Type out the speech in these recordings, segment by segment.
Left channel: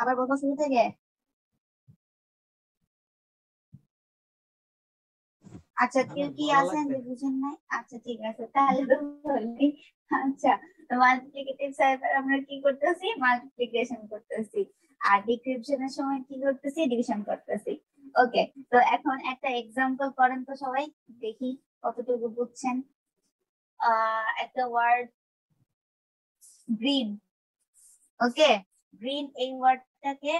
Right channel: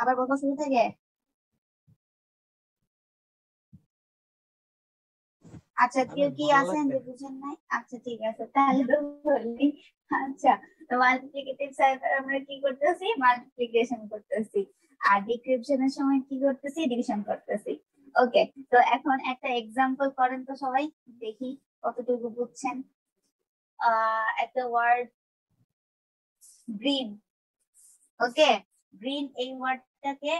আবার বলবো শুরু থেকে। আচ্ছা, কেউ কি আছেন যে বুঝেন নাই? আচ্ছা ঠিক আছে, তাহলে তো বললি। আচ্ছা, তো মাল্টিপ্লিকেটিভ সাইফার আমরা কি করতেছি? মাল্টিপ্লিকেশন করতেছি। আর ডিক্রিপশনের সময় কি করতেছি? ডিভিশন করতেছি। ওকে, তো এখন একটা এক্সাম্পল করেন তো সবাই, দেখি কতটুকু বুঝছেন। একটা ওয়ার্ড গ্রিন। ওকে, গ্রিন এই ওয়ার্ডটাকে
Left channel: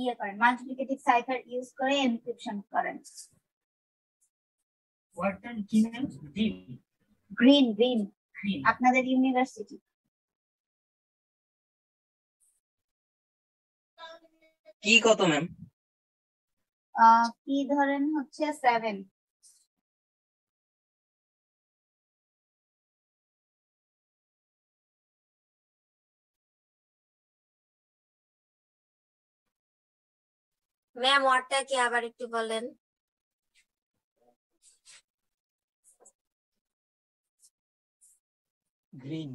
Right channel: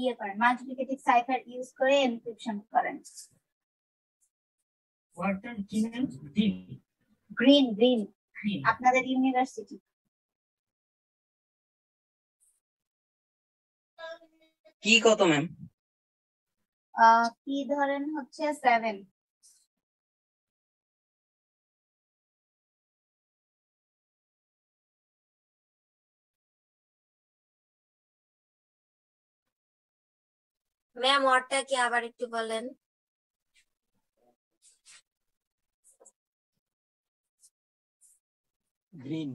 ইয়ে করেন, মাল্টিপ্লিকেটিভ সাইফার ইউজ করে এনক্রিপশন করেন। ওয়ার্ডটার কি নাম? গ্রিন। গ্রিন গ্রিন আপনাদের ইউনিভার্সিটি। কি কত ম্যাম? কি ধরেন হচ্ছে 7। ম্যাম ওয়ার্ডটা কি আবার একটু বলেন? গ্রিন।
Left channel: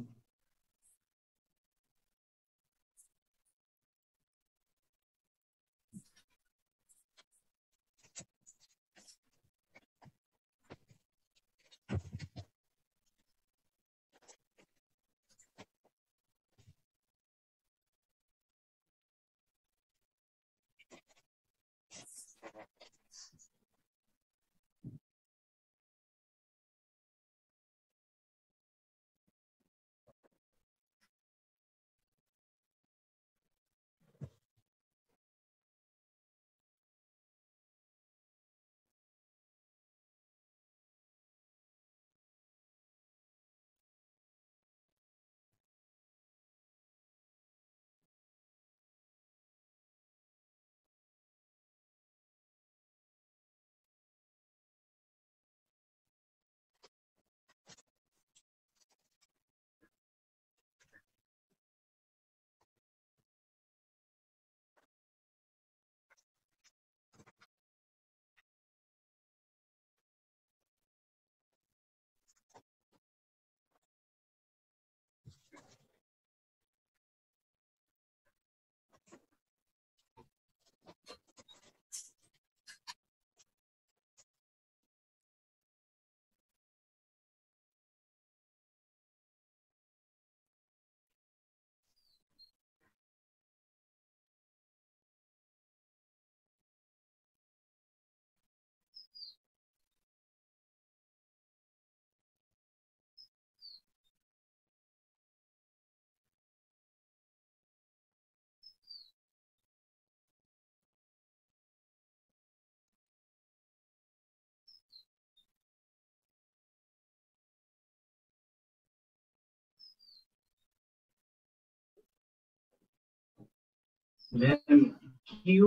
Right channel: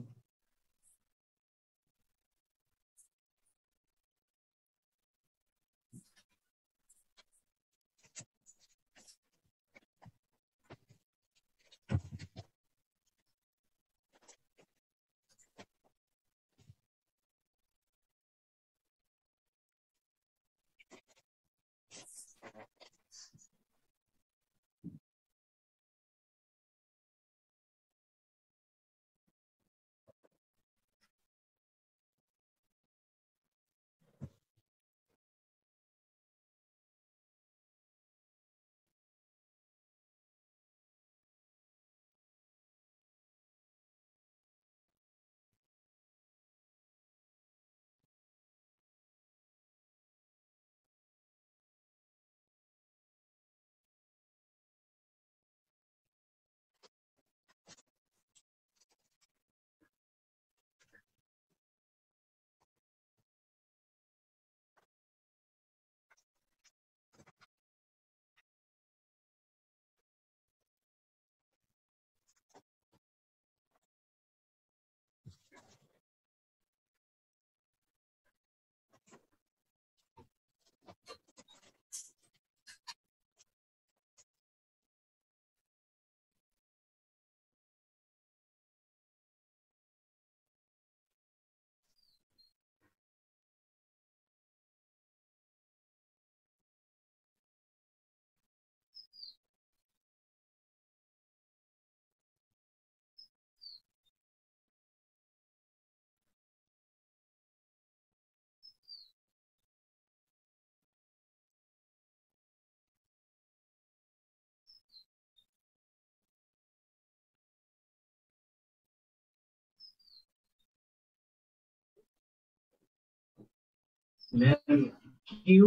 ম্যাম কিউ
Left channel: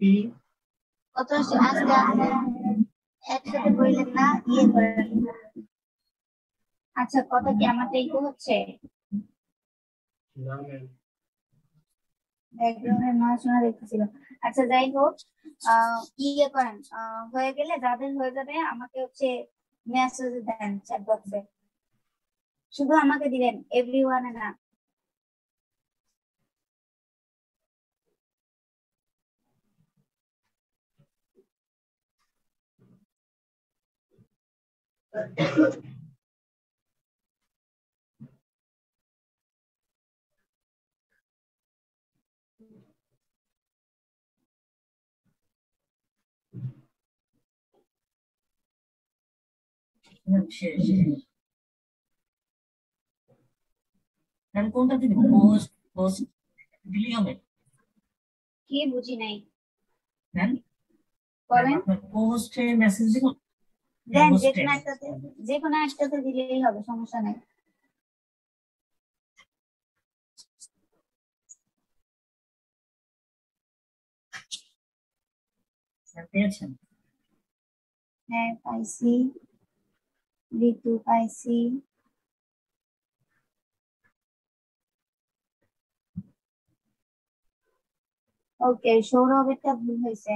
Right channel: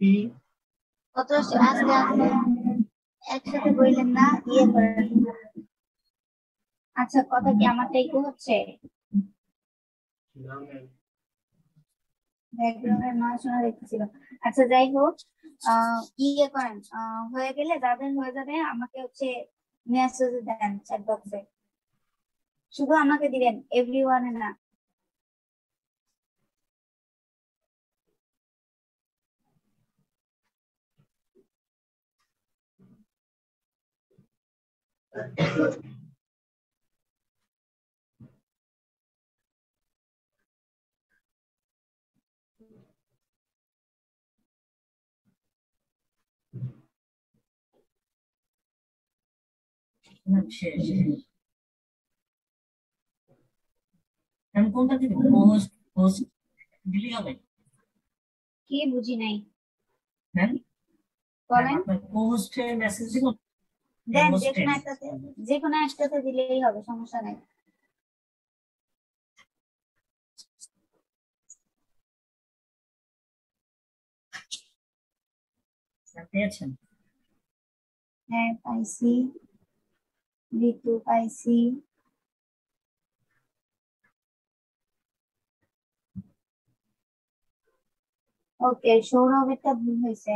পি কত আস্তে আস্তে একসাথে বললেন না, ইয়ে করেন। আচ্ছা, কথা কি আমারটাই তো হচ্ছে? না ম্যাম। ব্যাকগ্রাউন্ডের নয় শোনা দেখতেছিল। আচ্ছা যাই হোক, ইয়ে করেন, হয়ে গেলে যাদের হয়ে যাবে আমাকে হচ্ছে মেসেজ দেন চ্যাট বক্সে। শুধু আমাকে দিবেন, এভরিওয়ানে না। শেষ। ম্যাম কোনটা দিব? পোস্ট পোস্ট দিলেই হবে? কি বুঝি নাই, হ্যাঁ বলেন। আপনার পোস্টে মেসেজ দিব? দেন, পোস্টে যে কোনো একটাতে দিলেই হবে, সমস্যা নেই। পেয়েছেন? হ্যাঁ পাইছি, ঋতু পাইছি। ওকে, সৌরভেরটা ভুল হয়েছে।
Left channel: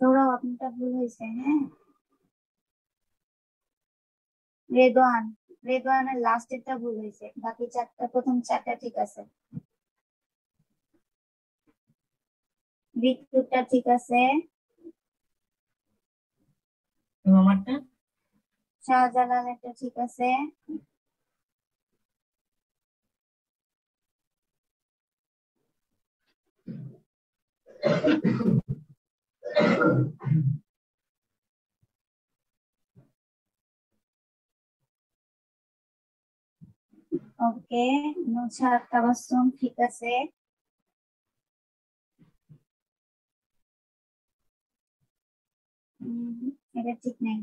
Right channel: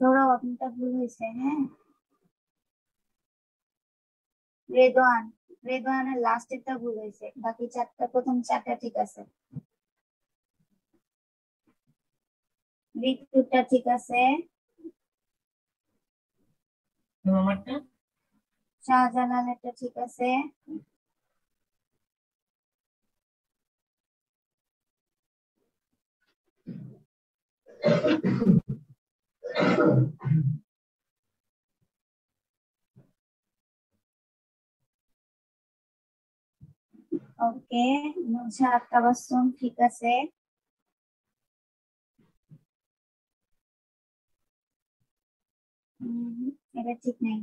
সৌরভ আপনারটা ভুল হয়েছে, হ্যাঁ। রেদওয়ান, রেদওয়ানের লাস্টেরটা ভুল হয়েছে, বাকি চারটা প্রথম চারটা ঠিক আছে। ঋতুটা ঠিক আছে, আমারটা শাহজালালেরটা ঠিক আছে, ওকে। নুসরাত তাবাসসুম ঠিক আছে, এটা ঠিক নেই।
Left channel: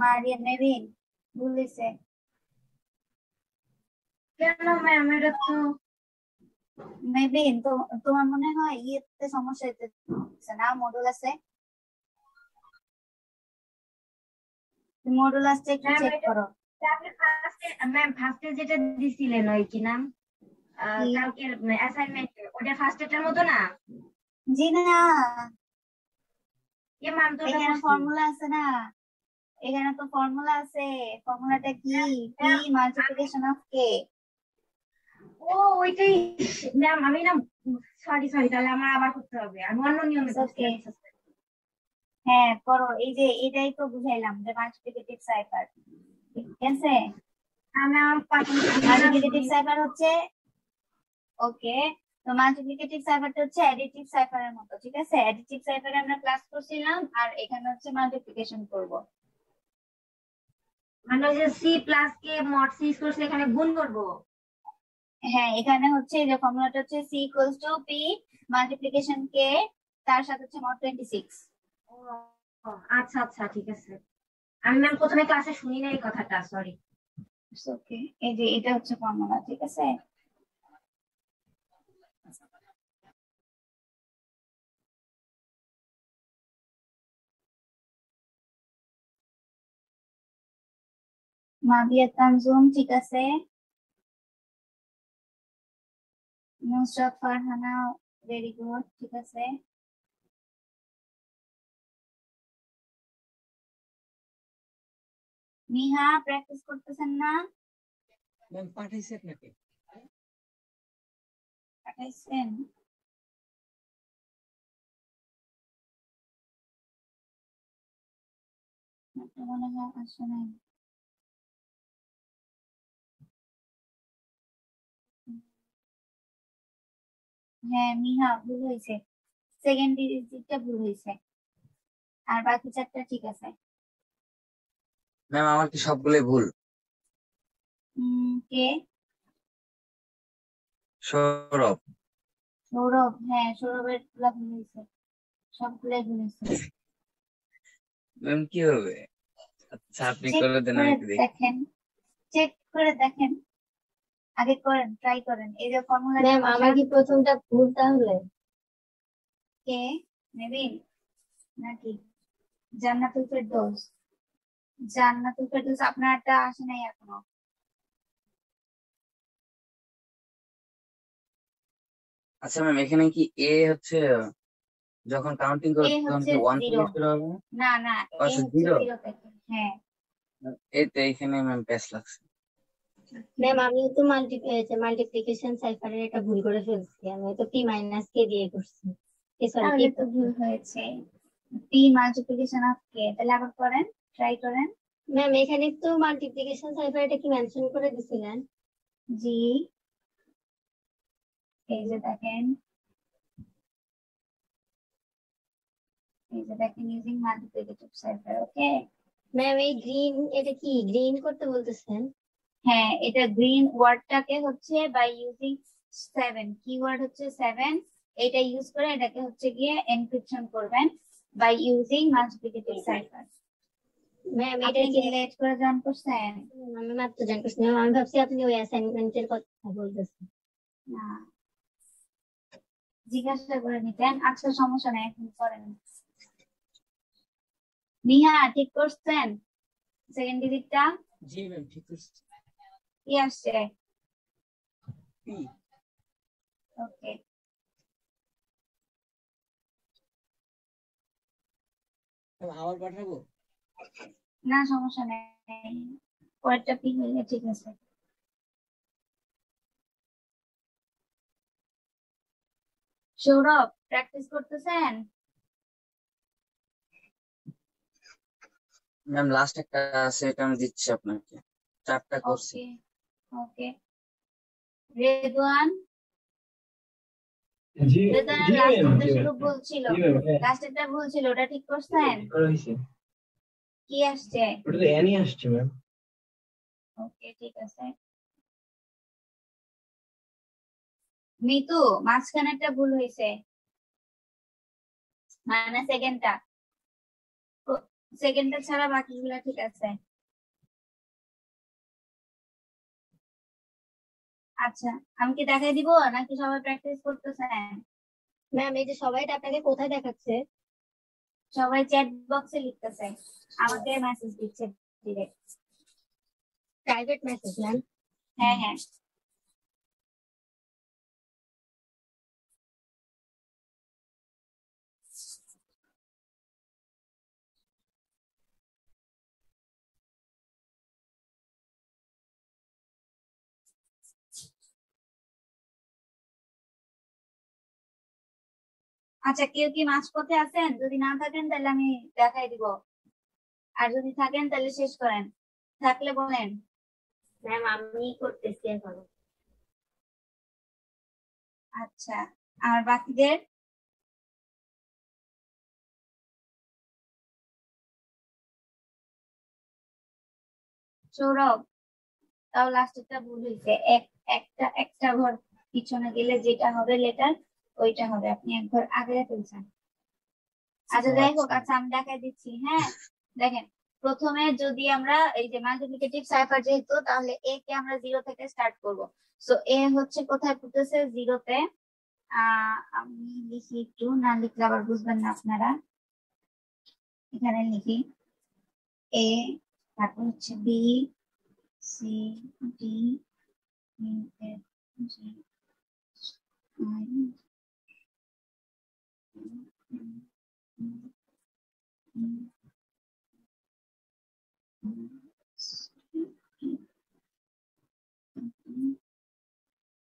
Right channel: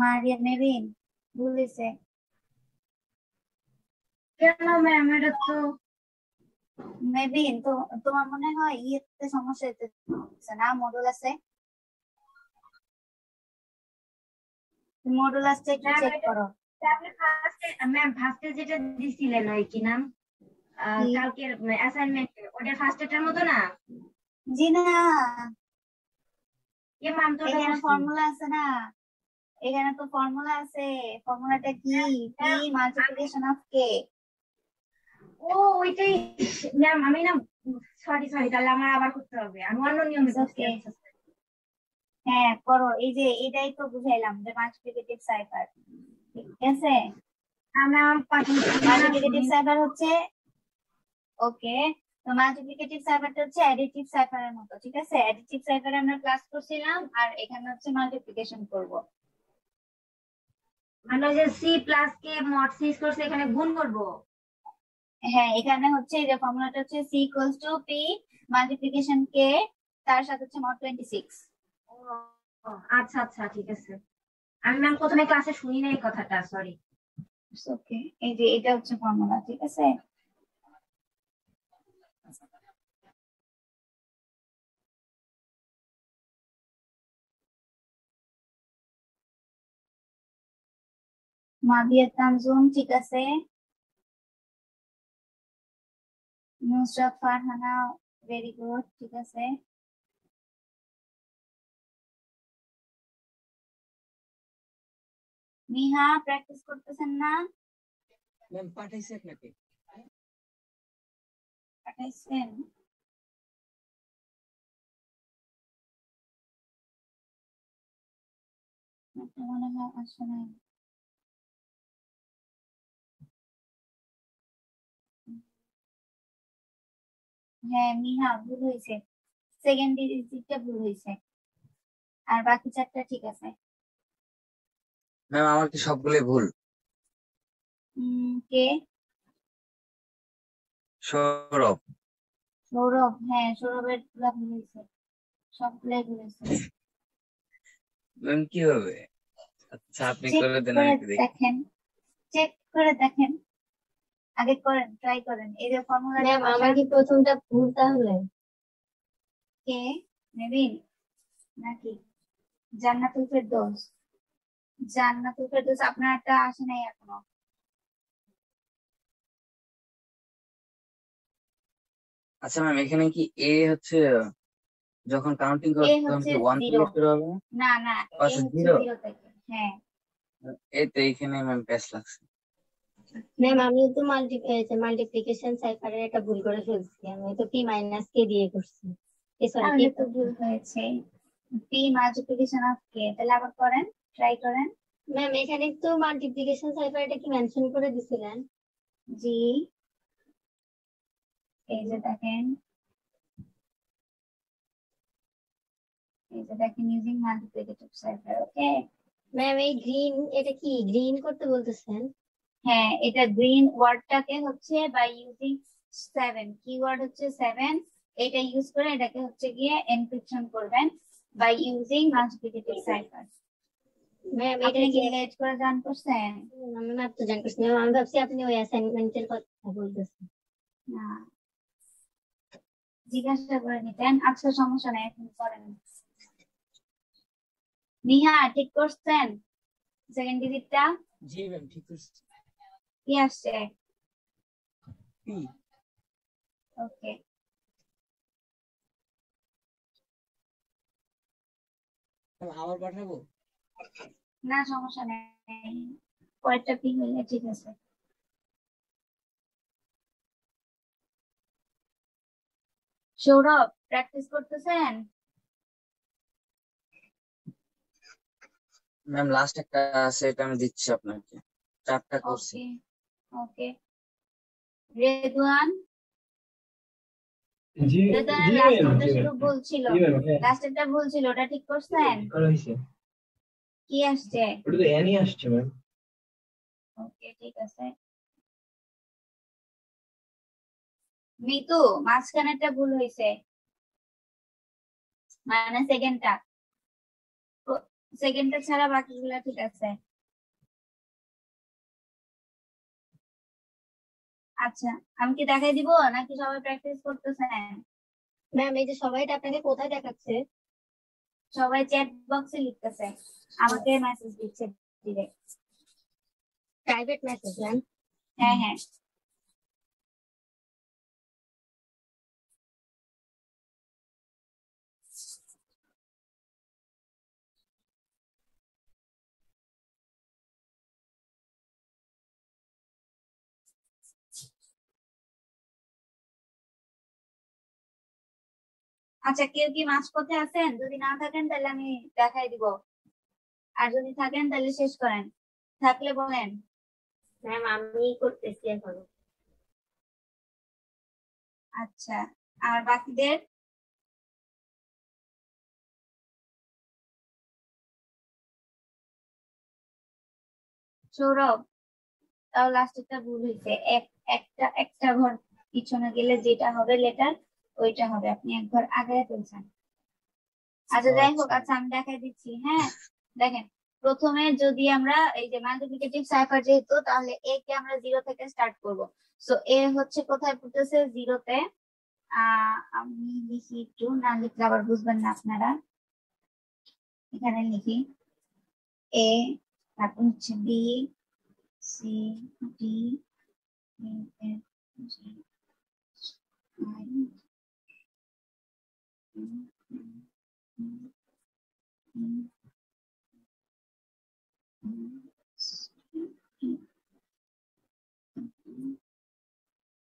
মারিয়া মেরিন ভুল হয়েছে। কেন ম্যাম? এটা তো মেবিন তো তোমার মনে হয় ইয়েতে সমস্যা হচ্ছে না, মডুলাসে। মডুলাসটা একটু ম্যাম চেক করো। আপনি ফার্স্টে যেটা দিছিলেন ওই কি নাম কি? কালকের অ্যাসাইনমেন্টে, ওটা ফার্স্টেটার মতো না? জি না, এ ম্যাম তো ওটা এখানে করছি। ফর্মুলা আছে না, এখানে তো ফর্মুলা আছে। ফর্মুলাটা কি? পি মাল্টিপ্লিকেশন অফ কে। ও ওইটাই ম্যাম, আমি না সরি তাহলে আমার আবার করতে হবে, আমি অন্য নিয়মে করছি। ওকে, হ্যাঁ করো। এই যে এটাই তো বুঝাইলাম যে মাল্টিপ্লিকেটিভ সাইফার, ঠিক আছে। মাল্টিপ্লিকেটিভ সাইফার হচ্ছে, ওকে, তো মাল্টিপ্লিকেটিভ সাইফারটা হচ্ছে অ্যাডিটিভ সাইফারের মতো, ঠিক আছে। অ্যাডিটিভ সাইফারে আমরা ক্লাস করছিলাম, আর এখানে হচ্ছে মাল্টিপ্লিকেশন করব। মানে যে সি প্লাস কে মড সি করছে এখানে গুণ করবো। হ্যাঁ, এখানে হচ্ছে এই যে ফর্মুলাটা হচ্ছে C equals to P multiplication K, তার সাথে হচ্ছে মড 26। ও, আচ্ছা আচ্ছা ঠিক আছে। আমি ম্যাম প্রথমে ক্লাসে শুনি না এই কথাটা, সরি। ওকে, এই যে এটা হচ্ছে ফর্মুলা, ঠিক আছে। মাবিয়া তানজুম ঠিক আছে, নুসরাত ফারহানা ভেরি গুড, ঠিক আছে। মিহা প্র্যাকটিস করতেছেন না? ম্যাম পাঠাইছি আপনাকে। পাঠাইছেন? মনে হয় আসে নাই। হ্যাঁ মিহা ভুল হয়েছে, সেকেন্ড ডিজিটটা ভুল হয়েছে, আর বাকি চারটা ঠিক আছে। ম্যাম আমার কি সবগুলোই ভুল? কে? সৌরভ। সৌরভ, হ্যাঁ সৌরভের গুলা ভুল হয়েছে, সবগুলাই ভুল হয়েছে। ম্যাম কি হবে? আচ্ছা আপনি চেক করে দেন, করে আমি একটু দেখি। দেখেন, চেক করে দেখেন, আগে করেন, ট্রাই করেন। এই যে ফর্মুলা ম্যাম আমার কি প্রথমটা ভুল তাহলে? কে? নেবিন নাকি জান্নাতুল ফেরদৌস? জান্নাতুল ফেরদৌস আপনারটা আসে নাই এখনো। আচ্ছা ম্যাম এখানে কি এ হচ্ছে যখন কাউন্টিং এ করবে তখন হচ্ছে কি 1 জিরো, থেকে শুরু হবে না? না না, এ পাশে হচ্ছে 0। জিরো থেকে, হ্যাঁ। এই তো এখানে ম্যাম প্যাচ লাগছে। ম্যাম আমি তো মাল্টিপ্লিকেশন সাইফারের একটা ভুল করে ফেলছি, আমি তো পি মাইনাস কে দিয়ে করছি। সরি তাহলে তো ভুল হয়েছে, পি মাল্টিপ্লিকেশন অফ কে। তাহলে আবার করেন, ট্রাই করেন। ম্যাম এখানে তো মাল্টিপ্লিকেশন সাইফারটা কি মেনশন করে দিছিলেন? জি, এই যে দেখেন, এই যে দেখেন, ইউজিং মাল্টিপ্লিকেটিভ সাইফার, ওকে। ম্যাম এই গ্রিন, এটা কি গ্রিন করতে বলতেছেন? হ্যাঁ, এটা গ্রিন ওয়ার্ডটাকে হচ্ছে বাই ইউজিং 7, কিওয়ার্ড হচ্ছে 7, এটা ইউজ করে এটাকে হচ্ছে গিয়ে এনক্রিপশন করবেন by using multiplicative cipher. Ma'am এটা আপনি কি? কি লেট করে জয়েন করছেন? আমি মাত্র জান করছি ম্যাম, আমি ভাবছি আপনি ওই অ্যাসাইনমেন্টের কথা বলতেছেন। না, জিজ্ঞাসা করে নিতেন। আচ্ছা সমস্যা নাই, এখন করেন। নিহা ঠিক করছেন সেকেন্ড ডিজিটটা? জি ম্যাম ঠিক আছে। কি আসছে? পি। ওকে, আবার পাঠাবো? না সমস্যা নেই, পরেরটা পিন হইলে ঠিক আছে। সৌরভ প্র্যাকটিস করতেছেন? ম্যাম লাস্ট একটা আছে, এটা আমি দিচ্ছি আপনাকে, 4টা করছি। ওকে ওকে। রেদওয়ান, জি রেদওয়ানের জি ম্যাম, লাস্টেরটা জি শুধু ম্যাম, ভুল ছিল, জি ম্যাম, হ্যাঁ, লাস্টেরটা ভুল ছিল, ওটা ঠিক করছেন? করা হয়েছে। কি আসছে? ওটা তো অ্যানি আসছে ম্যাম। ওকে ঠিক আছে। মিতু, মাঝখানেরটা ভুল হয়েছে, মানে সেকেন্ডটা, সেকেন্ডটা ছাড়া বাকিগুলো ঠিক আছে। আচ্ছা, আমি কি দেখাই দিব নাকি সবাই প্র্যাকটিস করতেছেন? ম্যাম এই যে সবাইটা আপনাকে কোথায় দেখাচ্ছে? সবাই চ্যাট বক্সে লিখতেছে, আমাকে মেসেজ দিচ্ছে ডিরেক্ট। Private message ma'am. হ্যাঁ হ্যাঁ। আচ্ছা, কেউ কি মাঝপথে আছেন? যদি না থাকেন তাহলে আমি দেখাই দিব, আর যদি থাকেন তাহলে শেষ করেন, থাকলে বলেন। ম্যাম আমি করতেছি এখন। আচ্ছা, আর বাকিদের? সৌরভ, তাও লাস্টেরটা ভুল হয়েছে, একটা একটা ঘর পিছনে গেলে যেটা হবে লেটার ওইটা হবে, আপনি এক ঘর আগে ফেলছেন। আচ্ছা যাই হোক, আচ্ছা আমি দেখাই দিচ্ছি। হ্যাঁ দেখেন, প্রথমে যদি আমরা এই যে মাল্টিপ্লিকেটিভ সাইফার যেহেতু, তাহলে এ কে আমরা 0 থেকে স্টার্ট করব। সো এ হচ্ছে কোথায় পড়তেছে? 0-তে। আমি লিখি একটু, না লিখলে আবার বুঝবেন না আপনারা। এখানে লিখি এ, তারপর হচ্ছে B, C, D, E, F, G, I,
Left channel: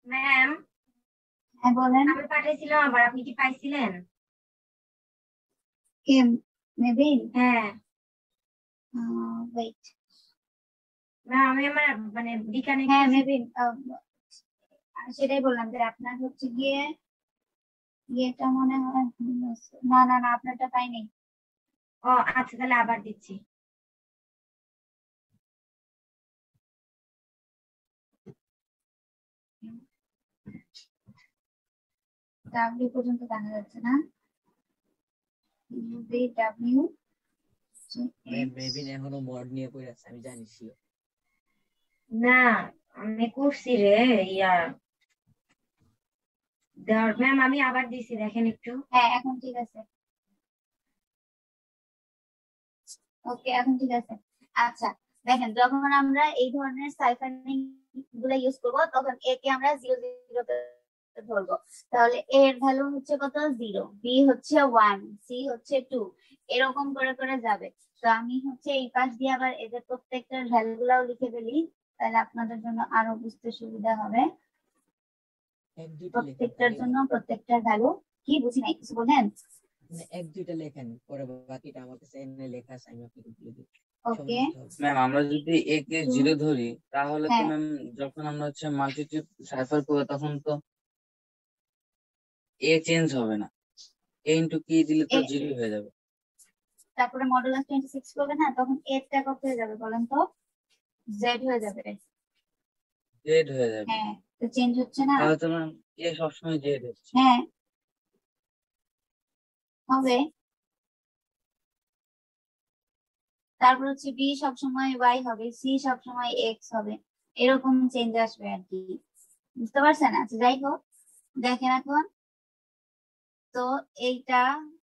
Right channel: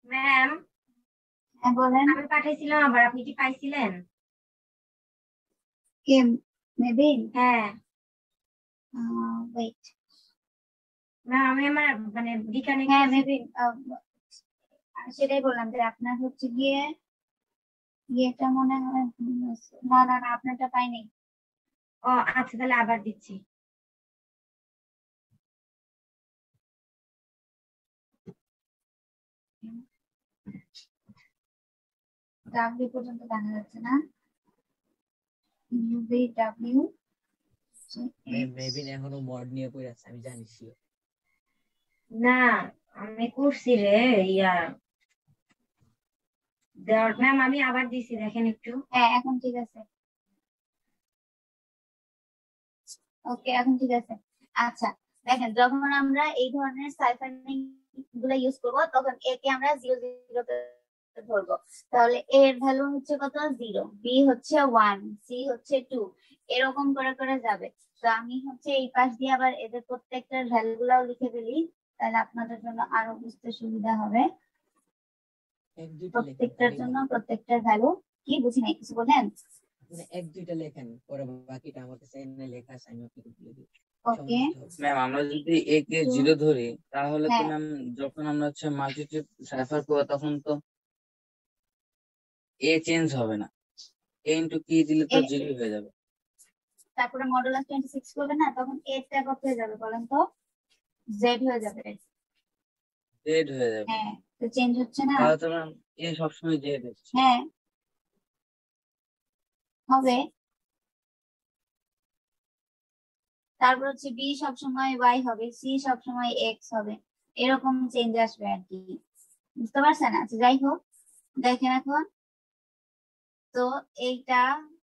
ma'am হ্যাঁ বলেন। আমি পাঠাইছিলাম, আবার আপনি কি পাইছিলেন? কে? মেবি। হ্যাঁ ওয়েট। না, আমি আমার মানে রিকানেক্ট হ্যাঁ করছি। মেবি, সেটাই বললাম যে আপনার হচ্ছে গিয়ে ইয়েটা মনে হয় ভুল আছে। না না না, আপনারটা পাইনি। ও আচ্ছা, তাহলে আবার দিচ্ছি। ডাব্লিউ পর্যন্ত দেখা যাচ্ছে না। ইউভি ডাব্লিউ মেবিন এখনো মড নিয়ে পড়ে আছে, আমি জানি sure। না আমি করছি রে, ইয়া দেওয়ার। ম্যাম আমি আবার দিছি, দেখেন একটু। হ্যাঁ এখন ঠিক আছে। ওকে এখন ঠিক আছে। আচ্ছা দেখেন, যখন আমরা এই ধরনের সাইফারিং গুলা ইউজ করবো তখন এ কে আমরা 0 0 তে ধরবো। তাহলে এ এর ভ্যালু হচ্ছে কত? 0, বি হচ্ছে 1, সি হচ্ছে 2, এরকম করে করে যাবে। তো আমি হচ্ছে এই পাশ দিয়ে আবার এদের প্রত্যেকটার ভ্যালু গুলাও লিখে দিলি, তাহলে আপনাদের জন্য আরো বুঝতে সুবিধা হবে। এক দুইটা লেখেন প্রত্যেকটার তাহলে জন্য হবে। প্রত্যেকটার ভ্যালু কি বুঝি নাই, কিছু বলেন? মানে এক দুইটা লেখেন, পরে বাকিটা আমার কাছে এমনি লেখা আছে, আমি আপনাকে বলে দিই। ওকে। ম্যাম আমরা যদি এ কে 0 ধরি, তাহলে তো হ্যাঁ ম্যাম যখন আমরা হচ্ছে মাল্টিপ্লিকেটিভ সাইফার করবো তখন তো এ চেঞ্জ হবে না, এ ইন্টু কি দিলে তো 0 হয়ে যাবে। তারপরে মডুলাস 26 করবে না, তখন এ টা কত হয়ে যাবে বলেন তো? জেড হয়ে যাবে। জেড হয়ে যাবে। হ্যাঁ, তো চেঞ্জ হচ্ছে না। তাহলে তো ম্যাম এ সবসময় জেড হচ্ছে। হ্যাঁ হবে। তারপর হচ্ছে বি সবসময় ওয়াই হবে, সি সবসময় এক্স হবে, এরকম চেঞ্জ আসবে আর কি। বুঝতে পারছেন? আচ্ছা যাই হোক, দেখেন এখন তো এইটা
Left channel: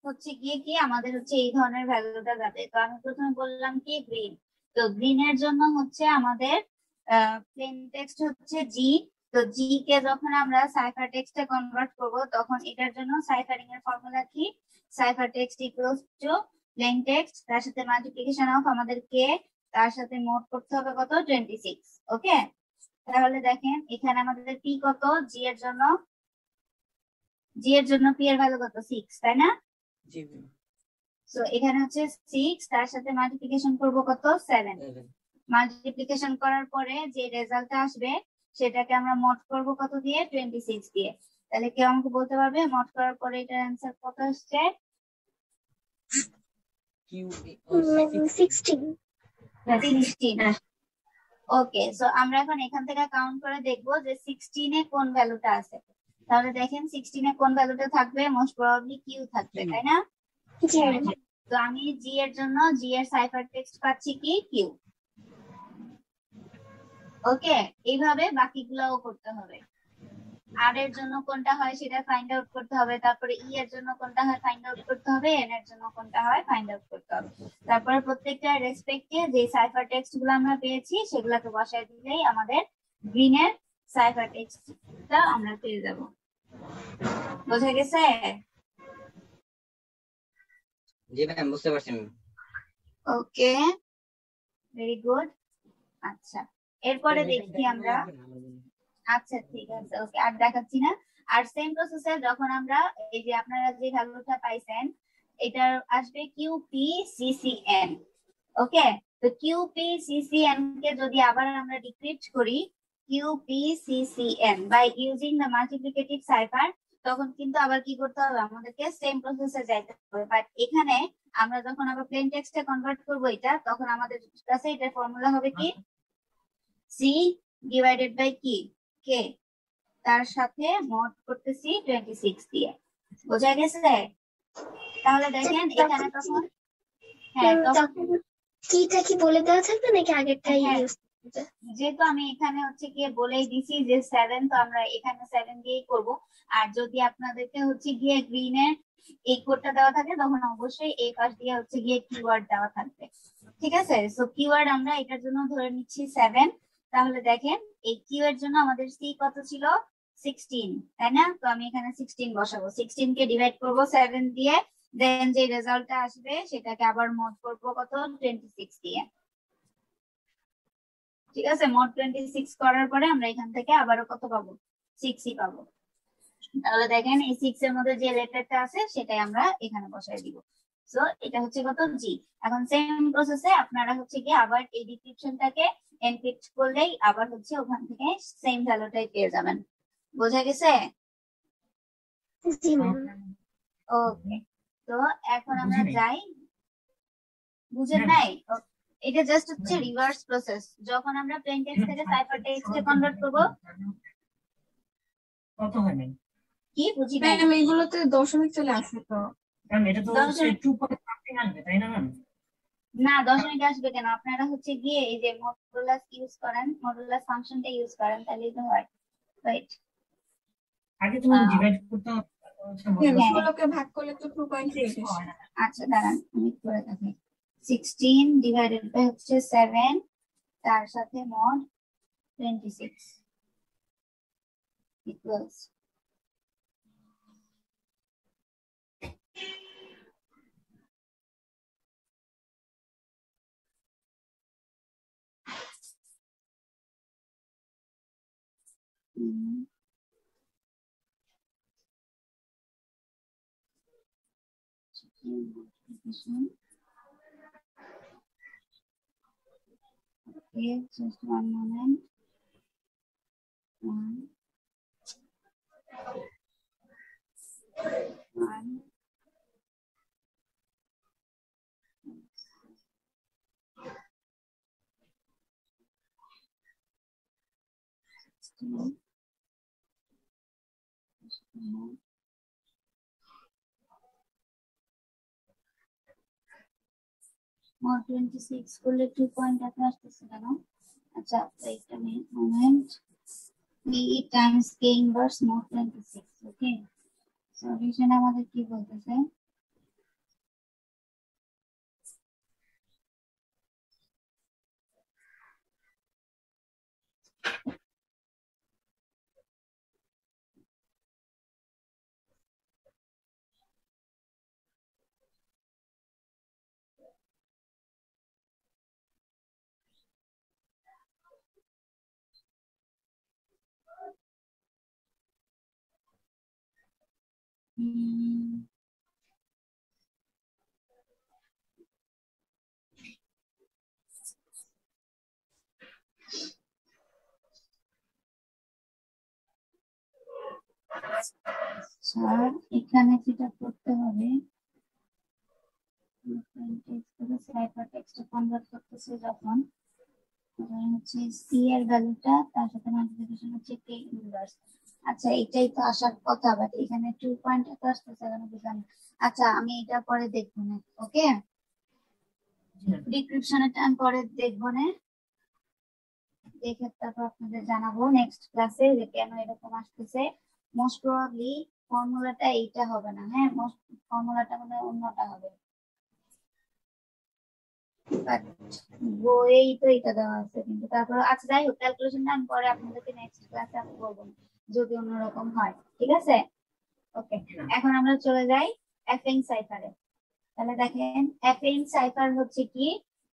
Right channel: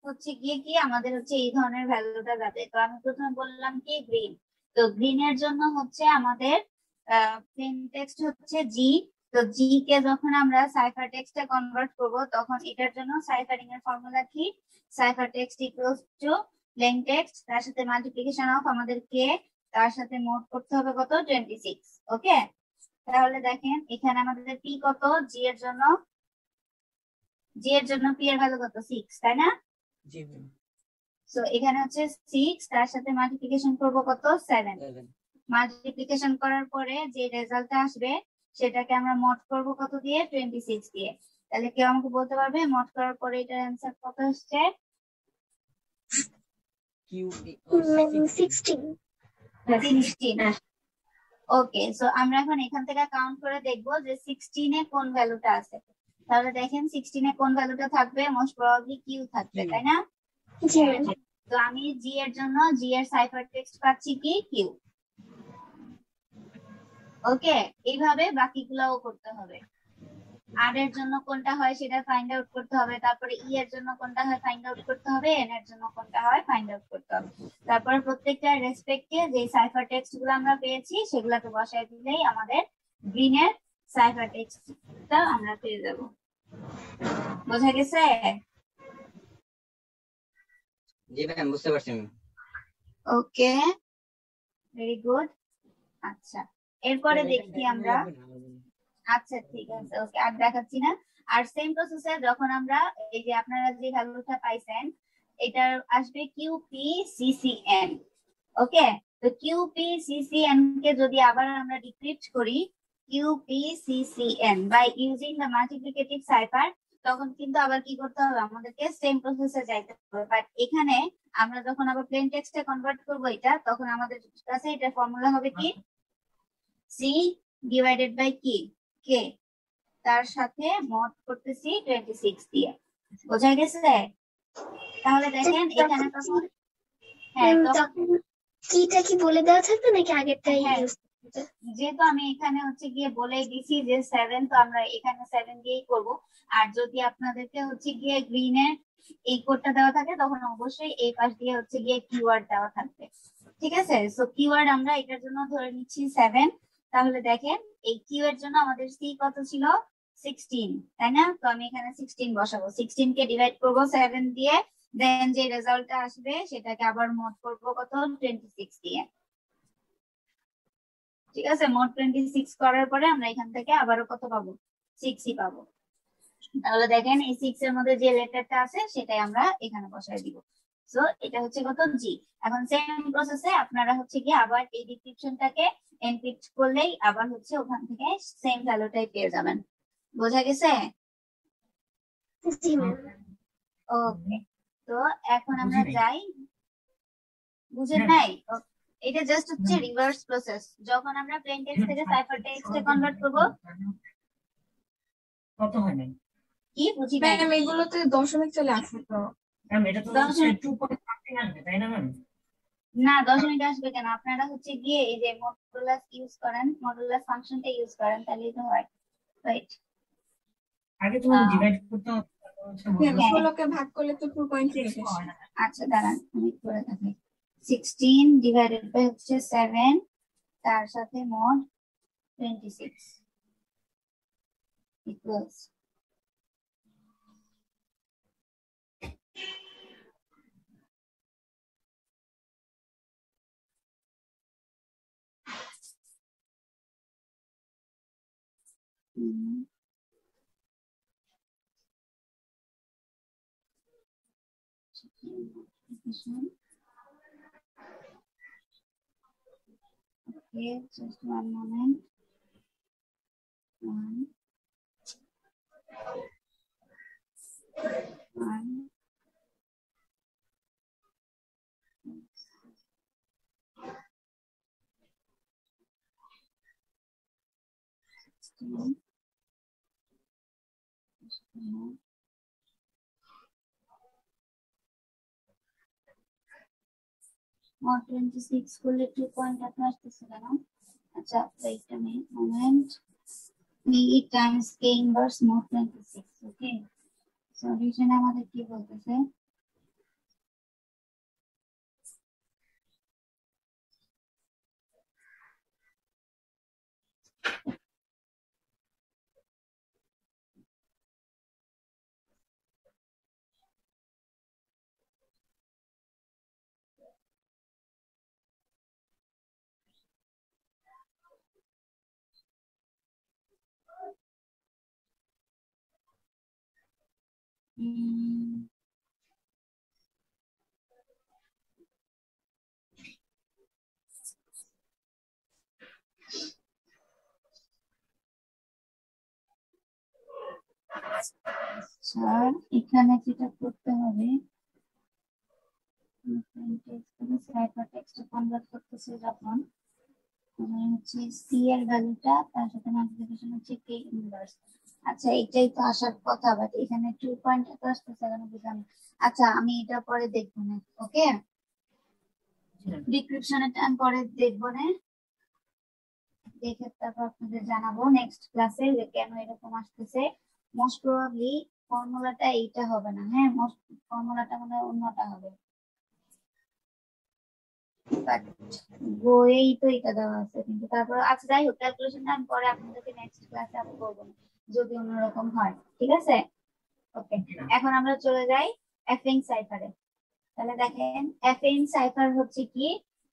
হচ্ছে গিয়ে কি আমাদের হচ্ছে এই ধরনের ভ্যালুটা যাবে। তো আমি প্রথমে বললাম কি গ্রিন, তো গ্রিনের জন্য হচ্ছে আমাদের প্লেন টেক্সট হচ্ছে জি। তো জি কে যখন আমরা সাইফার টেক্সটে কনভার্ট করব তখন এটার জন্য সাইফারিং এর ফর্মুলা কি? Cipher text equals to plane text তার সাথে মাল্টিপ্লিকেশন অফ আমাদের কে, তার সাথে মোড করতে হবে কত 26। ওকে, তাহলে দেখেন এখানে আমাদের পি কত, জি এর জন্য পি এর ভ্যালু কত 6, তাই না? জি ম্যাম। সো এখানে হচ্ছে 6, তার সাথে মাল্টিপ্লিকেশন করব কত 7। মাল্টিপ্লিকেশন করার পরে যে রেজাল্টটা আসবে সেটাকে আমরা মড করব কত দিয়ে 26 দিয়ে। তাহলে কেউ আমাকে বলতে পারবে মড করার পরে এটার অ্যান্সার কত আসছে? কিউ 16। 16। ওকে, সো আমরা এখন এখান থেকে কাউন্ট করে দেখবো যে 16 এ কোন ভ্যালুটা আছে। তাহলে দেখেন 16 এ কোন ভ্যালুটা থাকবে, মোস্ট প্রবাবলি কিউ থাকবে, তাই না? জি ম্যাম। তো আমি জি এর জন্য জি এর সাইফার টেক্সট পাচ্ছি কি কিউ। ওকে, এইভাবে বাকিগুলোও করতে হবে। আর এর জন্য কোনটা হয় সেটা ফাইন্ড আউট করতে হবে, তারপরে ই এর জন্য কোনটা হয় ফাইন্ড আউট করতে হবে, এন এর জন্য কোনটা হয় ফাইন্ড আউট করতে হবে। তারপরে প্রত্যেকটা রেসপেক্টে যে সাইফার টেক্সট গুলো আমরা পেয়েছি সেগুলোকে বসায় দিলেই আমাদের গ্রিনের সাইফার টেক্সটটা আমরা পেয়ে যাব। বোঝা গেছে? জি ম্যাম, বুঝতে পারছি আমি। ওকে, ভেরি গুড। আচ্ছা, এরপরে দেখি আমরা। আচ্ছা ঠিক আছে, ওকে আর দেখাচ্ছি না। আর সেম প্রসেসে যখন আমরা এই যে আপনারা যে ভ্যালুটা পাইছেন এটার আসবে কিউপি সিসিএন। ওকে, তো কিউপি সিসিএন কে যদি আবার আমরা ডিক্রিপ্ট করি Q P C C N by using the multiplicative cipher, তখন কিন্তু আবার কি করতে হবে, আমাদেরকে সেম প্রসেসে যাইতে হবে। বাট এখানে আমরা যখন আবার প্লেন টেক্সটে কনভার্ট করব এটা, তখন আমাদের কাছে এটার ফর্মুলা হবে কি সি ডিভাইডেড বাই কি কে, তার সাথে মড করতেছি 26 দিয়ে। বোঝা গেছে? তাহলে দেখেন এখানে তখন হ্যাঁ তখন কিটা কি বলে দেওয়া থাকবে নাকি আগেরটাই হ্যাঁ, ইউজ করতে? যেহেতু আমি এখানে হচ্ছে গিয়ে বলে দিছি যে 7, তো আমরা এখানে 7 দিয়েই করব। আর যদি আপনাদেরকে হচ্ছে গিয়ে গ্রিনের এই কোডটা দেওয়া থাকে তখন অবশ্যই এই পাশ দিয়ে হচ্ছে গিয়ে কিওয়ার্ড দেওয়া থাকবে। ঠিক আছে, সো কিওয়ার্ড আমরা এটার জন্য ধরে নিচ্ছি 7। তাহলে দেখেন এই কিউ এর জন্য আমাদের সি কত ছিল 16, তাই না? তো আমি এখানে 16 বসাবো, 16 কে ডিভাইড করব 7 দিয়ে, দেন যে রেজাল্টটা আসবে সেটাকে আবার মড করব কত 26 দিয়ে। ঠিক আছে, মোট 26 করার পরে আমরা এখান থেকে আবারও কত পাবো 6ই পাবো। তাহলে দেখেন এই 6 এর মধ্যে যে লেটারটা আছে সেটাই আমরা এখানে বসাই দিব। সো এটা হচ্ছে কত জি। এখন সেম প্রসেসে আপনারা হচ্ছে কি আবার এই ডিসক্রিপশনটাকে এনক্রিপ্ট করলেই আবার হচ্ছে ওখান থেকে সেম ভ্যালুটাই পেয়ে যাবেন। বোঝা গেছে? জি ম্যাম। ওকে, তো এখন আমরা বুঝিনি। যাই। বুঝেন হ্যাঁ। নাই? এটা জাস্ট হচ্ছে রিভার্স প্রসেস। যখন আমরা প্লেন টেক্সট থেকে সাইফার টেক্সটে কনভার্ট করব কত হয় নাই কি বুঝি নাই। ম্যাম এগুলোতে দশমিক চলে আসে তো। ম্যাম, এটা তো হচ্ছে দশমিক 2.something আসবে, তাই না ম্যাম? না, দশমিক আসবে কেন? আপনারা হচ্ছে গিয়ে এই যে মডুলাস ইউজ করেন, মডুলাস ফাংশনটা ইউজ করেন, তাহলেই তো হয়। রাইট, আগে তো ডিভাইড করতে হবে, হচ্ছে হ্যাঁ, মডুলাস 16 কে ভাগ করলে তো 2.6 আসে। হয় না। আচ্ছা দাঁড়ান আমি করে থাকি। 16 ডিভাইডেড বাই হচ্ছে 7, তার সাথে mod 26 equals Okay, just one moment. One. One. Two. More 26 করলে 2 পয়েন্ট এত আসতেছে কেন? আচ্ছা wait a moment. B times K inverse more 26. Okay, solution আমাদের কি বলতেছে? স্যার এখানে যেটা করতে হবে সাইফার টেক্সটে কনভার্ট করতেছে যখন হচ্ছে সি এর ভ্যালুটা তার সাথে মাল্টিপ্লিকেশন হচ্ছে কে ইনভার্স। আচ্ছা এটাই তো আসার কথা, বাট এখানে 2 পয়েন্ট এত আসতেছে কেন বুঝলাম না। আচ্ছা আমি এটা পরে দেখবো না, ওকে ডিসক্রিপশনটা আমি পরে দেখবো না, দেখে তারপর আপনাদের জানাবো নেক্সট ক্লাসে যে কেন এরকম আসতেছে। মোস্ট প্রবাবলি ফর্মুলাটা এইটা হবে না, হ্যাঁ মোস্ট ফর্মুলাটা মানে অন্যটা হবে, বাট বইয়েই তো এটা দেওয়া আছে। কিন্তু তারপর আচ্ছা যাই হোক, ক্যালকুলেশনটা আমি পরে আপনাদেরকে নেক্সট ক্লাসে আমি বলবো যদি অন্যরকম হয়, ঠিক আছে? ওকে এখন আমরা চলে যাই এফএন সাইফারে। তাহলে দেখেন এফএন সাইফার হচ্ছে কি,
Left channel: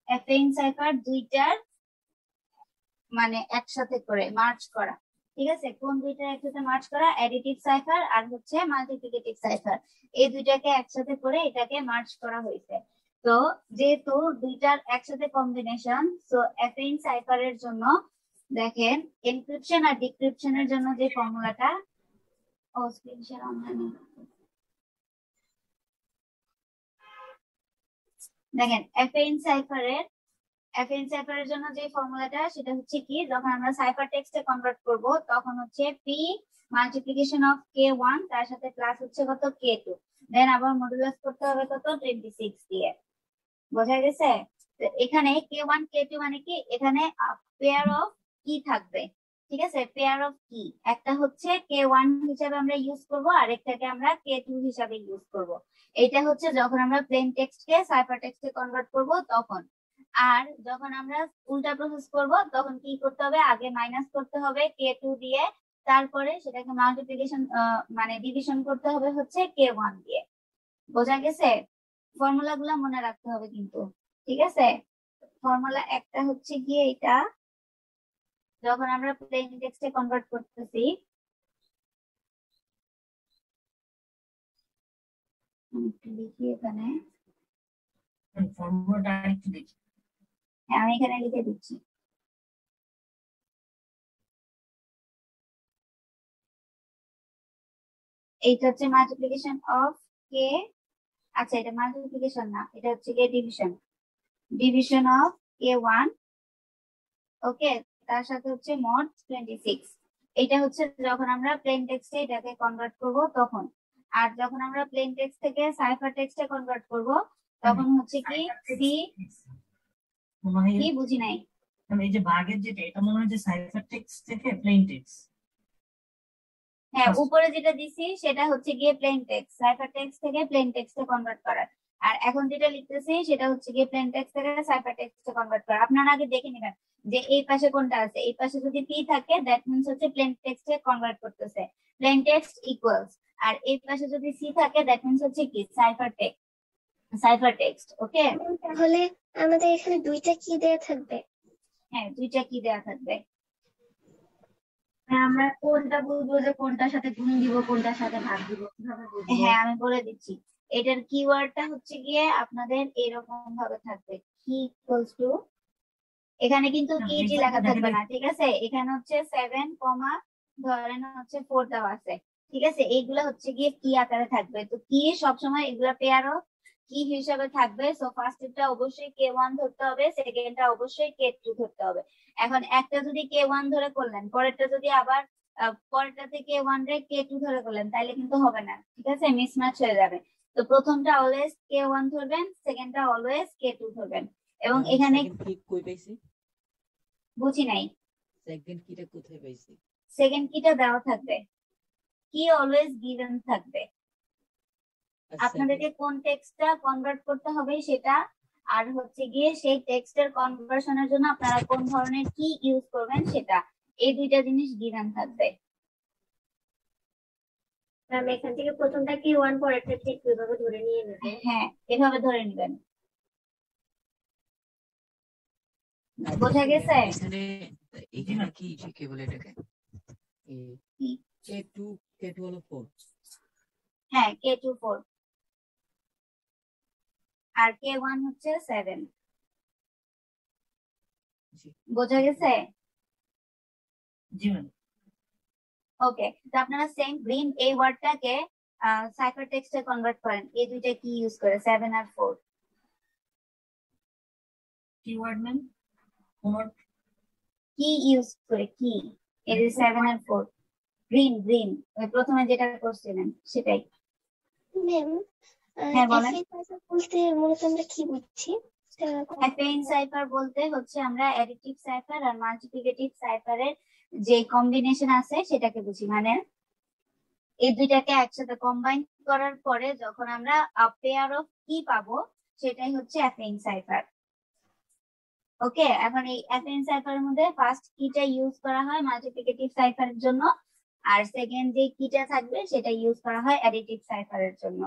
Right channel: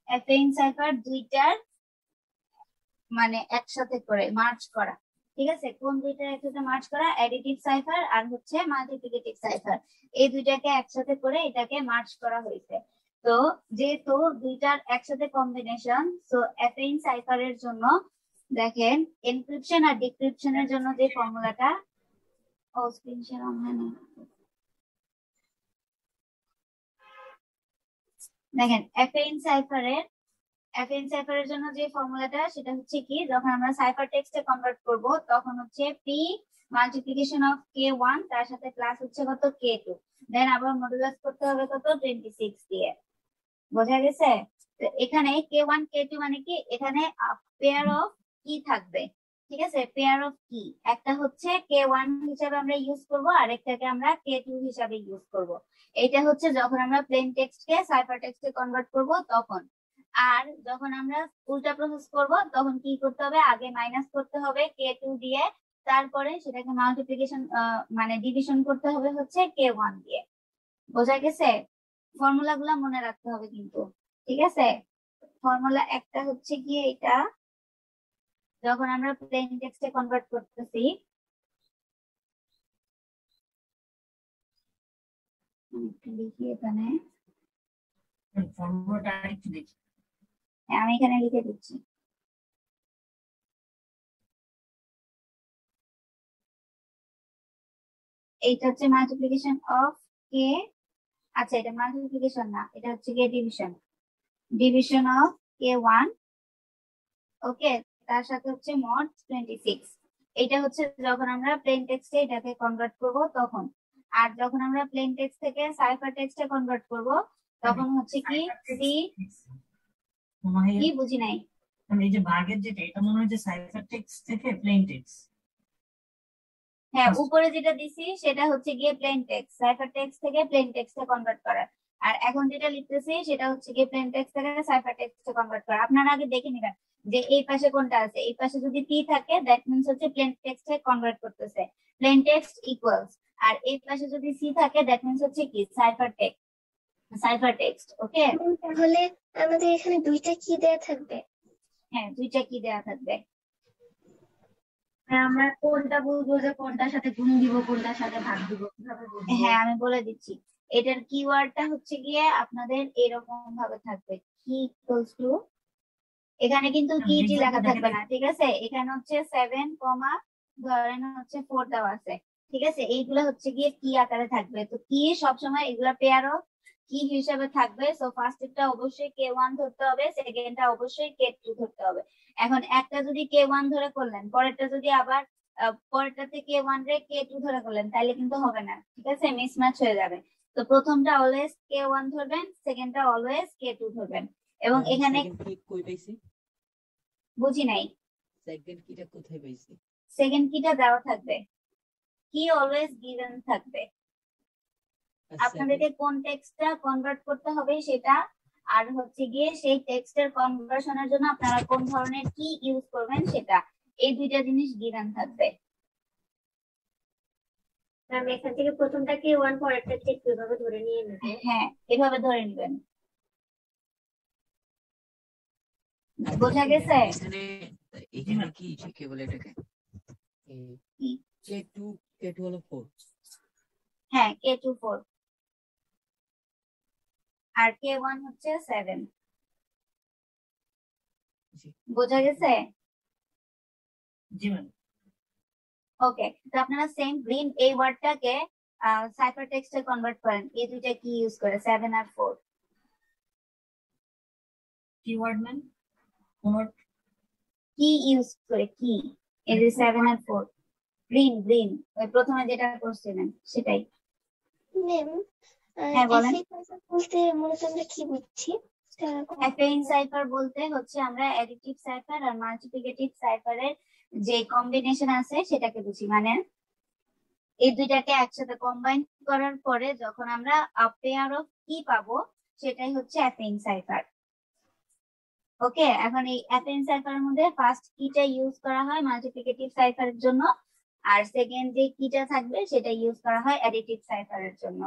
এফএন সাইফার দুইটার মানে একসাথে করে মার্জ করা, ঠিক আছে? কোন দুইটা একসাথে মার্জ করা? অ্যাডিটিভ সাইফার আর হচ্ছে মাল্টিপ্লিকেটিভ সাইফার, এই দুইটাকে একসাথে করে এটাকে মার্জ করা হয়েছে। তো যেহেতু দুইটার একসাথে কম্বিনেশন, সো এফএন সাইফারের জন্য দেখেন এনক্রিপশন আর ডিক্রিপশনের জন্য যে ফর্মুলাটা, ও স্ক্রিন শেয়ার অনলাইন, দেখেন এফএন সাইফারের জন্য যে ফর্মুলাটা সেটা হচ্ছে কি, যখন আমরা সাইফার টেক্সটে কনভার্ট করব তখন হচ্ছে পি মাল্টিপ্লিকেশন অফ k1 তার সাথে প্লাস হচ্ছে কত k2, দেন আবার মডুলাস করতে হবে কত 26 দিয়ে, বোঝা গেছে? তো এখানে k1 k2 মানে কি, এখানে পেয়ার অফ কি থাকবে, ঠিক আছে? পেয়ার অফ কি, একটা হচ্ছে k1 হিসেবে আমরা ইউজ করব আর একটাকে আমরা k2 হিসেবে ইউজ করব। এটা হচ্ছে যখন আমরা প্লেন টেক্সটকে সাইফার টেক্সটে কনভার্ট করব তখন। আর যখন আমরা উল্টা প্রসেস করব তখন কি করতে হবে, আগে মাইনাস করতে হবে k2 দিয়ে, তারপরে সেটাকে মাল্টিপ্লিকেশন মানে ডিভিশন করতে হবে হচ্ছে k1 দিয়ে, বোঝা গেছে? ফর্মুলা গুলা মনে রাখতে হবে কিন্তু, ঠিক আছে? ফর্মুলা একটা হচ্ছে গিয়ে এটা, যখন আমরা প্লেন টেক্সটে কনভার্ট করতেছি, লিখি এখানে, ফর্মুলাটা আরেকটু দেখি। হ্যাঁ আমি এখানে লিখে দিচ্ছি। এইটা হচ্ছে মাল্টিপ্লিকেশন অফ কে, আচ্ছা এটা মাল্টিপ্লিকেশন না, এটা হচ্ছে গিয়ে ডিভিশন অফ k1, ওকে, তার সাথে হচ্ছে মড 26। এটা হচ্ছে যখন আমরা প্লেন টেক্সটে এটাকে কনভার্ট করব তখন। আর যখন আমরা প্লেন টেক্সট থেকে সাইফার টেক্সটে কনভার্ট করব তখন হচ্ছে কি সি, কি বুঝি নাই। এই যে ভাগের যেটা, এটা মনে হয় যে সাইফার টেক্সট থেকে প্লেন টেক্সট। হ্যাঁ উপরে যেটা দিছি সেটা হচ্ছে গিয়ে প্লেন টেক্সট, সাইফার টেক্সট থেকে প্লেন টেক্সটে কনভার্ট করার। আর এখন যেটা লিখতেছি সেটা হচ্ছে গিয়ে প্লেন টেক্সট থেকে সাইফার টেক্সটে কনভার্ট করা। আপনারা আগে দেখে নেবেন যে এই পাশে কোনটা আছে, এই পাশে যদি পি থাকে দ্যাট মিন্স হচ্ছে প্লেন টেক্সটে কনভার্ট করতেছে, প্লেন টেক্সট ইকুয়ালস। আর এই পাশে যদি সি থাকে দ্যাট মিন্স হচ্ছে কি সাইফার টেক্সট, ওকে? তাহলে আমাদের এখানে দুইটা কি দেয়া থাকবে? হ্যাঁ দুইটা কি দেয়া থাকবে, আমরা কোনটা বুঝবো যে কোনটার সাথে গুণ দিব কোনটার সাথে ভাগ দিব, কিভাবে বুঝবো? হ্যাঁ আমি বলে দিচ্ছি। এটার কিওয়ার্ডটা হচ্ছে গিয়ে আপনাদের এরকম ভাবে থাকবে, কি ইকুয়ালস টু, এখানে কিন্তু কি লেখা থাকবে না, ঠিক আছে? এখানে হচ্ছে 7 কমা ধরেন হচ্ছে 4 দেওয়া আছে, ঠিক আছে? এইগুলা হচ্ছে গিয়ে কি আকারে থাকবে। তো কি সবসময় এগুলা পেয়ার অফ কি হিসাবে থাকবে। সো ফার্স্টটা অবশ্যই k1 ধরতে হবে, সেকেন্ডটা অবশ্যই k2 ধরতে হবে। এখন একটা যদি k1 ধরে করলেন, পরেরটা যদি আবার পরেরটাতে k1 রে k2 ধরে করলেন তাহলে কিন্তু হবে না, ঠিক আছে? মিসম্যাচ হয়ে যাবে। তো প্রথমটা অলওয়েজ k1 ধরবেন, সেকেন্ডটা অলওয়েজ k2 ধরবেন। এবং এখানে কই পাইছি, বুঝি নাই, সেকেন্ড কিটা কোথায় পাইছি? সেকেন্ড কিটা দেওয়া থাকবে, কি অলওয়েজ গিভেন থাকবে। আপনাদেরকে কোন টেক্সটটা কনভার্ট করতে হবে সেটা, আর হচ্ছে গিয়ে সেই টেক্সটের কনভার্সনের জন্য আপনারা কোন ধরনের কি ইউজ করবেন সেটা, এই দুইটা জিনিস গিভেন থাকবে। ম্যাম এখান থেকে প্রথমটা কি 1 পরেরটা ঠিক এভাবে ধরে নিয়ে নেবে? হ্যাঁ এভাবে ধরে নেবেন, বোঝা গেছে? এখানে এখানে কি বলে এটাকে, কি? K2 হলো 4, হ্যাঁ K24 আর K1 হচ্ছে 7। বোঝা গেছে? জি ম্যাম। ওকে, তো আপনারা সেম গ্রিন এই ওয়ার্ডটাকে সাইফার টেক্সটে কনভার্ট করেন। এই দুইটা কি ইউজ করে 7 আর 4? কিওয়ার্ড ম্যাম কোন কি ইউজ করে? কি এই যে 7 আর 4 গ্রিন গ্রিন প্রথমে যেটা করছিলেন সেটাই। ম্যাম হ্যাঁ বলেন। বলতে মূলত আমরা কি বুঝছি? অ্যাফেইন সাইফার বলতে হচ্ছে আমরা অ্যাডিটিভ সাইফার আর মাল্টিপ্লিকেটিভ সাইফারের যে কম্বিনেশন আছে সেটাকে বুঝি। মানে এই দুইটাকে একসাথে কম্বাইন করার পরে যখন আমরা পেয়ার অফ কি পাবো সেটাই হচ্ছে অ্যাফেইন সাইফার। ওকে, এখন এই অ্যাফেইন সাইফারের মধ্যে ফার্স্ট কিটা ইউজ করা হয় মাল্টিপ্লিকেটিভ সাইফারের জন্য, আর সেকেন্ড যে কিটা থাকবে সেটা ইউজ করা হয় অ্যাডিটিভ সাইফারের জন্য।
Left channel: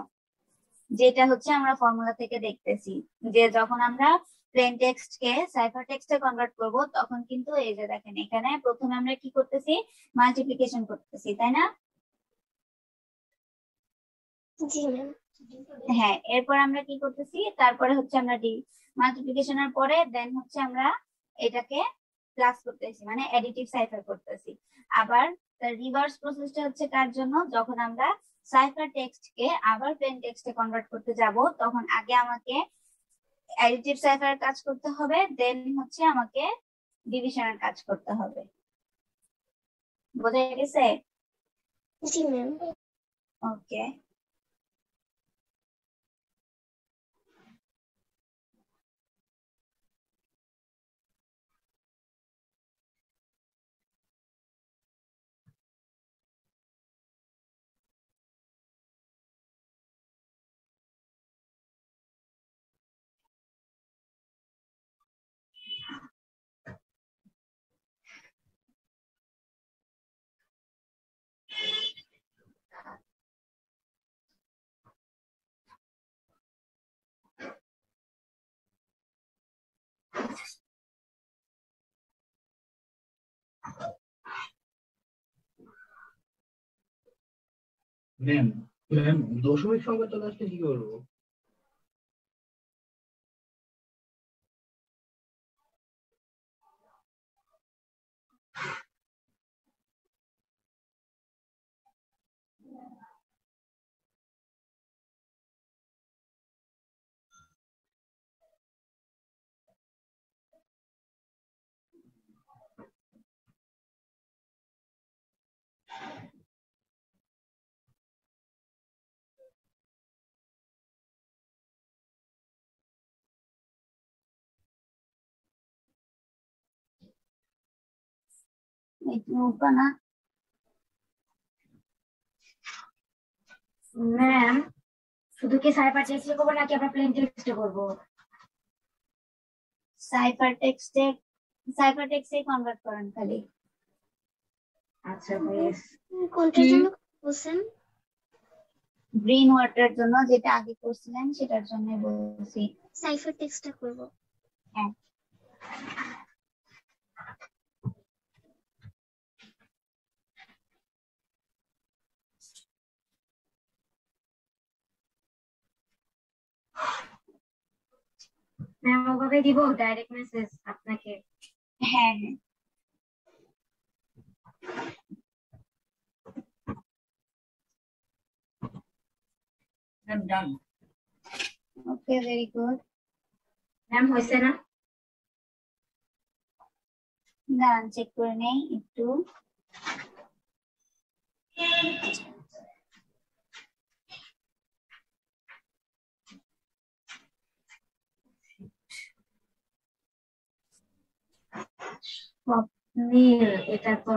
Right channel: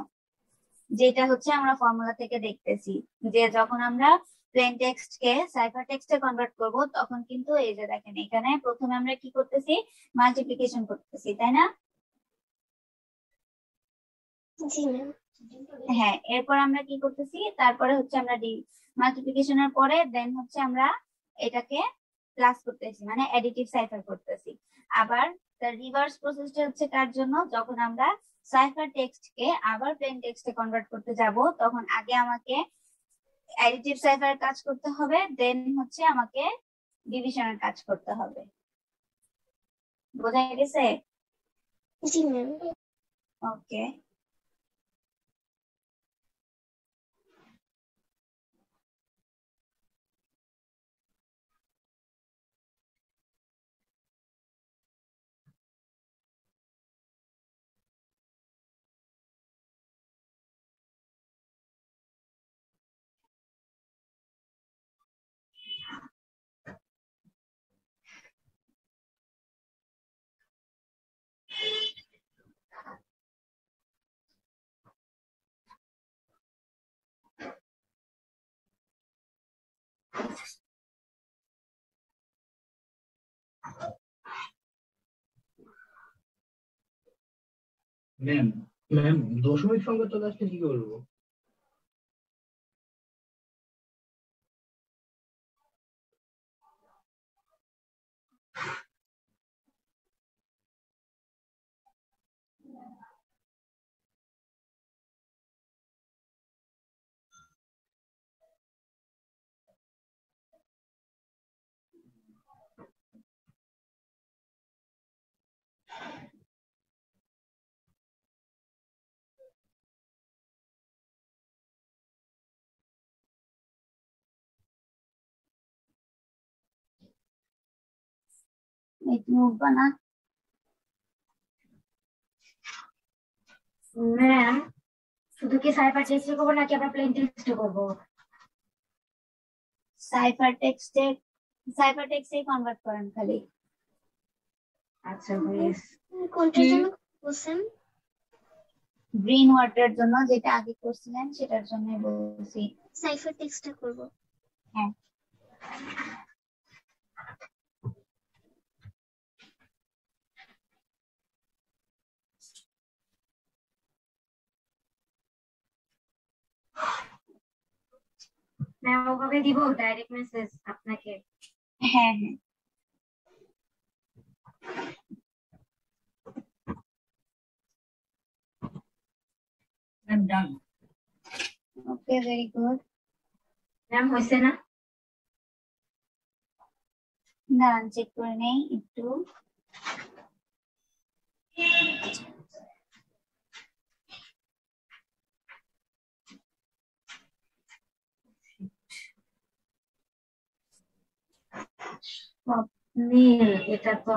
যেটা হচ্ছে আমরা ফর্মুলা থেকে দেখতেছি যে যখন আমরা প্লেন টেক্সট কে সাইফার টেক্সটে কনভার্ট করব তখন কিন্তু এই যে দেখেন এখানে প্রথমে আমরা কি করতেছি, মাল্টিপ্লিকেশন করতেছি, তাই না? জি ম্যাম। হ্যাঁ, এরপর আমরা কি করতেছি, তারপরে হচ্ছে আমরা মাল্টিপ্লিকেশনের পরে দেন হচ্ছে আমরা এটাকে প্লাস করতেছি, মানে অ্যাডিটিভ সাইফার করতেছি। আবার তার রিভার্স প্রসেসটা হচ্ছে কার জন্য, যখন আমরা সাইফার টেক্সট কে আবার প্লেন টেক্সটে কনভার্ট করতে যাব তখন আগে আমাকে অ্যাডিটিভ সাইফারের কাজ করতে হবে, দেন হচ্ছে আমাকে ডিভিশনের কাজ করতে হবে। বোঝা গেছে? জি ম্যাম। ওকে, ম্যাম ম্যাম দশমিক সংখ্যা চলে আসলে কি করবো? একটু উঠবা না? ম্যাম শুধু কি সাইফার টেক্সট করবো নাকি আমরা প্লেন টেক্সট করবো? সাইফার টেক্সটে কনভার্ট করেন খালি। আচ্ছা বেশ। কোনটার জন্য বলছেন? গ্রিন ওয়াটার জন্য, যেটা আগে করছিলেন সেটার জন্য বলছি। সাইফার টেক্সটটা করব। হ্যাঁ, ম্যাম ওভাবে দিব ডাইরেক্ট মেসেজ আপনাকে? হ্যাঁ হ্যাঁ। ম্যাম ডান। ওকে, ভেরি গুড। ম্যাম হয়েছে না? দাঁড়ান চেক করে নেই একটু। স্বপ্নীল, এটা তো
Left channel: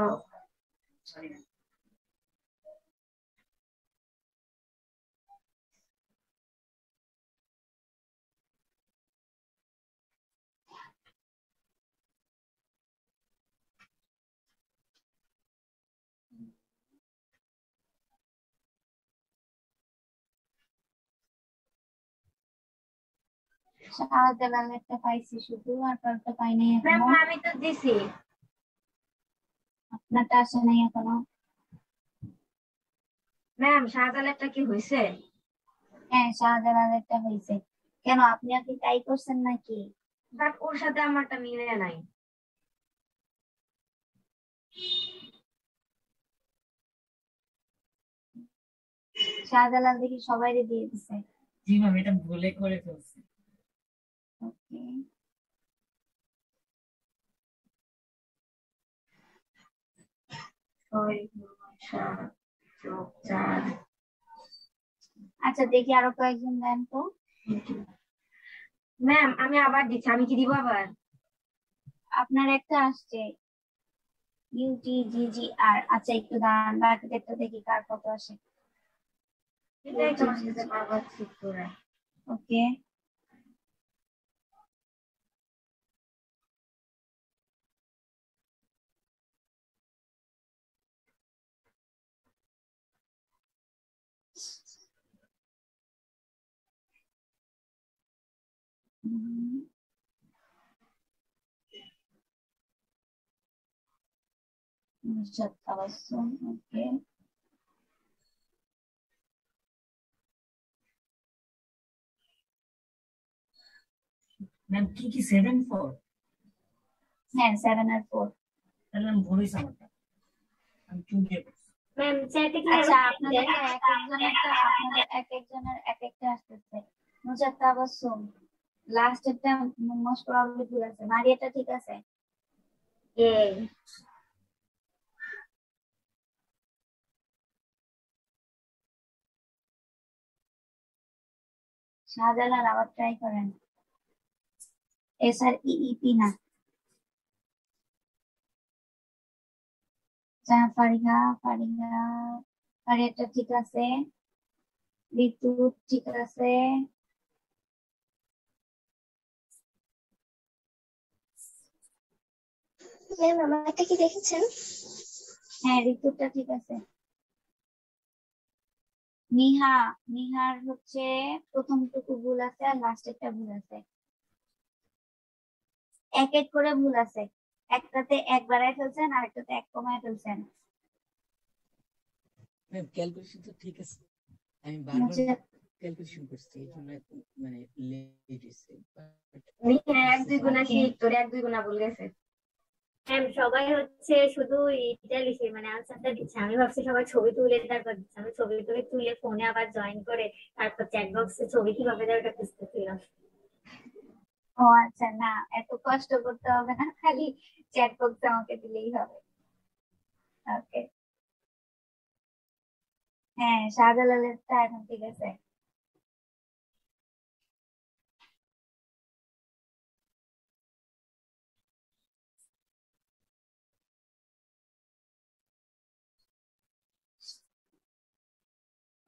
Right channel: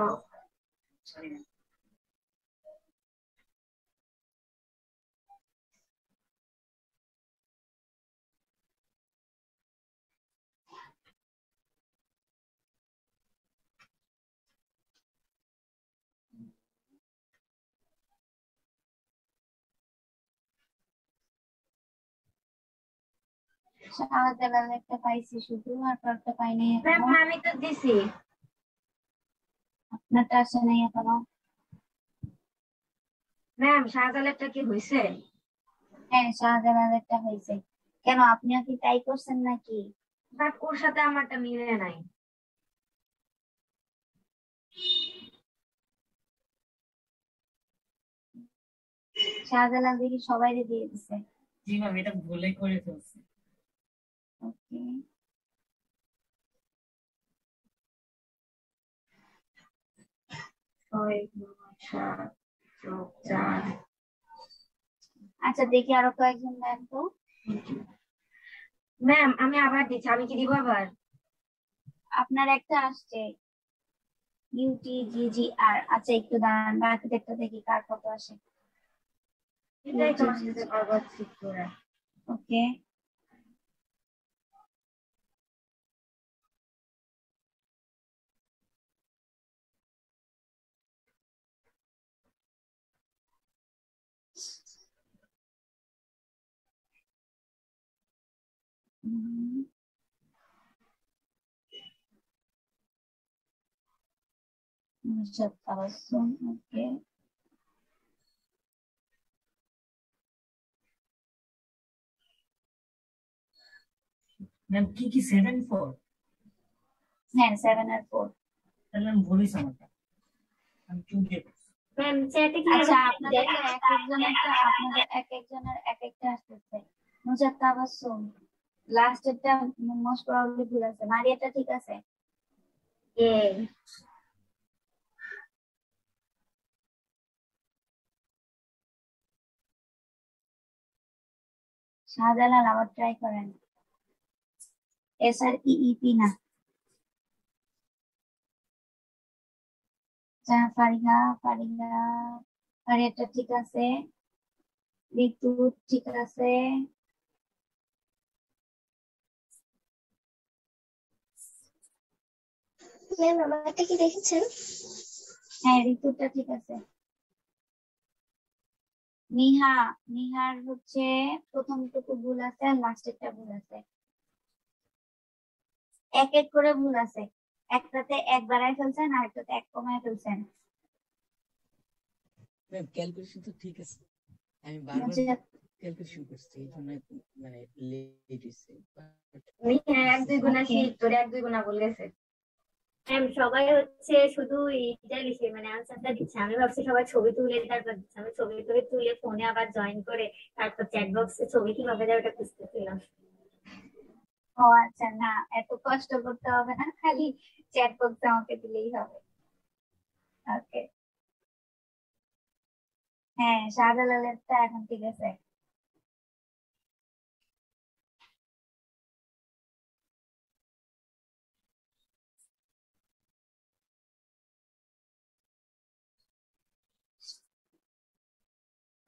সরি ম্যাম। শাহজালাল একটা পাইছি শুধু, আর কারটা পাই নাই ম্যাম এখনো। আমি তো দিছি। আপনারটা আসে নাই এখনো। ম্যাম শাহজালালটা কি হয়েছে? হ্যাঁ, শাহজালালেরটা হয়েছে। কেন, আপনিও কি তাই করছেন নাকি? বাট ওর সাথে আমারটা মিলে নাই। শাহজালাল দেখি সবাই দিয়ে দিছে। জি ম্যাম, এটা ভুলে করে ফেলছি। ওকে, আচ্ছা দেখি আরো কয়েকজন দেন তো। ম্যাম আমি আবার দিচ্ছি, আমি কি দিব আবার? আপনার একটা আসছে UTGGR। আচ্ছা একটু দাঁড়ান, বাকিটা একটু দেখি কার কত আসে। এটাই তো আসতেছে বারবার চেক করে। ওকে, ওকে, ম্যাম কি কি 7-4? হ্যাঁ 7 আর 4। তাহলে আমি ভুলিস আমারটা, আমি 2 দিয়ে করছি। ম্যাম চ্যাটে কি আচ্ছা আরো আপনাদের তো এক একজনেরটা, আপনাদের এক একজনের এক একটা আসতেছে। নুজাত তাবাসসুম লাস্টেরটা মোস্ট প্রবাবলি ভুল আছে, মারিয়াটা ঠিক আছে। শাহজালাল আবার ট্রাই করেন। SREEP না। ফারিহা, ফারিয়াটা ঠিক আছে। ঋতু ঠিক আছে। ম্যাম আমারটা কি দেখেছেন? হ্যাঁ ঋতুটা ঠিক আছে। নিহার হচ্ছে প্রথমটুকু ভুল আছে আর লাস্টেরটা ভুল আছে। এক এক করে ভুল আছে, একটাতে এক বাড়ায় ফেলছেন আর একটাতে এক কমায় ফেলছেন। ম্যাম ক্যালকুলেশন তো ঠিক আছে, আমি বারবার নুজাত, ক্যালকুলেশন করছি, এই জন্য মানে লেট হয়েছে। এক দুই গুণা ঠিক, তোর এক দুই গুণা ভুল গেছে। ম্যাম সবাই হচ্ছে শুধু এইটা লিখে মানে আনসারটা দিচ্ছে, আমি ভাবছি সবাই ছবি তুলে তারপর দিচ্ছে। আমি ছবি তুলে ফোনে আবার জয়েন করে তারপর চ্যাট বক্সে ছবি কিভাবে দেয় ওটা খুঁজতেছিলাম। ও আচ্ছা, না এত কষ্ট করতে হবে না, খালি চ্যাট বক্সে আমাকে দিলেই হবে। ওকে, হ্যাঁ শাহজালালেরটা এখন ঠিক আছে।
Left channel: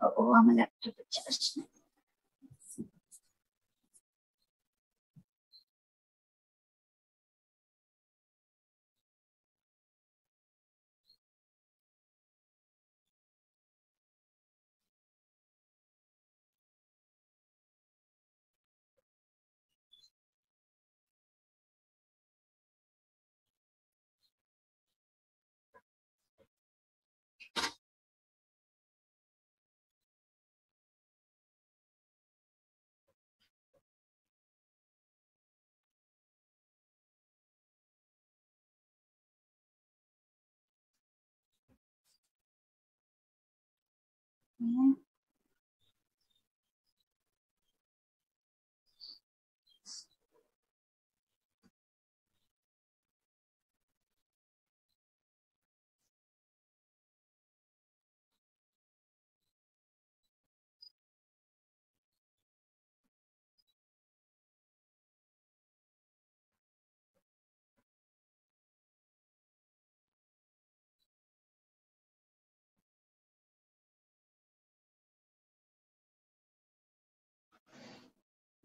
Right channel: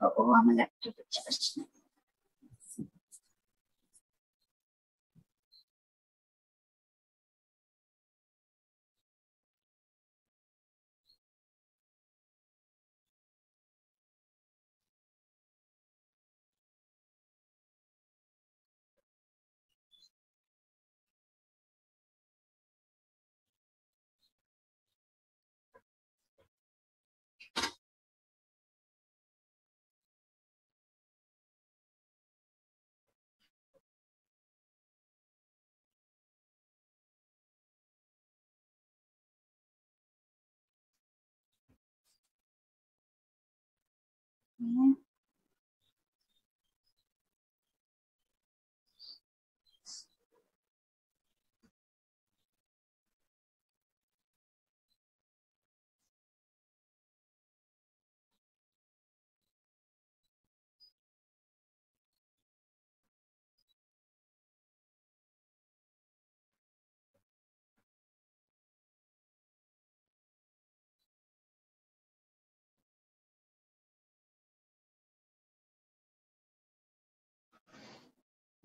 ও আমার ল্যাপটপে চার্জ নেই। হ্যাঁ,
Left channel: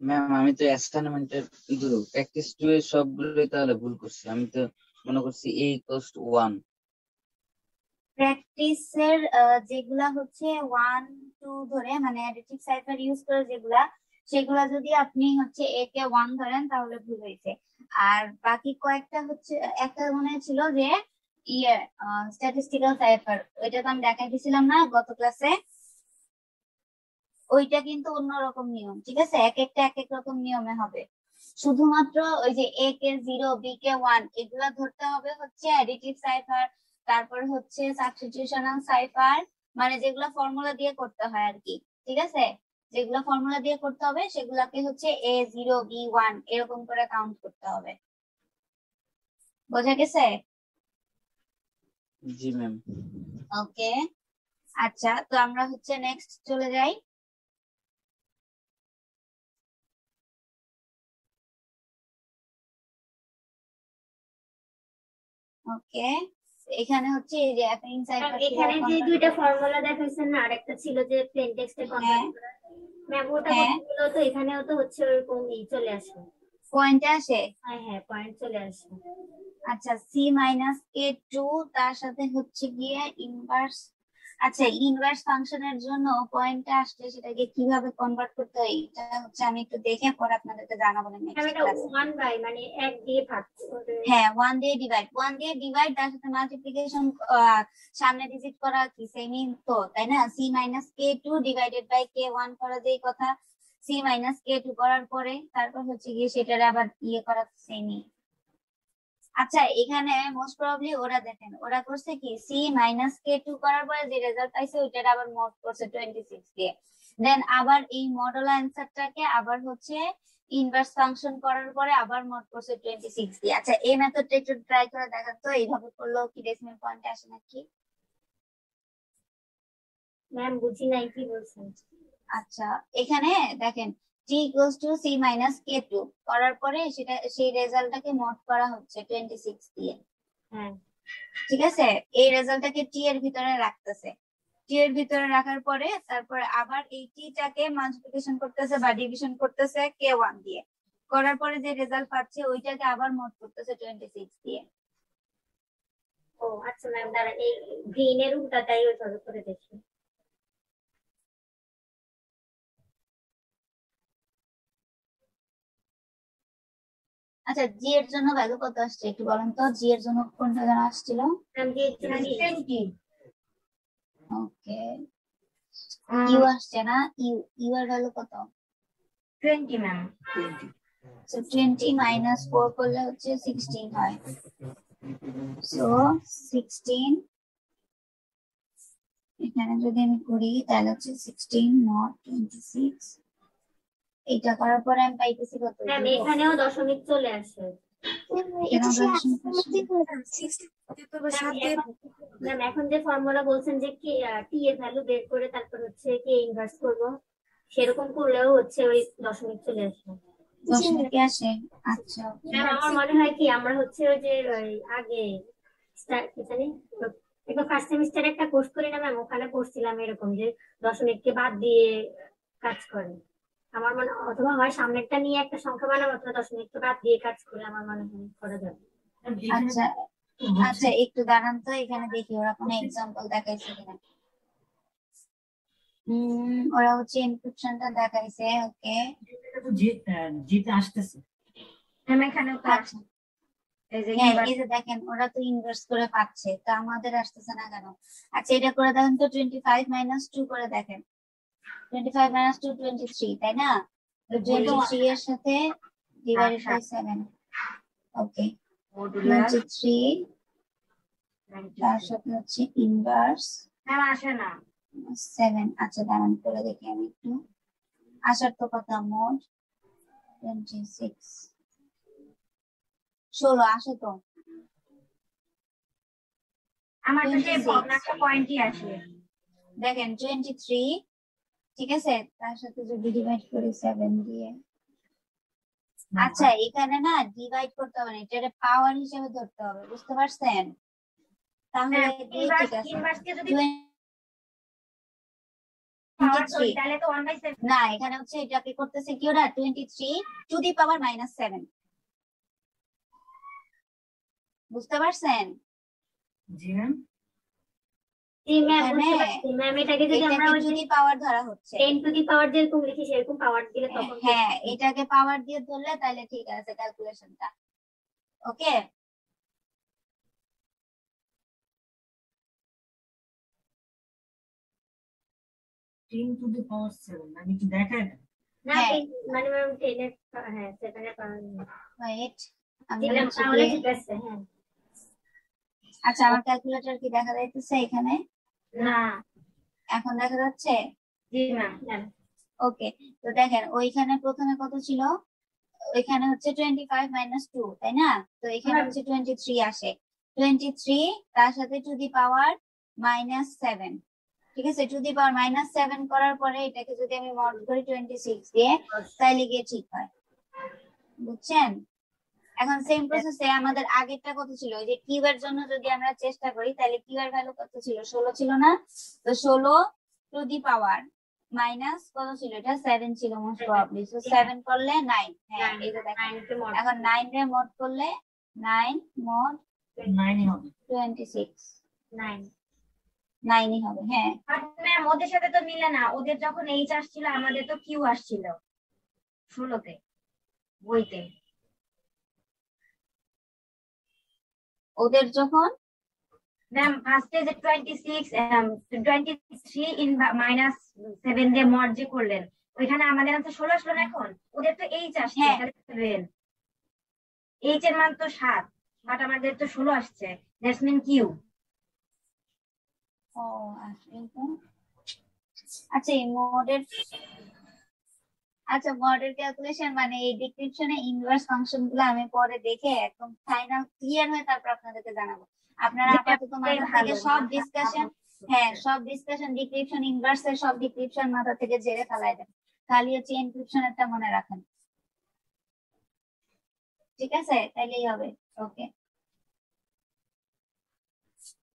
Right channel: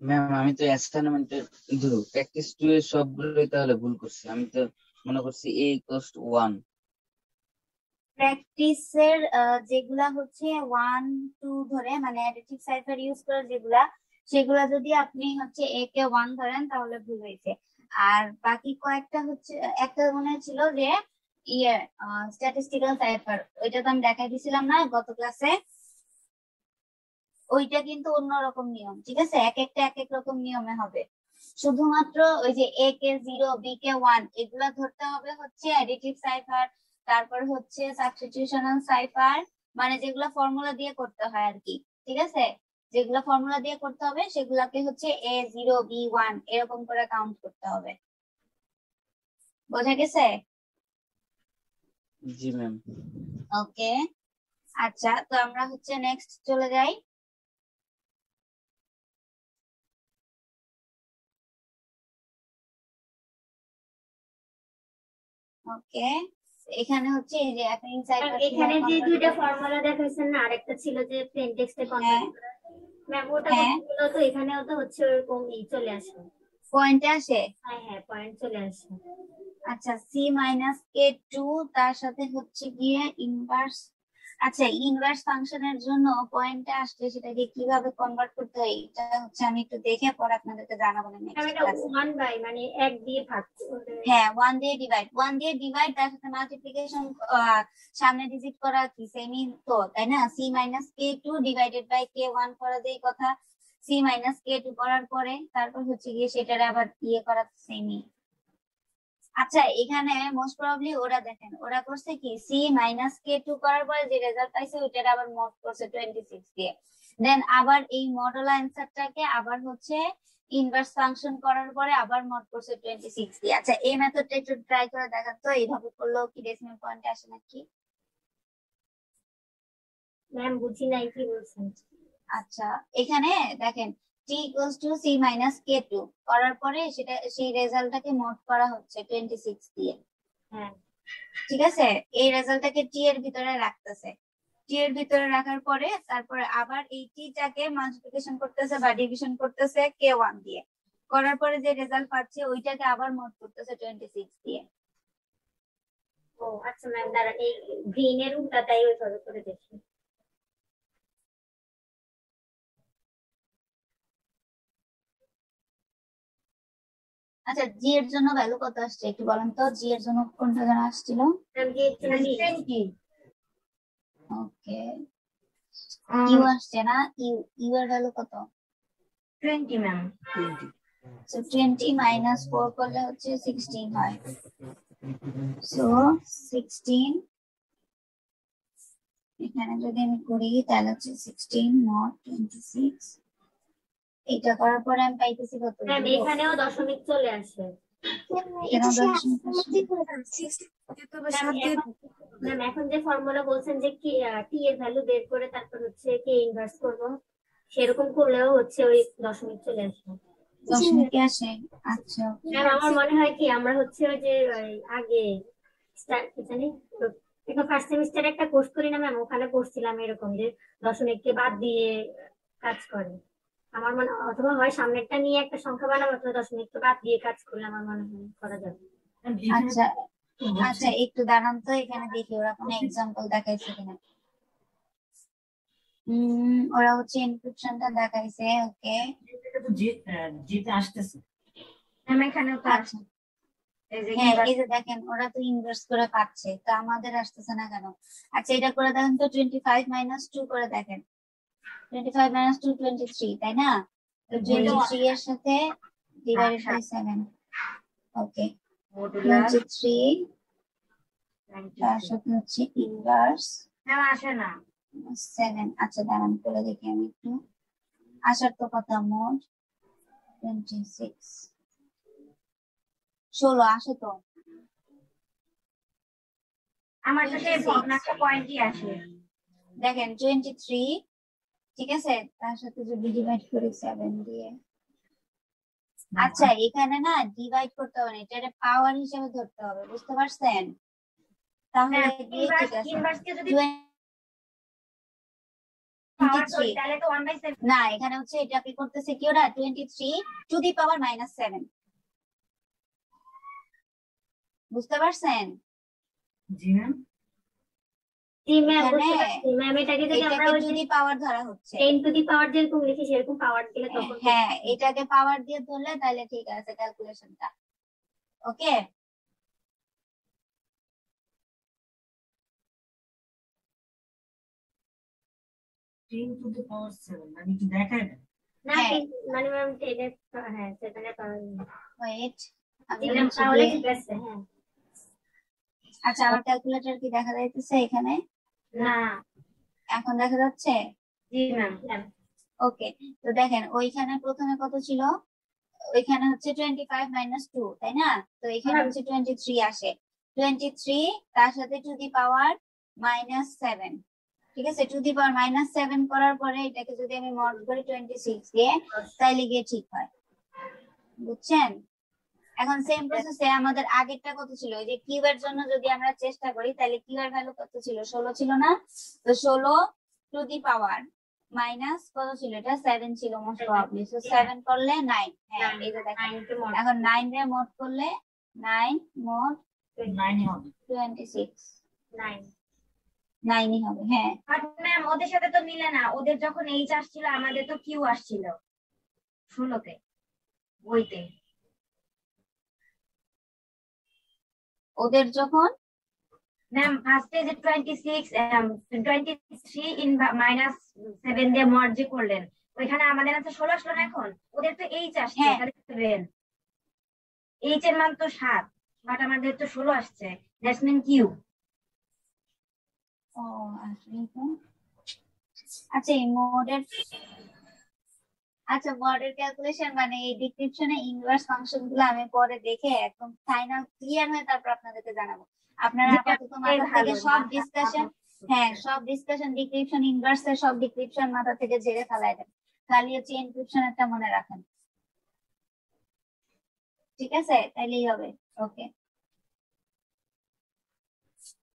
ম্যাম আমি তো অ্যাসাইনমেন্টের প্র্যাকটিস টু এর সবগুলোই তাহলে ভুল করছি। আমি তো মনে করছি a equals to 1। প্র্যাকটিসের যেগুলা হচ্ছে 1 2 ধরে মানে অ্যাডিটিভ সাইফার ইউজ করে যেগুলা, সেগুলা যদি আপনি হচ্ছে a কে 1 ধরেন তাহলে ভুল হয়েছে। আর বাকি কয়েকটা হচ্ছে, একটা মনে ছিল যে ইয়ে স্ট্যাটিস্টিক্যাল সাইফার, ওইটা তো আমি দেখাই দিছিলাম না গত ক্লাসে। ওইটা কিন্তু অন্যরকম নিয়ম, ঠিক আছে? এক একটা এক এক রকম নিয়মে হবে। শুধুমাত্র ওই যে a কে 0 b কে 1 এগুলা ধরতে হবে হচ্ছে অ্যাডিটিভ সাইফার, তারপর হচ্ছে সাবস্টিটিউশনাল সাইফার, মানে যেগুলা ফর্মুলা দিয়ে করতে হয় আর কি, ঠিক আছে? যেগুলা ফর্মুলা দিয়ে করতে হবে সেগুলাকে হচ্ছে a0 b1 এরকম করে কাউন্ট করতে হবে। বোঝা গেছে? জি ম্যাম। ওকে, আচ্ছা, তো আমরা হচ্ছে নেক্সট চলে যাই। ওকে, এখানে হচ্ছে এই যে অ্যাফাইন সাইফার এখানে কিভাবে যে কনভার্ট দুইটা করতে ফর্মুলা দেখাইছেন না, আরেকটা ছিল যে প্লেন টেক্সটে হ্যাঁ কনভার্ট করা, ম্যাম ওটা হ্যাঁ তো এখানেও তো হচ্ছে ওরকমই চলে আসে। পয়েন্টে আসে। হ্যাঁ হ্যাঁ, পয়েন্ট চলে আসে। আচ্ছা, সি মাইনাস কে টু তার সাথে হচ্ছে গিয়ে ইনভার্স। আচ্ছা, ইনভার্স ফাংশনের জন্য পয়েন্টে আসলে সেটাকে কিভাবে কনভার্ট করতে হয় এটা হচ্ছে আমি একটু দেখে পরে আপনাদেরকে জানাবো ম্যাম নেক্সট এটা ক্লাসে। 1 বাই মানে 1 দিয়ে ভাগ হ্যাঁ, 1 দিয়ে ডিভাইড তার সাথে মাল্টিপ্লিকেশন, সামনে ডিজিট করা কি সেমই তো, তাই না? C minus K two divided by K one করা যেই কথা, সি মাইনাস কে টু করার পরে তারপর হচ্ছে গিয়ে সেটার আবার ইয়ে করা সেমই। আচ্ছা, এখানে মোস্ট প্রবাবলি ওরা দেখেন ওরা করছে কি সি মাইনাস কে টু করার পরে যে রেজাল্ট পাইছে ওইটার আবার মড করছে 26 দিয়ে, দেন আবার এই মডেল অ্যান্সারটাকে আবার হচ্ছে ইনভার্স ফাংশন করার পরে আবার মড করছে 26 দিয়ে। আচ্ছা, এই মেথডটা একটু ট্রাই করে দেখান তো, এইভাবে করলেও কি ডেসিমাল পয়েন্টে আসে নাকি? ম্যাম বুঝি নাই কি বলছেন। আচ্ছা, এখানে দেখেন t equals to c minus K two করার পরে সেটা সেই রেজাল্টটাকে মড করা হচ্ছে 26 দিয়ে, হ্যাঁ ঠিক আছে? এই রেজাল্টটাকে টি এর ভিতরে রাখতেছে, টি এর ভিতরে রাখার পরে তারপরে আবার এই টিটাকে মাল্টিপ্লিকেশন করতেছে বা ডিভিশন করতেছে কে ওয়ান দিয়ে, করার পরে যে রেজাল্ট পাচ্ছে ওইটাকে আবার মড করতেছে 26 দিয়ে। ও আচ্ছা ম্যাম, দাঁড়ান এই গ্রিন এর উল্টাটাই ওইভাবে করে দেখি। আচ্ছা, জি এর জন্য ভ্যালু কত আসছে একটু বলেন তো, জি এর জন্য কোনটা যেন আসছিল? ম্যাম যে 20 ওকে, ইউ আসছে না, ইউ এর ভ্যালু কত? 20 ম্যাম। 20 সো 20 মাইনাস 4 করলে হচ্ছে 16 হয়। সো 16 এখানে যদি আমি করি তাহলে হচ্ছে 16 নট 26, এটা করার পরে আমি পাইতেছি কত? ম্যাম এখানেও দশমিক চলে আসে। ম্যাম এখন যে ফর্মুলা বলছেন যে কি টি এর ভ্যালু বের করে তারপর হচ্ছে কে ইনভার্স করব, সেরকম করলেও হচ্ছে ওই দশমিক চলে আসে। দশমিক আসে? আচ্ছা, ম্যাম আমার মনে হয় কি আমরা হচ্ছে ওই যে আগে কি জানি একটা ফার্স্ট সেমিস্টারে একটা কোর্স করি না ম্যাম, ওখানে পড়ছিলাম এরকম যে দশমিককে বাদ দিয়ে কাজ করে। আমার মনে অথবা হয় সামনেরটা নিয়ে একটা সংখ্যা বানাবো অথবা দশমিককে বাদ দিয়ে কাজ করলে আমার মনে হয় করা যাবে। আচ্ছা আচ্ছা, একটু দাঁড়ান তো, এখানে দেখি ওরা কোনো এক্সাম্পল দেখাইছে কিনা। ওরা হচ্ছে ইনক্রিপশনটা দেখাইছে। ওকে, জিতে আসতেছে। ম্যাম এখানে তো আচ্ছা, এই যে হ্যাঁ এই যে দেখেন ওরা তো ইনভার্স করে পাচ্ছে, তো আমাদের আসতেছে না কেন? আচ্ছা, এটা করে দেখেন তো, 25 মাইনাস 2 করে দেখেন, 25 মাইনাস 2 23, তাই না? তো 23 এর সাথে ডিভাইডেড বাই 7। ওকে, 23 তার সাথে হচ্ছে ইনভার্স ম্যাম আসে না। 7। আচ্ছা, দাঁড়ান করে দেখি আমি একটু। আসার তো কথা, মোট 26 16 আসে তো। আমার তো সেই 26 ভগ্নাংশ পয়েন্টই আসে। দেখেন 23, ঠিক আছে, তার সাথে যদি ডিভাইড করি 7 দিয়ে। আচ্ছা, এখানে না ডিভাইড করতে হবে না, এটা পাওয়ার হিসেবে ধরতে হবে, বুঝতে পারছেন? তাহলে দিয়ে ঠিক আছে। ইনভার্সকে যদি 23 তাহলে তো 1/7 না, এখানে হচ্ছে এটাকে করতেছে কি ওরা 23 টু দি পাওয়ার মাইনাস 7, বুঝতে পারছেন? জি ম্যাম। জি ম্যাম এখানে বুঝতে পারছি ম্যাম, এটাকে যদি আমরা এটাকে ওই টু যে দি পাওয়ার ধরা হচ্ছে। 10 টু দি পাওয়ার যেরকম লিখি সেরকম পাওয়ার দিলে তখন হ্যাঁ, এটাকে পাওয়ার দিয়ে ধরলে তাহলে ঠিক আছে ক্যালকুলেশনটা। ওকে, 10⁻⁷ আমি কি দেখাই না? না হ্যাঁ। মানে ম্যাম হ্যাঁ 7 পাওয়ার ওয়েট আমি দিলাম হচ্ছে তাহলে গিয়ে- ঠিক আছে হ্যাঁ আচ্ছা আমার ক্যালকুলেটর কি দেখা যাইতেছে এখানে? না এখন দেখা যাচ্ছে? জি ম্যাম ওকে, তো দেখেন ওইখানে প্রথমে কত ছিল? ওইখানে হচ্ছে 25 মাইনাস 2, তাই না? তো এখানে হচ্ছে 23 আসে। 23 তার সাথে টু দি পাওয়ার -7, ঠিক আছে? টু দি পাওয়ার -7 করার পরে এটাকে যদি আমি মড করি 26 দিয়ে, তাইলে গিয়ে ঠিক হয়। বুঝছেন? এখন সেম প্রসেসে আমাদের আগেরটা কত ছিল? এই যে কিউ এর জন্য যদি আমরা চেষ্টা করি তাহলে কিউ এর ভ্যালু কত ছিল? 16 ছিল না? তো 16 টু দি পাওয়ার মাইনাস কত ছিল? এটা 7 ছিল মোস্ট প্রবাবলি। সো 7 করলে 9। হ্যাঁ এটা দেখেন। এখন 9 রে মড করলে 9 মড 9 হবে। 26 9 9ই হবে। হ্যাঁ ম্যাম ওদের সাথে তো মিলে না, ওদের যখন এইচ আসছিল আমাদের তো কিউ আসছিল 16তে বইতে। ওদের যখন ম্যাম ফার্স্টে যে 23 ইন -7 দিয়ে মড যে করলেন ওইখানে আমাদের আনসার 16 আসলো না। এখন ওদের তো এইচ আসছে হ্যাঁ। তাহলে 7, এইচ এর মান তো 7 বাট আমাদের তো 16 আসছে, দ্যাটস মিন কিউ। ও আসলে তো আচ্ছা এই মোডের ক্যালকুলেশন মানে এই ডিসক্রিপশনে ইনভার্স ফাংশন গুলো আমি পরে দেখে একদম ফাইনাল ক্লিয়ার হয়ে তারপর আপনাদেরকে জানাবো। আপনারা আপাতত মাথা থেকে সব ডিসকাশন, হ্যাঁ সব ডিসকাশন ডিসক্রিপশন ইনভার্স এর সব ডিসক্রিপশন মাথা থেকে ঝেড়ে ফেলাই দেন, খালি হচ্ছে এনক্রিপশনটা মনে রাখেন। ঠিক আছে, তাইলেই হবে। ওকে,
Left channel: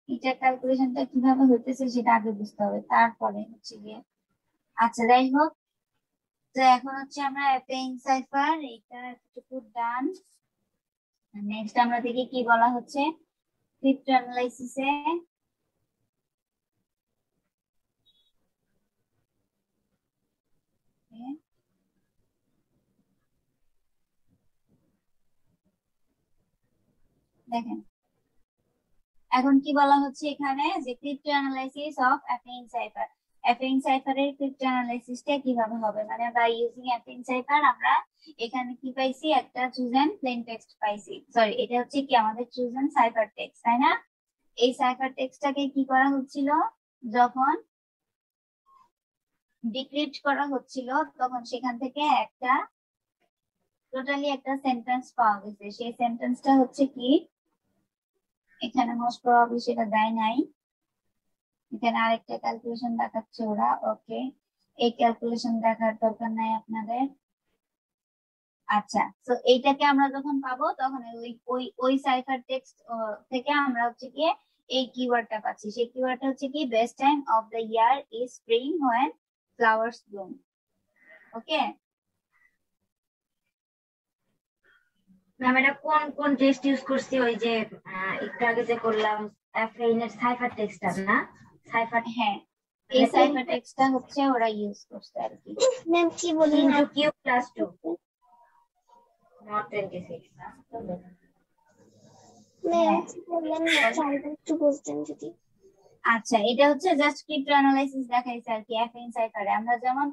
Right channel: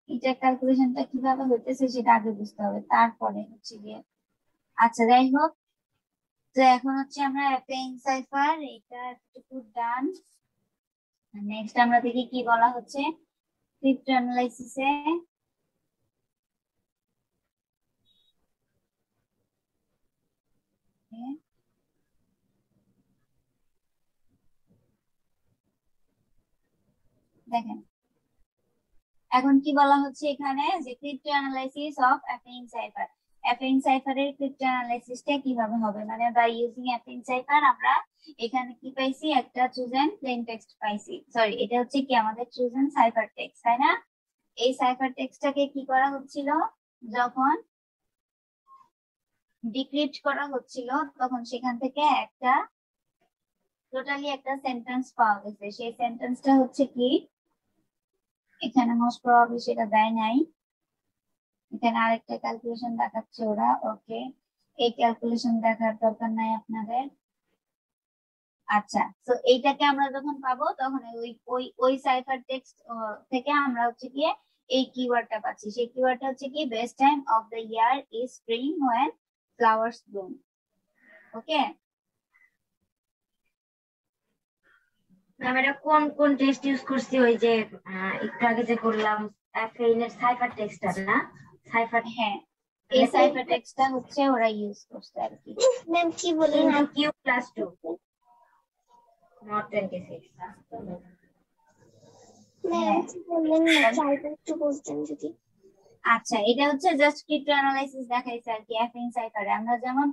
এটা ক্যালকুলেশনটা কিভাবে হইতেছে সেটা আগে বুঝতে হবে, তারপরে হচ্ছে গিয়ে আচ্ছা যাই হোক। তো এখন হচ্ছে আমরা অ্যাপেইং সাইফার এটা একটু ডান। নেক্সট আমরা দেখি কি বলা হচ্ছে ক্রিপ্টো অ্যানালাইসিসে। দেখেন এখন কি বলা হচ্ছে এখানে যে crypto analysis of affine cipher. Affine সাইফারের ক্রিপ্টো অ্যানালাইসিসটা কিভাবে হবে, মানে বাই ইউজিং অ্যাপেইং সাইফার আমরা এখানে কি পাইছি? একটা চুজেন প্লেন টেক্সট পাইছি। সরি, এটা হচ্ছে কি আমাদের চুজেন সাইফার টেক্সট, তাই না? এই সাইফার টেক্সটটাকে কি করা হচ্ছিল? যখন ডিক্রিপ্ট করা হচ্ছিল তখন সেখান থেকে একটা টোটালি একটা সেন্টেন্স পাওয়া গেছে। সেই সেন্টেন্সটা হচ্ছে কি, এখানে মোস্ট প্রবাবলি সেটা দেয় নাই, এখানে আরেকটা ক্যালকুলেশন দেখাচ্ছে ওরা। ওকে, এই ক্যালকুলেশন দেখার দরকার নাই আপনাদের। আচ্ছা, তো এইটাকে আমরা যখন পাবো তখন ওই সাইফার টেক্সট থেকে আমরা হচ্ছে গিয়ে এই কিওয়ার্ডটা পাচ্ছি। সেই কিওয়ার্ডটা হচ্ছে কি best time of the year is spring when flowers Bloom. Okay ma'am এটা কোন কোন টেক্সট ইউজ করছি? ওই যে একটু আগে যে করলাম অ্যাফেইন এর সাইফার টেক্সটটা না? সাইফার হ্যাঁ, এই সাইফার টেক্সটটা হচ্ছে ওরা ইউজ করছে আর কি। ম্যাম কি বলি না কিউ প্লাস 2 নট 26। ম্যাম বললেন না চাইলে একটু বলতেন যদি। আচ্ছা, এটা হচ্ছে জাস্ট ক্রিপ্টো অ্যানালাইসিস দেখাইছে আর কি। অ্যাপেইং সাইফারে আমরা যেমন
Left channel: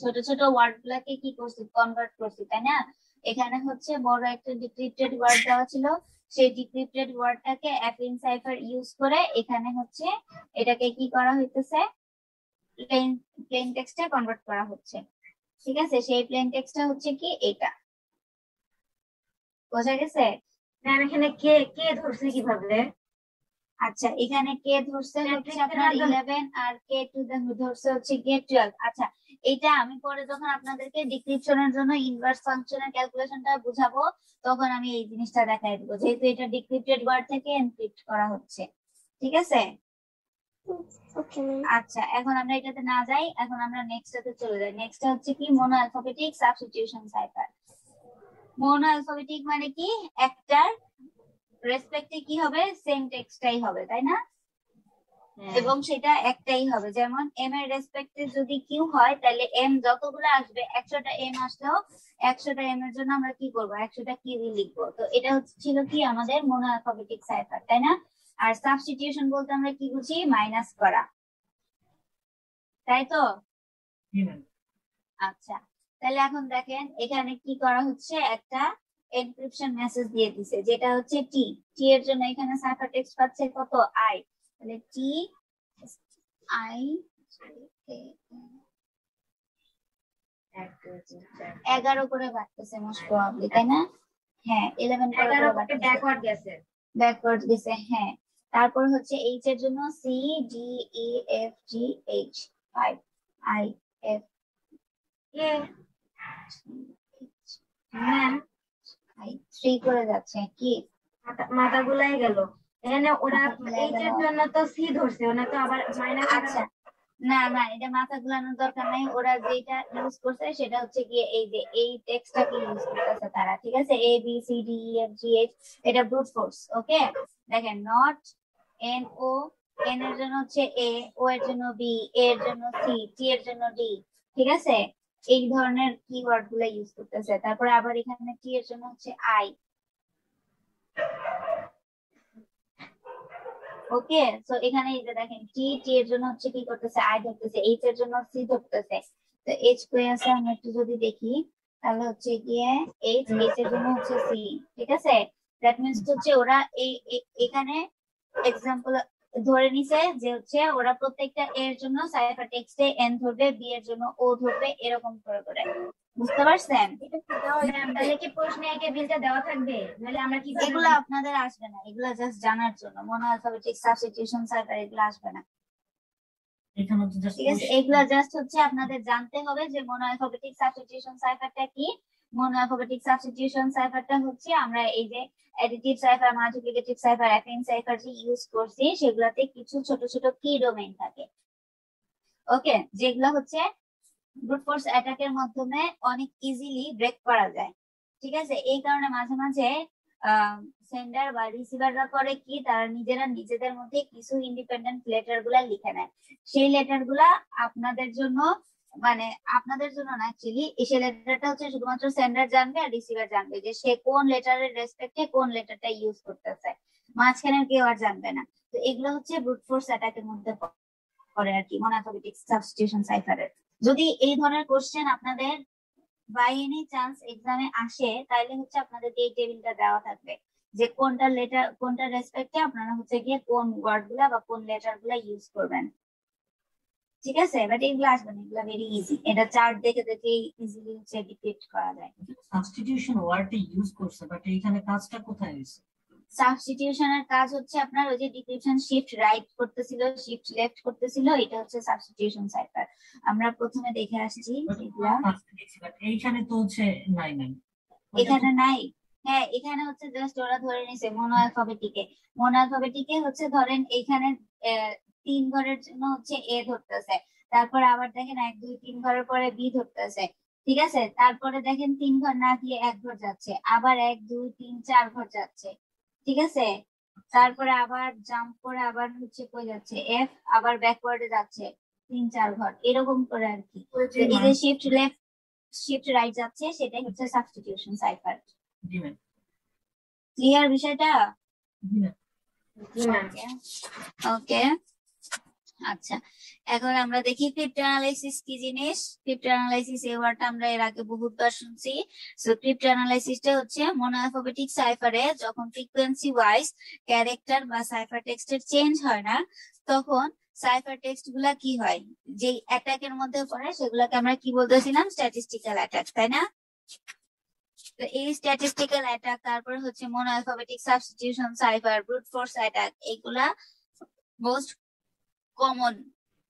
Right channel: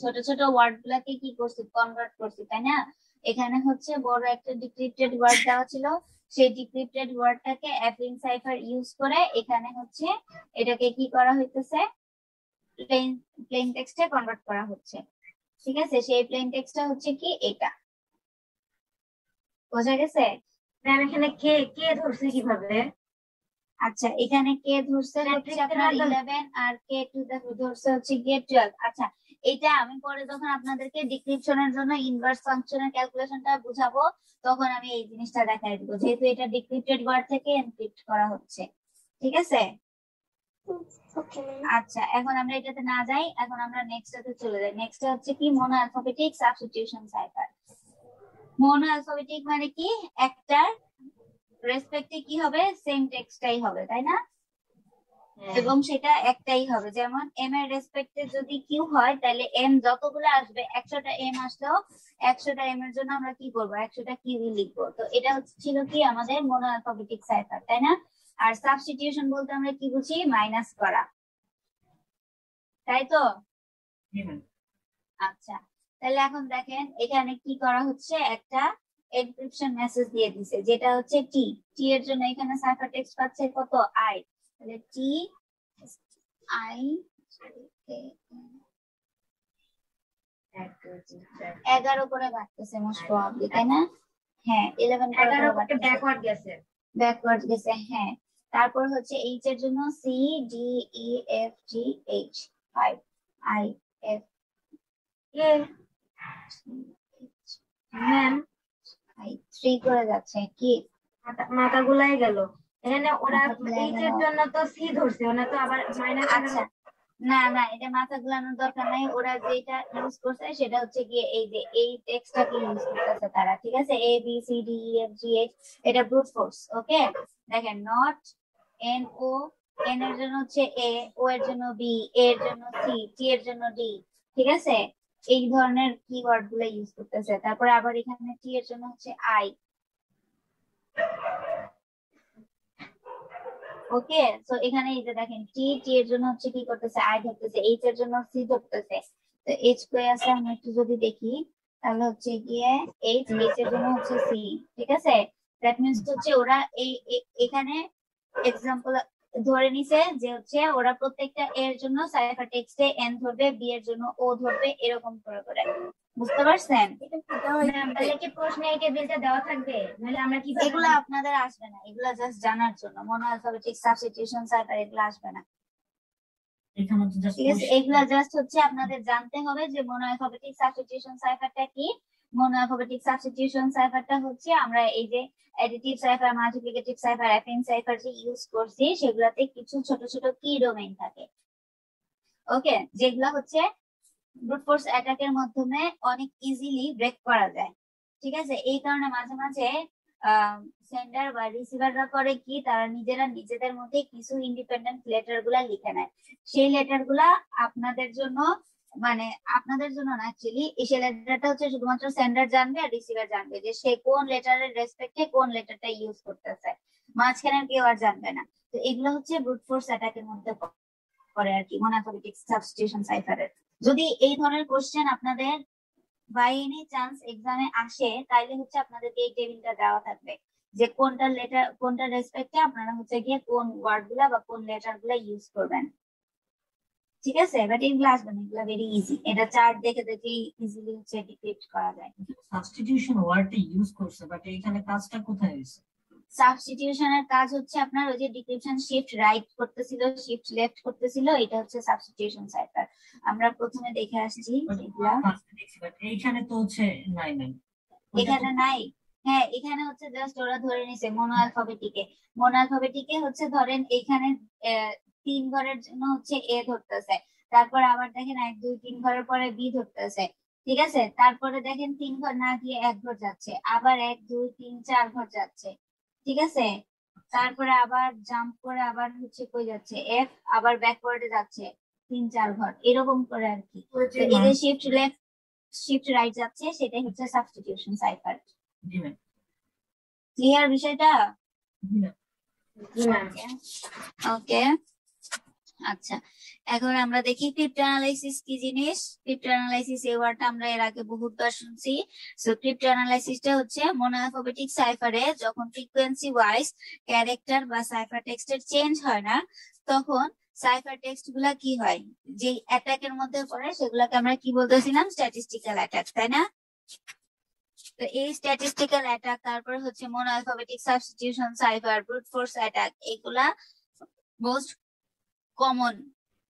ছোট ছোট ওয়ার্ড গুলাকে কি করছি, কনভার্ট করছি, তাই না? এখানে হচ্ছে বড় একটা ডিক্রিপ্টেড ওয়ার্ড দেওয়া ছিল, সেই ডিক্রিপ্টেড ওয়ার্ডটাকে অ্যাপেইং সাইফার ইউজ করে এখানে হচ্ছে এটাকে কি করা হইতেছে, প্লেন টেক্সটে কনভার্ট করা হচ্ছে। ঠিক আছে, সেই প্লেন টেক্সটটা হচ্ছে কি এটা, বোঝা গেছে? ম্যাম এখানে কে কে ধরছে কিভাবে? আচ্ছা, এখানে কে ধরছে হচ্ছে আপনার 11 আর কে টু দ্য ধরছে হচ্ছে কে 12। আচ্ছা, এটা আমি পরে যখন আপনাদেরকে ডিক্রিপশনের জন্য ইনভার্স ফাংশনের ক্যালকুলেশনটা বুঝাবো তখন আমি এই জিনিসটা দেখাই দিব, যেহেতু এটা ডিক্রিপ্টেড ওয়ার্ড থেকে এনক্রিপ্ট করা হচ্ছে। ঠিক আছে, আচ্ছা এখন আমরা এটাতে না যাই, এখন আমরা নেক্সটটাতে চলে যাই। নেক্সট হচ্ছে কি mono alphabetic substitution cipher. Mono alphabetic মানে কি, একটার রেসপেক্টে কি হবে, সেম টেক্সটটাই হবে, তাই না? এবং সেটা একটাই হবে। যেমন এম এর রেসপেক্টে যদি কিউ হয় তাহলে এম যতগুলো আসবে 100টা এম আসলেও 100টা এম এর জন্য আমরা কি করব, 100টা কিউ লিখবো। তো এটা ছিল কি আমাদের মোনো অ্যালফাবেটিক সাইফার, তাই না? আর সাবস্টিটিউশন বলতে আমরা কি বুঝি, মাইনাস করা। তাই তো? জি ম্যাম। আচ্ছা, তাহলে এখন দেখেন এখানে কি করা হচ্ছে, একটা এনক্রিপশন মেসেজ দিয়ে দিছে যেটা হচ্ছে টি। টি এর জন্য এখানে সাইফার টেক্সট পাচ্ছে কত, আই। তাহলে টি আই 11 করে বাড়তেছে মোস্ট প্রবাবলি, তাই না? হ্যাঁ 11 করে 11 বাড়তেছে, ব্যাকওয়ার্ড গেছে। ব্যাকওয়ার্ড গেছে। হ্যাঁ, তারপর হচ্ছে এইচ এর জন্য C D E F G H 5, I F K ma'am 3 করে যাচ্ছে কি, মাথা গুলাই গেল। এখানে ওরা মাথা গুলাই এইচ এর গেল। জন্য তো সি ধরছে, ওরা তো আবার মাইনাস। আচ্ছা, না না, এটা মাথা ঘুরানোর দরকার নাই। ওরা যেটা ইউজ করছে সেটা হচ্ছে গিয়ে এই যে এই টেক্সটটাকে ইউজ করতেছে তারা, ঠিক আছে? A B C D E F G H, এটা ব্রুট ফোর্স। ওকে, দেখেন নট এন ও, এন এর জন্য হচ্ছে এ, ও এর জন্য বি, এ এর জন্য সি, টি এর জন্য ডি, ঠিক আছে? এই ধরনের কিওয়ার্ড গুলো ইউজ করতেছে। তারপর আবার এখানে টি এর জন্য হচ্ছে আই। ওকে, সো এখানে এই যে দেখেন টি, টি এর জন্য হচ্ছে কি করতেছে, আই ধরতেছে, এইচ এর জন্য সি ধরতেছে। তো এইচ কই আছে আমরা একটু যদি দেখি, তাহলে হচ্ছে গিয়ে এইচ, এইচ এর জন্য হচ্ছে সি, ঠিক আছে? দ্যাট মিন্স হচ্ছে ওরা এখানে এক্সাম্পল ধরে নিছে যে হচ্ছে ওরা প্রত্যেকটা এর জন্য সাইফার টেক্সটে এন ধরবে, বি এর জন্য ও ধরবে, এরকম করে করে। বুঝতে পারছেন? ম্যাম তাহলে কি প্রশ্নে এই টেবিলটা দেওয়া থাকবে, নাহলে আমরা কি এগুলো আপনাদের আসবে না, এগুলো জাস্ট জানার জন্য। মনোঅ্যালফাবেটিক সাবস্টিটিউশন সাইফার এগুলো আসবে না, এখানে তো জাস্ট ঠিক আছে? এগুলো জাস্ট হচ্ছে আপনাদের জানতে হবে যে মনোঅ্যালফাবেটিক সাবস্টিটিউশন সাইফারটা কি। মনোঅ্যালফাবেটিক সাবস্টিটিউশন সাইফারটা হচ্ছে আমরা এই যে additive cipher, multiplicative cipher, affine cipher যে ইউজ করছি সেগুলোতে কিছু ছোট ছোট কি ডোমেইন থাকে, ওকে, যেগুলো হচ্ছে ব্রুট ফোর্স অ্যাটাকের মাধ্যমে অনেক ইজিলি ব্রেক করা যায়, ঠিক আছে? এই কারণে মাঝে মাঝে সেন্ডার বা রিসিভাররা করে কি, তারা নিজেরা নিজেদের মধ্যে কিছু ইন্ডিপেন্ডেন্ট লেটার গুলা লিখে নেয়। সেই লেটার গুলা আপনাদের জন্য, মানে আপনাদের জন্য না অ্যাকচুয়ালি, সেই লেটারটা হচ্ছে শুধুমাত্র সেন্ডার জানবে আর রিসিভার জানবে যে সে কোন লেটারের রেসপেক্টে কোন লেটারটা ইউজ করতেছে, মাঝখানে কেউ আর জানবে না। তো এগুলো হচ্ছে ব্রুট ফোর্স অ্যাটাকের মধ্যে পড়ে আর কি, মনোঅ্যালফাবেটিক সাবস্টিটিউশন সাইফারের। যদি এই ধরনের কোশ্চেন আপনাদের বাই এনি চান্স এক্সামে আসে, তাইলে হচ্ছে আপনাদেরকে এই টেবিলটা দেওয়া থাকবে যে কোনটা লেটার, কোনটা রেসপেক্টে আপনারা হচ্ছে গিয়ে কোন ওয়ার্ড গুলা বা কোন লেটার গুলা ইউজ করবেন, ঠিক আছে? বাট এগুলো আসবে না, এগুলো ভেরি ইজি, এটা চার্ট দেখে দেখেই ইজিলি হচ্ছে ডিক্রিপ্ট করা যায়। সাবস্টিটিউশন ওয়ার্ডটা ইউজ করছে, বাট এখানে কাজটা কোথায় হয়েছে? সাবস্টিটিউশনের কাজ হচ্ছে আপনার ওই যে ডিক্রিপশন শিফট রাইট করতেছিল, শিফট লেফট করতেছিল, এটা হচ্ছে সাবস্টিটিউশন সাইফার। আমরা প্রথমে দেখে আসছি এগুলা। এইখানে তো হচ্ছে নাই নাই, এখানে নাই। হ্যাঁ, এখানে হচ্ছে জাস্ট ওরা ধরে নিছে মনোঅ্যালফাবেটিকে। মনোঅ্যালফাবেটিকে হচ্ছে ধরেন এইখানে 3 ঘরের জন্য হচ্ছে এ ধরতেছে, তারপর আবার দেখেন 1 2 3 ঘরের পরে বি ধরতেছে, ঠিক আছে? তারপরে দেখেন 3 ঘর না দিয়ে 1 ঘর যাচ্ছে, আবার 1 2 3 4 ঘর যাচ্ছে, ঠিক আছে? তারপরে আবার জাম্প করে আবার হচ্ছে কই যাচ্ছে, এফ, আবার ব্যাকওয়ার্ডে যাচ্ছে 3 4 ঘর, এরকম করে আর কি। তো এই যে শিফট লেফট শিফট রাইট যাচ্ছে, সেটাই হচ্ছে সাবস্টিটিউশন সাইফার। জি ম্যাম। ক্লিয়ার বিষয়টা? জি ম্যাম। ওকে, আচ্ছা, এখন আমরা দেখি ক্রিপ্টোঅ্যানালাইসিস কি জিনিস। ক্রিপ্টোঅ্যানালাইসিস এই ওয়ার্ডটা আমরা এর আগে বহুবার শুনছি। সো ক্রিপ্টোঅ্যানালাইসিসটা হচ্ছে মনোঅ্যালফাবেটিক সাইফারে যখন ফ্রিকোয়েন্সি ওয়াইজ ক্যারেক্টার বা সাইফার টেক্সটের চেঞ্জ হয় না, তখন সাইফার টেক্সট গুলা কি হয়, যে অ্যাটাকের মধ্যে পড়ে সেগুলাকে আমরা কি বলতেছিলাম, স্ট্যাটিস্টিক্যাল অ্যাটাক, তাই না? তো এই স্ট্যাটিস্টিক্যাল অ্যাটাক, তারপরে হচ্ছে monoalphabetic substitution cipher, brute force attack, এগুলা মোস্ট কমন,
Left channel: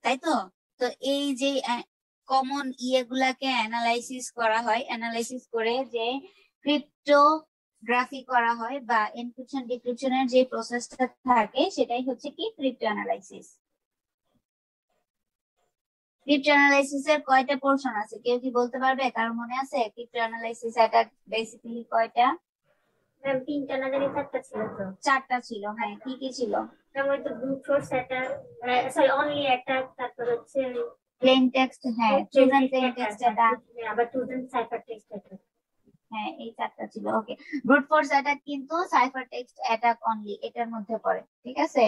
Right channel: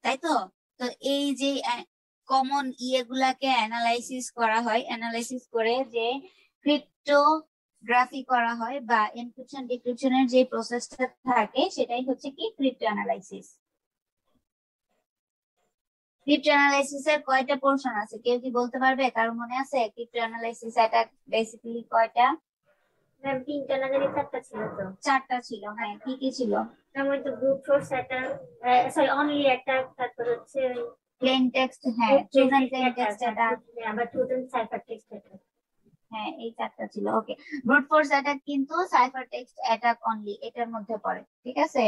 তাই তো? তো এই যে কমন ইয়েগুলাকে অ্যানালাইসিস করা হয়, অ্যানালাইসিস করে যে ক্রিপ্টোগ্রাফি করা হয় বা এনক্রিপশন ডিক্রিপশনের যে প্রসেসটা থাকে, সেটাই হচ্ছে কি ক্রিপ্টো অ্যানালাইসিস। ক্রিপ্টো অ্যানালাইসিস এর কয়টা পোর্শন আছে, কেউ কি বলতে পারবে? কার মনে আছে ক্রিপ্টো অ্যানালাইসিস এটা বেসিক্যালি কয়টা? ম্যাম 3টা না জানি 4টা ছিল তো। 4টা ছিল, হ্যাঁ। কি কি ছিল? ম্যাম ওই তো brute force attack, sorry only attack, তারপর হচ্ছে প্লেন টেক্সট, হ্যাঁ, ট্রুথ প্লেন টেক্সট অ্যাটাক, আবার truth and cipher text attack. হ্যাঁ, এই 4টা ছিল। ওকে, ব্রুট ফোর্স অ্যাটাক কিন্তু সাইফার টেক্সট অ্যাটাক অনলি এটার মধ্যে পড়ে, ঠিক আছে?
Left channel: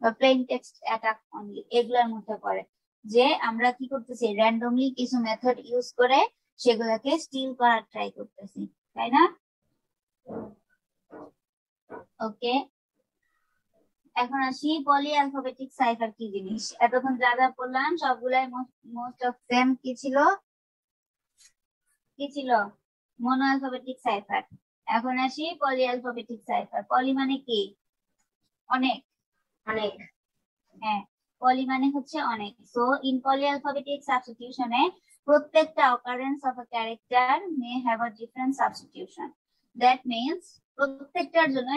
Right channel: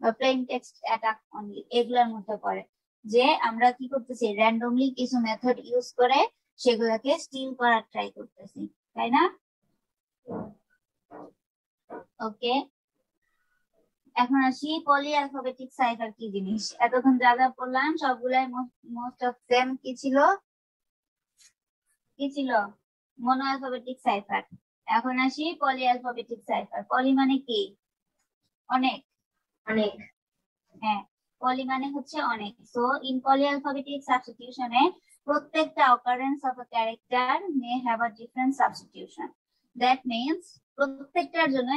বা প্লেন টেক্সট অ্যাটাক অনলি এগুলোর মধ্যে পড়ে। যে আমরা কি করতেছি, র্যান্ডমলি কিছু মেথড ইউজ করে সেগুলোকে স্টিল করার ট্রাই করতেছি, তাই না? ওকে, এখন আসি পলি অ্যালফাবেটিক সাইফার কি জিনিস। এতক্ষণ যা যা পড়লাম সবগুলাই মোস্ট অফ সেম কি ছিল, মনো অ্যালফাবেটিক সাইফার। এখন আসি পলি অ্যালফাবেটিক সাইফার। পলি মানে কি? অনেক। হ্যাঁ, পলি মানে হচ্ছে অনেক। সো ইন পলি অ্যালফাবেটিক সাবস্টিটিউশনে প্রত্যেকটা occurrence of a character may have a different substitution. That means প্রত্যেকটার জন্য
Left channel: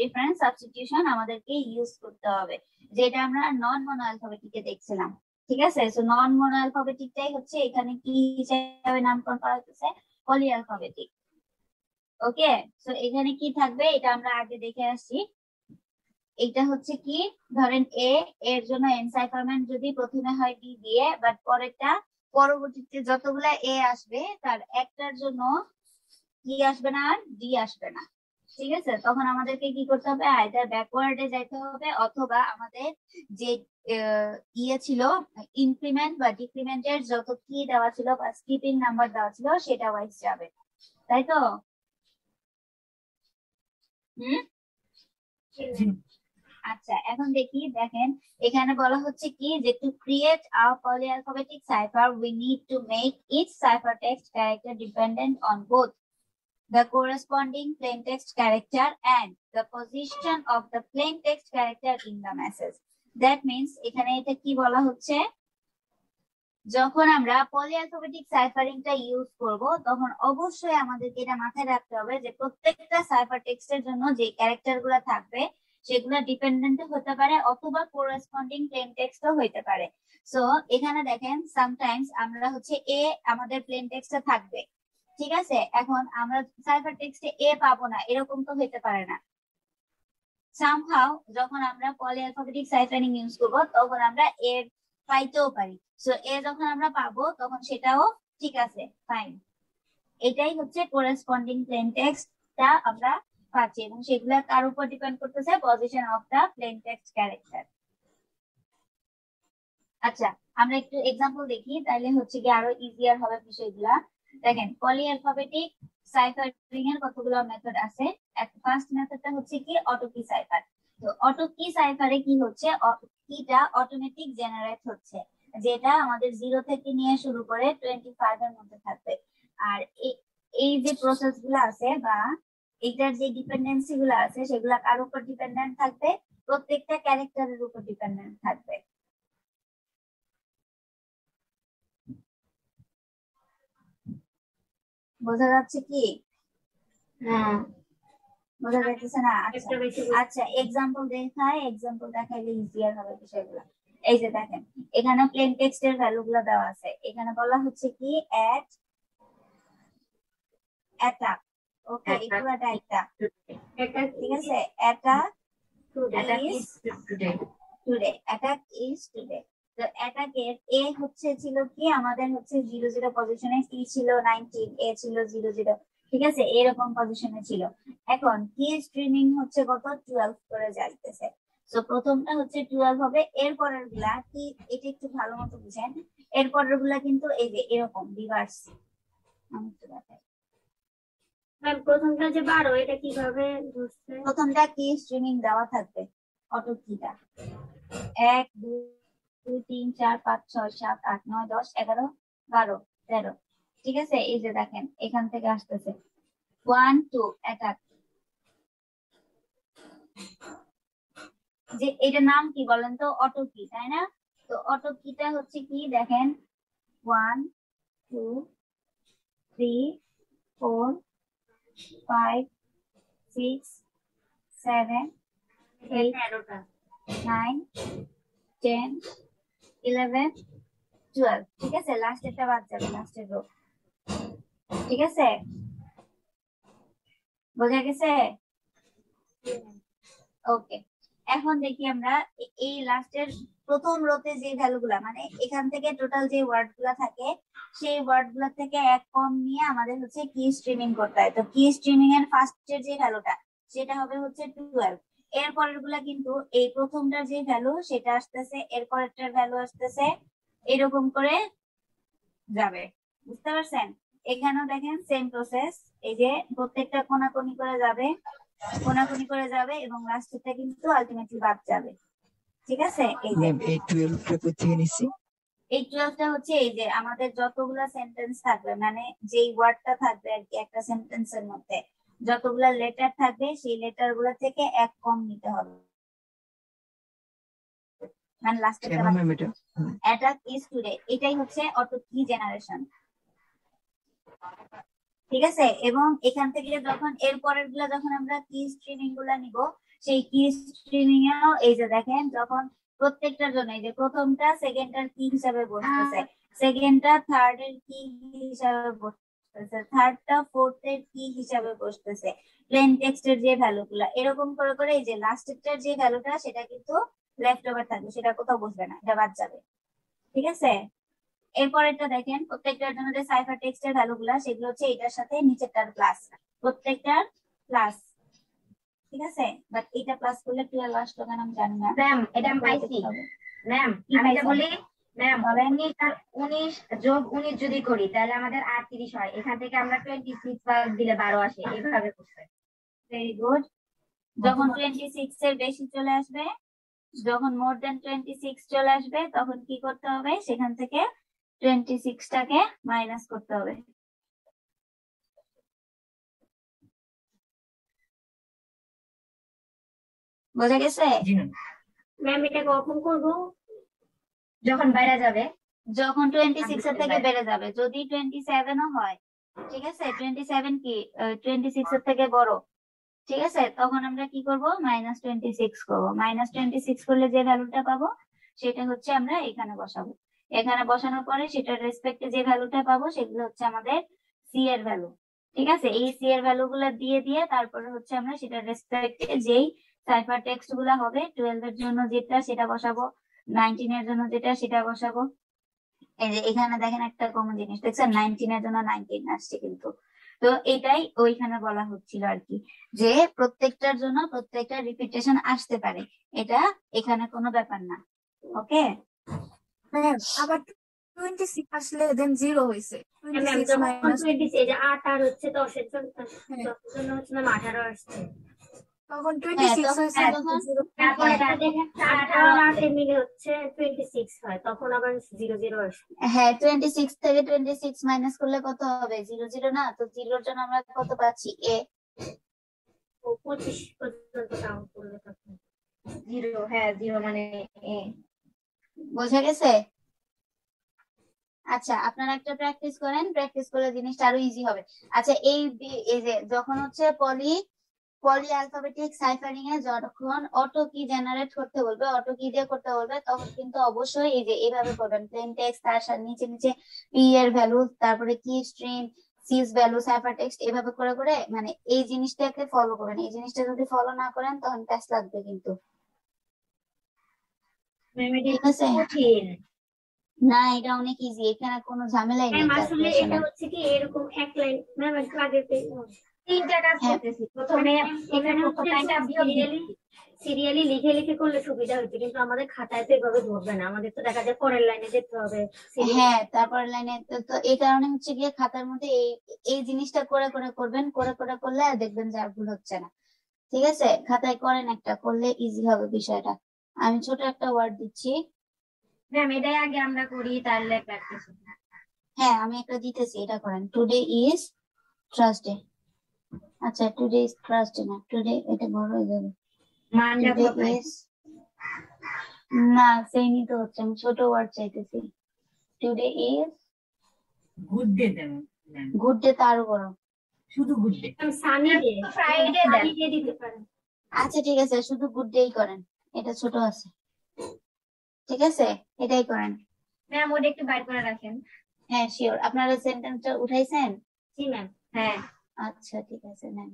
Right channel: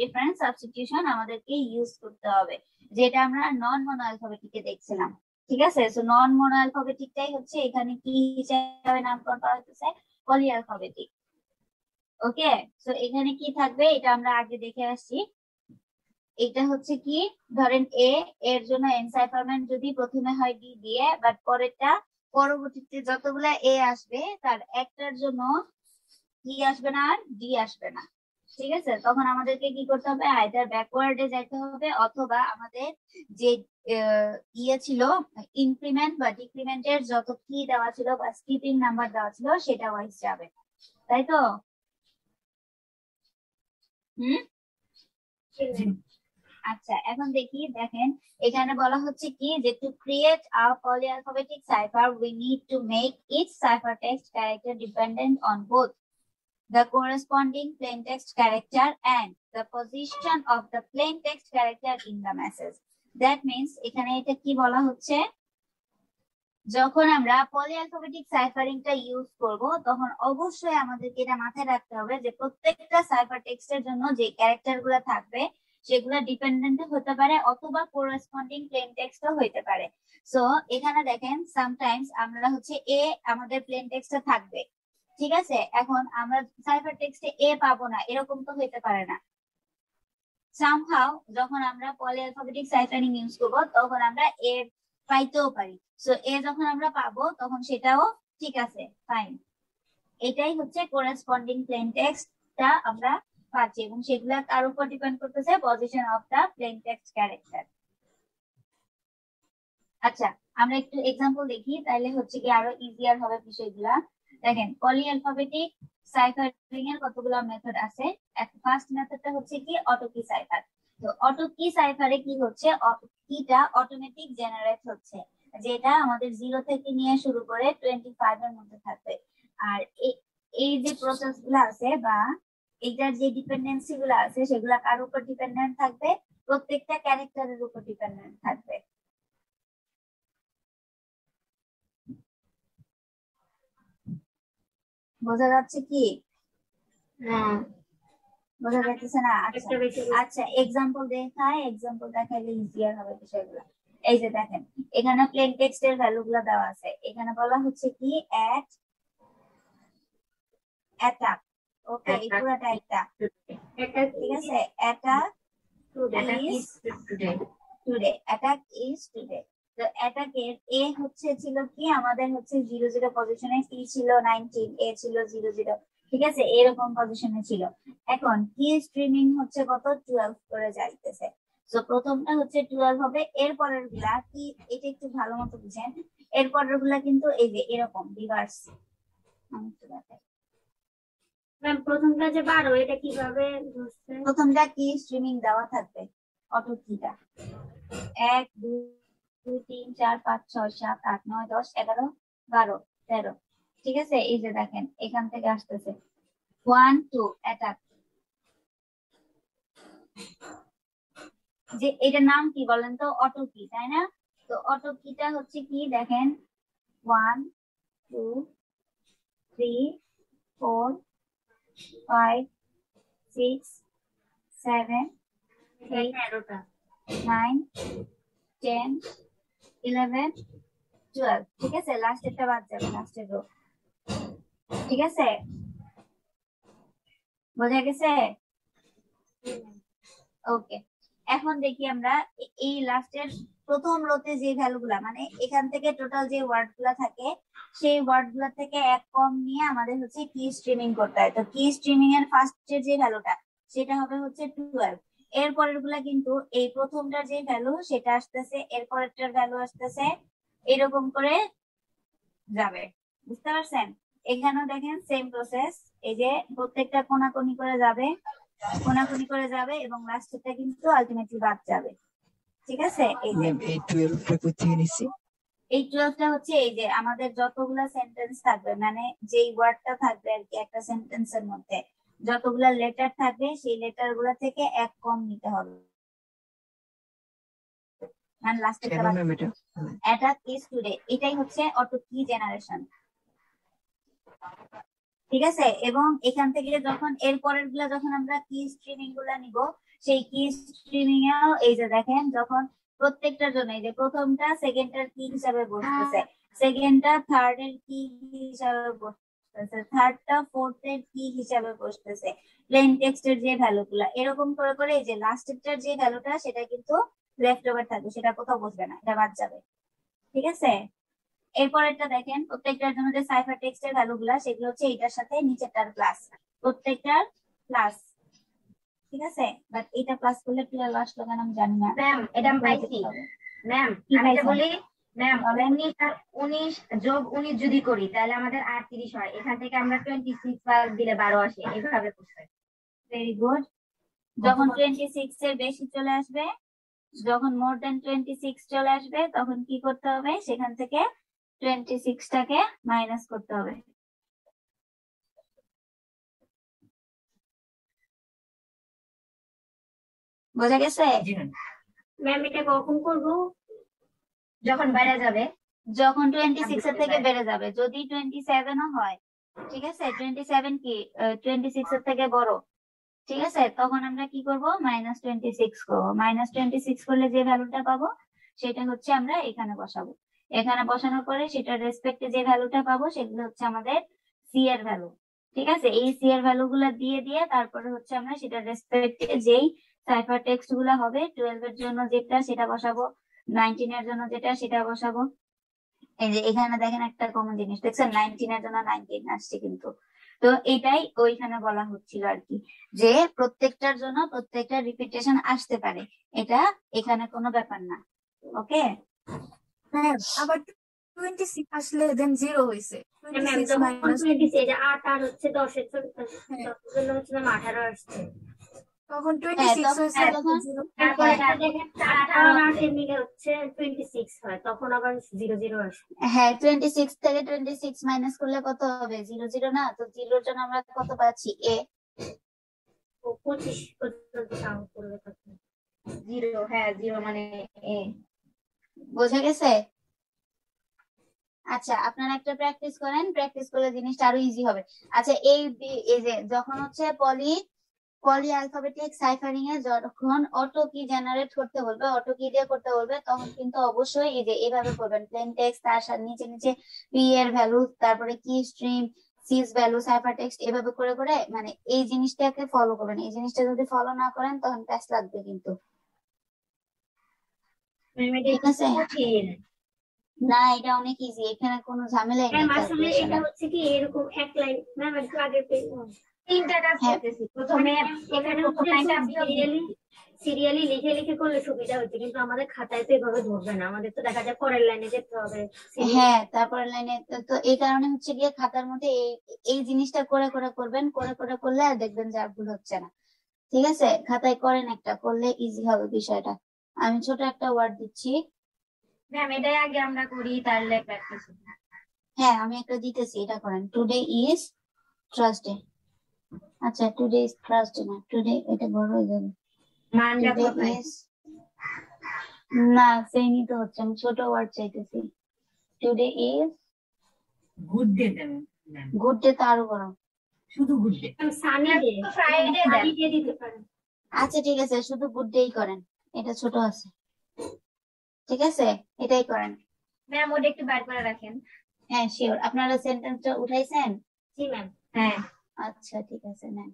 ডিফারেন্ট সাবস্টিটিউশন আমাদেরকে ইউজ করতে হবে, যেটা আমরা নন মনো অ্যালফাবেটিকে দেখছিলাম। ঠিক আছে, সো নন মনো অ্যালফাবেটিকটাই হচ্ছে এখানে কি হিসেবে নামকরণ করা হচ্ছে, পলি অ্যালফাবেটিক। ওকে, সো এখানে কি থাকবে এটা আমরা আগে দেখে আসছি। এটা হচ্ছে কি, ধরেন এ, এর জন্য এনসাইফারমেন্ট যদি প্রথমে হয় ডি দিয়ে, বাট পরবর্তীতে যতগুলা এ আসবে তার একটার জন্য কি আসবে না, আর ডি আসবে না। ঠিক আছে, তখন আমাদেরকে কি করতে হবে, আইদার ব্যাকওয়ার্ডে যাইতে হবে অথবা আমাদের যে ইয়ে ছিল ইনক্রিমেন্ট বা ডিক্রিমেন্টের যত কি দেওয়া ছিল বা স্কিপিং নাম্বার দেওয়া ছিল সেটা ওয়াইজ যাবে, তাই তো? আচ্ছা, এখন দেখেন এখানে বলা হচ্ছে কি যে to create a polyalphabetic cipher we need to make each cipher text character dependent on both the corresponding plain text character and the position of the plain text character in the message. That means এখানে এটা কি বলা হচ্ছে, যখন আমরা পলিঅ্যালফাবেটিক সাইফারিংটা use করব তখন অবশ্যই আমাদেরকে এটা মাথায় রাখতে হবে যে প্রত্যেকটা সাইফার টেক্সটের জন্য যে ক্যারেক্টারগুলো থাকবে সেগুলো ডিপেন্ডেন্ট হতে পারে অথবা কোরেসপন্ডিং প্লেন টেক্সটও হতে পারে। সো এখানে দেখেন সামটাইমস আমরা হচ্ছে এ আমাদের প্লেন টেক্সটে থাকবে, ঠিক আছে, এখন আমরা সাইফার টেক্সটে এ পাবো না, এরকম তো হতে পারে না। সামহাউ যখন আমরা পলিঅ্যালফাবেটিক সাইফারিং ইউজ করব তখন আমরা এ পাইতেও পারি। সো এ যখন আমরা পাবো তখন সেটাও ঠিক আছে, ফাইন। এটাই হচ্ছে কোরেসপন্ডিং প্লেন টেক্সটটা আমরা পাচ্ছি এবং সেগুলো তার উপর ডিপেন্ড করতেছে position of the plain text character. আচ্ছা, আমরা একটু এক্সাম্পল দেখি, তাহলে হচ্ছে কি আরো ইজিয়ার হবে বিষয়গুলা। দেখেন পলিঅ্যালফাবেটিক সাইফারিং এর কতগুলো মেথড আছে। ফার্স্ট মেথডটা হচ্ছে কি অটো কি সাইফার। তো অটো কি সাইফারে কি হচ্ছে, কিটা অটোমেটিক জেনারেট হচ্ছে, যেটা আমাদের 0 থেকে নিয়ে শুরু করে 25 এর মধ্যে থাকবে। আর এই যে প্রসেস গুলো আছে বা এইটার যে ডিপেন্ডেন্সি গুলো আছে সেগুলো কার উপর ডিপেন্ডেন্ট থাকবে, প্রত্যেকটা ক্যারেক্টারের উপর ডিপেন্ডেন্ট থাকবে। বোঝা যাচ্ছে কি? বোঝা যাচ্ছে না? আচ্ছা এক্সাম্পল দেখাইলে ইজিয়ার হবে বিষয়গুলো। এই যে দেখেন এখানে প্লেন টেক্সটের ভ্যালু গুলো দেওয়া আছে, এখানে বলা হচ্ছে কি অ্যাটাক। ওকে, এই পুরোটা একটা, ঠিক আছে, attack is today, attack is today. তো অ্যাটাকের এ ছিল কি, আমাদের হচ্ছে 0-0 পজিশনে, সি ছিল 19, এ ছিল 0-0, ঠিক আছে, এরকম পজিশনে ছিল। এখন কি স্ট্রিমিং হচ্ছে কত, 12 করে যাইতেছে। তো প্রথমটা হচ্ছে 12 হবে, এরপরের গুলা কি, এটা একটু ভালো মতো বুঝেন, এরপরের গুলা কিন্তু এই যে এরকম রিভার্স। আমি একটু দেখাই, প্রথমটা যে 12 এটা কিভাবে, প্রথমটা কি স্ট্রিমিং দেওয়া থাকবে অটো কিটা 1 2 3 4 5 6 7 8 9 10 11 12 13, ঠিক আছে। এই যে দেখেন এখান থেকে আসতেছে 1 2 অ্যাটাক, যে এটার নাম কি বলেন তো, অটো কি, তাই না? তো অটো কিটা হচ্ছে কি, দেখেন 1 2 3 4 5 6 7 8 9 10 11 12, ঠিক আছে, লাস্টেরটা বাদ যাবে, লাস্টের রো, ঠিক আছে, বোঝা গেছে? ওকে, এখন দেখি আমরা এই লাস্টের প্রথম রোতে যে ভ্যালুগুলা, মানে এখান থেকে টোটাল যে ওয়ার্ড গুলা থাকে সেই ওয়ার্ড গুলা থেকে এক কম নিয়ে আমাদের হচ্ছে কি স্ট্রিমিং করতে হয়। তো কি স্ট্রিমিং এর ফার্স্টের যে ভ্যালুটা সেটা হবে হচ্ছে 12, এরপরের গুলা কিন্তু এই প্রথমটার যে ভ্যালু সেটা আসতেছে, এরপরেরটার ভ্যালু আসতেছে এরকম করে যাবে, বুঝতে পারছেন? এখানেও দেখেন সেম প্রসেস, এই যে প্রত্যেকটা কোনাকুনি করে যাবে, কোনাকুনি করে যাবে এবং লাস্টেরটা কিন্তু আলটিমেটলি বাদ যাবে। ঠিক আছে? এই যে ম্যাম এই 12 টা কোথেকে নিছি? এই 12টা হচ্ছে এই যে আমাদের যতগুলা সেন্টেন্স থাকবে, মানে যেই ওয়ার্ডটা থাকবে আর কি একটা সেন্টেন্সের মধ্যে, যতগুলা লেটার থাকবে সেই লেটার গুলা থেকে এক কম নিতে হবে, মানে লাস্টেরটা কেন বাদ ম্যাম দিতে। এটা? এটা ইজ টুডে, এটাই হচ্ছে অটো কি জেনারেশন। ঠিক আছে? এবং এখান থেকে যখন এর পরের গুলা যখন আমরা কি স্ট্রিমিং গুলা নিব, সেই কি স্ট্রিমিং এও এই যে দেখেন যখন প্রত্যেকটার জন্য এই যে প্রথমটা সেকেন্ডটার কি হিসাবে বসতেছে, সেকেন্ডটা থার্ড এর কি হিসাবে বসতেছে, থার্ডটা ফোর্থ এর কি হিসাবে বসতেছে, প্লেন টেক্সটের যে ভ্যালু গুলা এরকম করে করে এই যে লাস্টেরটার যে ভ্যালুটা সেটা কিন্তু লেফট ওভার থাকবে, সেটা কোথাও বসবে না, এটা বাদ যাবে। ঠিক আছে? এরপরেরটা দেখেন প্রত্যেকটার জন্য যে সাইফার টেক্সটের ভ্যালু গুলা সেগুলো হচ্ছে এটার সাথে নিচেরটার প্লাস, প্রত্যেকটার প্লাস। ঠিক আছে? বাট এটা প্লাস করলে 12 আসলো কেন আমি জানি না। ম্যাম এটা আমি পাইছি। ম্যাম কি আমি এটা পাইছেন? বলি, ম্যাম বলেন। 19 আর 19 যোগ 19 যদি করি তাহলে আমাদের 38 হয়, এখান থেকে আমরা 26 বাদ দিলে 12 আসে, এইভাবে করতে। Very good. যখন 26 এর বেশি চলে আসবে, যখন মোর দেন 26 চলে আসবে তখন কি করতে হবে, সেখান থেকে 26টাকে মাইনাস করতে হবে। বোঝা গেছে? ম্যাম এটা কখন করবো? যখন বাইরে যাবে যখন 26 এর থেকে বেড়ে যাবে, যদি 27ও হয়, ঠিক আছে, 27 কি 26 এর থেকে বড়, ঠিক আছে, তখন আমরা কি করব, -26 করবো। -26 করলে যে ভ্যালুটা পাবো সেটা হচ্ছে আমরা এখানে বসাবো। এখানে বসানোর পরে সেটার রেসপেক্টে যে ভ্যালুটা পাবো সেগুলো হচ্ছে আমাদের সি এর ভ্যালু। ঠিক আছে? এই সি এর ভ্যালু গুলো দিয়ে দিয়ে তারপরে হচ্ছে আমরা সেটার রেসপেক্টে যেই সাইফার টেক্সট গুলা হবে, 12 এর জন্য যেটা সেটা বসাবো, 19 এর জন্য যেটা সেটা বসাবো। এই যে এখানে দেখেন একটা কমন জিনিস দেখছেন, 19 এর জন্য 19 আসছে কিন্তু। তো এটাই ওইখানে বলা হচ্ছিল আর কি, যে প্রত্যেকটার জন্য প্রত্যেকটা রিপিটেশন আসতে পারে, এটা এখানে কোনো ব্যাপার না। ওকে? হ্যাঁ, আবার 26 আসলে দেন 0 হয়েছে, ম্যাম 26 যখন মাইনাস 26 এই যে 8 আর হচ্ছে 10 এর জন্য হ্যাঁ, হচ্ছে ম্যাম 18 আসছে। তখন হ্যাঁ 26 তখন হয়েছে তখন তারপরে হ্যাঁ, একটা দেখেন 8 আর 8 এর মিলে হচ্ছে 26 হয়, তখন আবার 0 0 আসে। হ্যাঁ 26 থেকে 26 মাইনাস করলে কত হবে, 0 0 না, তো 0 এর জন্য আমরা কত পাচ্ছি, এ। ও 25 পর্যন্ত কাউন্ট করবে তখন। 0, হ্যাঁ 0 মানে এ। বোঝা গেছে? আচ্ছা, আপনারা একটা প্র্যাকটিস করেন, প্র্যাকটিস করলে জিনিসটা আরো ইজি হবে। আচ্ছা, এই যে যখন হচ্ছে পলি অ্যালফাবেটিক সাইফারিং এ যখন অটো কি জেনারেট করতে বলবে, অটো কি দিয়ে করতে বলবে, তখন কিন্তু অবশ্যই এই যে এভাবে করবেন, প্লেন টেক্সট তার সাথে নিচে নিচে পি এর ভ্যালু, তারপরে কি স্ট্রিম, সিজ ভ্যালু, সাইফার টেক্সট, এভাবে করে করে মানে এই জিনিসটাকে ফলো করবেন। এই জিনিসটা যদি ফলো না করেন তখন প্যাচ লাগবে কিন্তু। ম্যাম এটা ঠিক আছে? কঠিন। না, এটা অনেক ইজি, এখানে কোনো ঝামেলাই নেই ম্যাম আসলে এটা ক্যালকুলেশনের। হচ্ছে কি এরকম এক লাইন ম্যাম একটু আগে তিনটা কাজ হ্যাঁ করতেছি, প্রথমে এখানে প্রথম লাইনটা বিয়োগ দিচ্ছি। সিরিয়ালি লিখে লিখে করলে সুবিধা হচ্ছে, কিন্তু আমাদের খাতায় তো এভাবে ধরবে না, আমাদের তো দেখা যায় পরের লাইনে যেতে হবে। হ্যাঁ, তারপরে লাইনে তো এই কারণে হচ্ছে গিয়ে খাতার মধ্যে এই জিনিসটা করে করে করবেন, করে করে করলে আর দেখবেন যে আর ভুল হচ্ছে না। ঠিক আছে? খাতায় করেন, একটা করলে ইজি হবে বিষয়টা। আমি ছোট একটা ওয়ার্ড দিচ্ছি। ম্যাম এটাই আগে আমরা করি, তাহলে প্র্যাকটিস হবে। হ্যাঁ, আমি একটা দিতেছি, এটা করেন। Today is Thursday. আচ্ছা, টুডে ইজ থার্সডে না, টুডে এটা বড় হয়ে যাবে। মানটা টুডে কোথায়? ইজ, না সেমই তো হচ্ছে, আমি ছোট ওয়ার্ড চাইতেছি। Today is good day then ma'am, good day, তো আরো বড়। শুধু good day. Sunny day, Friday then. Sunny day দিতে পারেন। আচ্ছা ঠিক আছে, শুধু গুড ডেই করেন, এটা ছোট আছে। ঠিক আছে, এটাই করেন। ম্যাম ওটা একটু বার করে রাখেন। হ্যাঁ শিওর। আপনারা সেন্টেন্সটা উঠাইছেন? জি ম্যাম। হ্যাঁ আচ্ছা ঠিক আছে, নেন।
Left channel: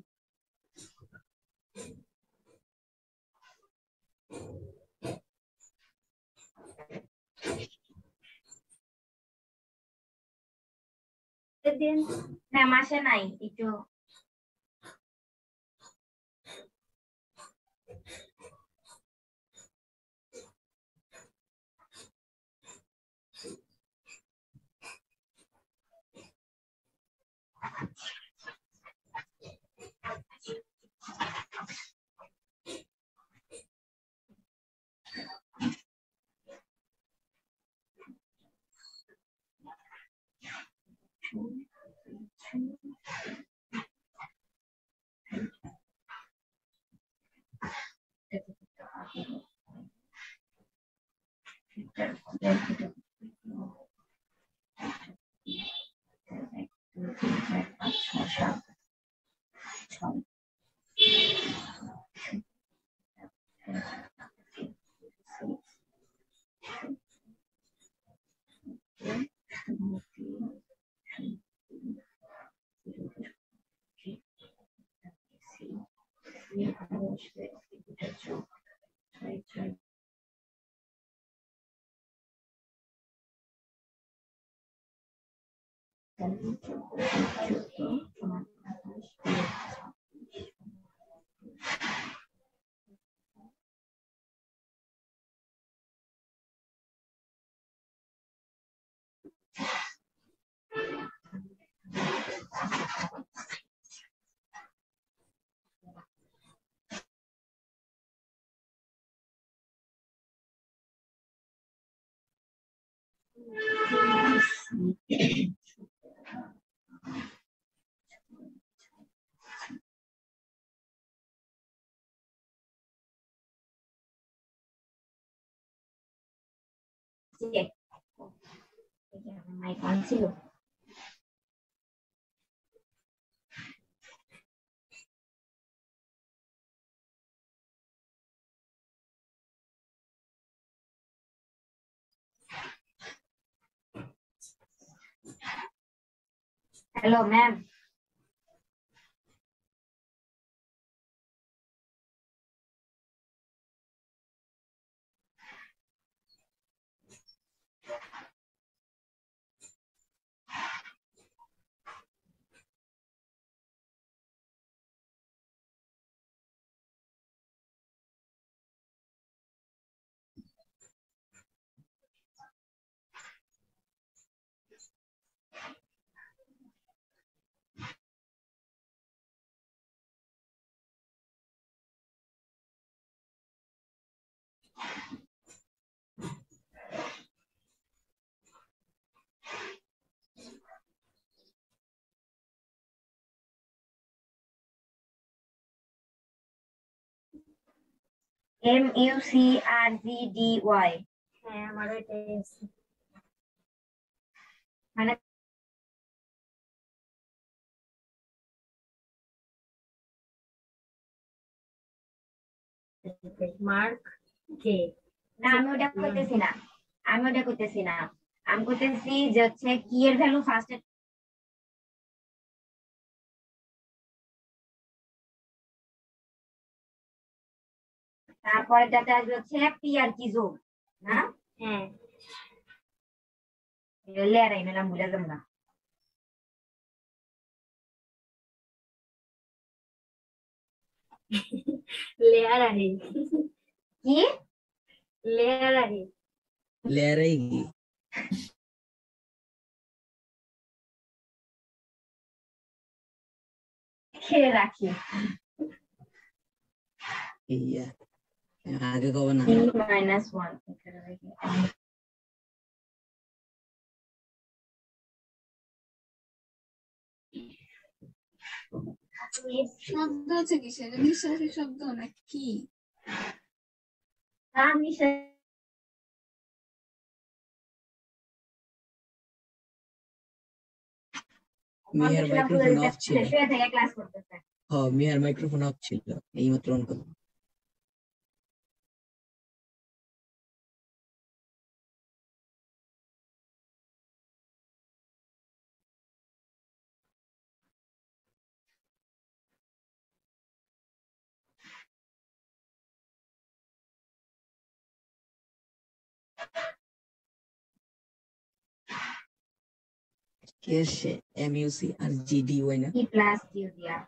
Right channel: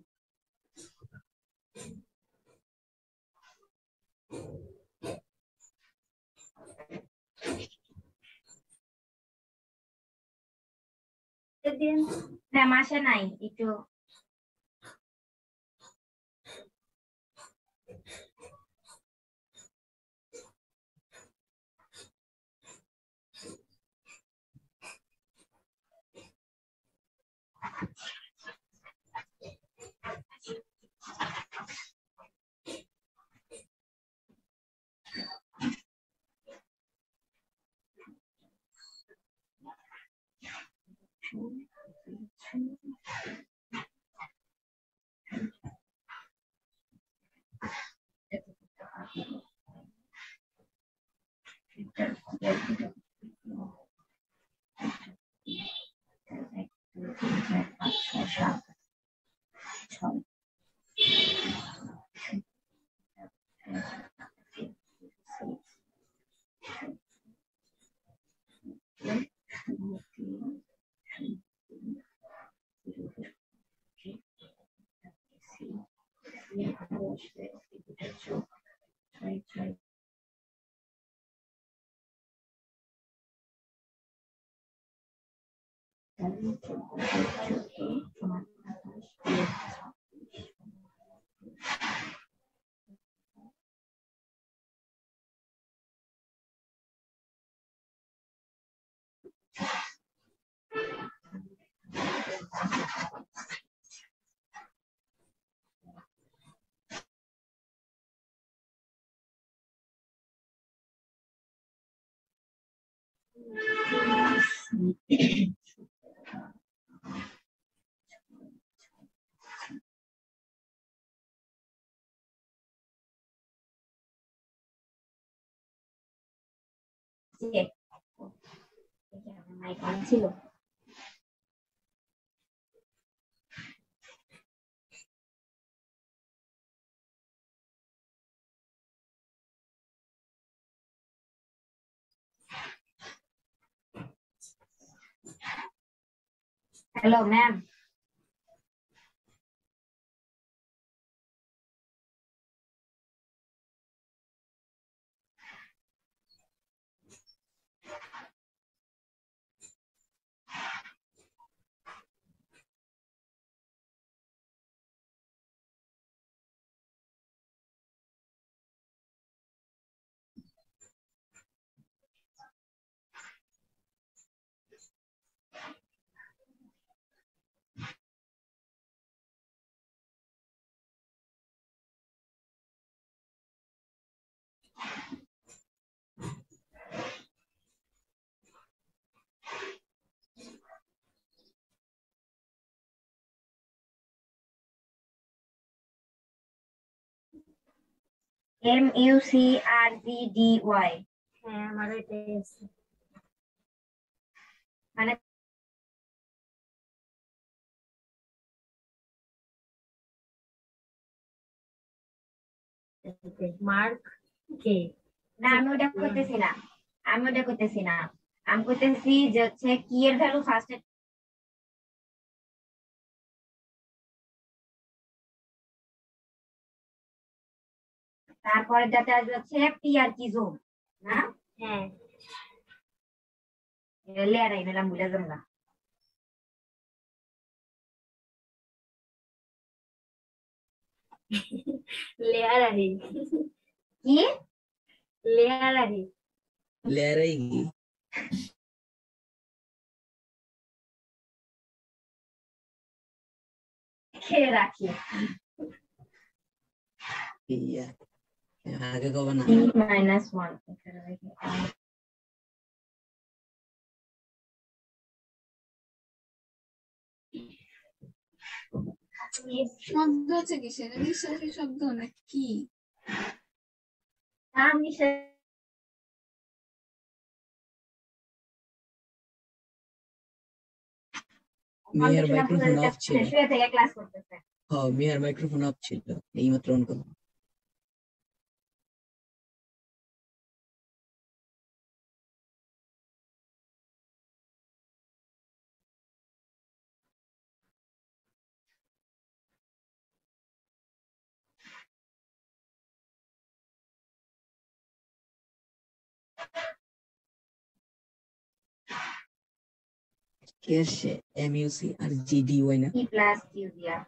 ম্যাম আসে নাই একটু। মাইক অন ছিল। Hello ma'am. MUCRGDY হ্যাঁ আমারও এটাই আছে। মানে মার্ক কে না, আমি ওটা করতেছি না, আমি ওটা করতেছি না। আমি করতেছি যে হচ্ছে কি এর ভ্যালু ফার্স্টে, তারপরে যেটা আসবে হচ্ছে পি আর কি জোন না। হ্যাঁ লেয়ার আই নিলাম, বুঝে যাবো না। লেয়ার আহি কি লেয়ার আহি লেয়ারে খেয়ে রাখি। ইয়া আগে কবে না -1 শব্দ হচ্ছে কিসের? নিঃশ্বাসের শব্দ নাকি? আমি মিয়ার মাইক্রোফোন অফ ছিল। শুয়ে থেকে ক্লাস করতেছে। মিয়ার মাইক্রোফোন অফ ছিল, এইমাত্র অন করলাম। কি আসছে? MUCRGDY না? E প্লাস কিউ দিয়া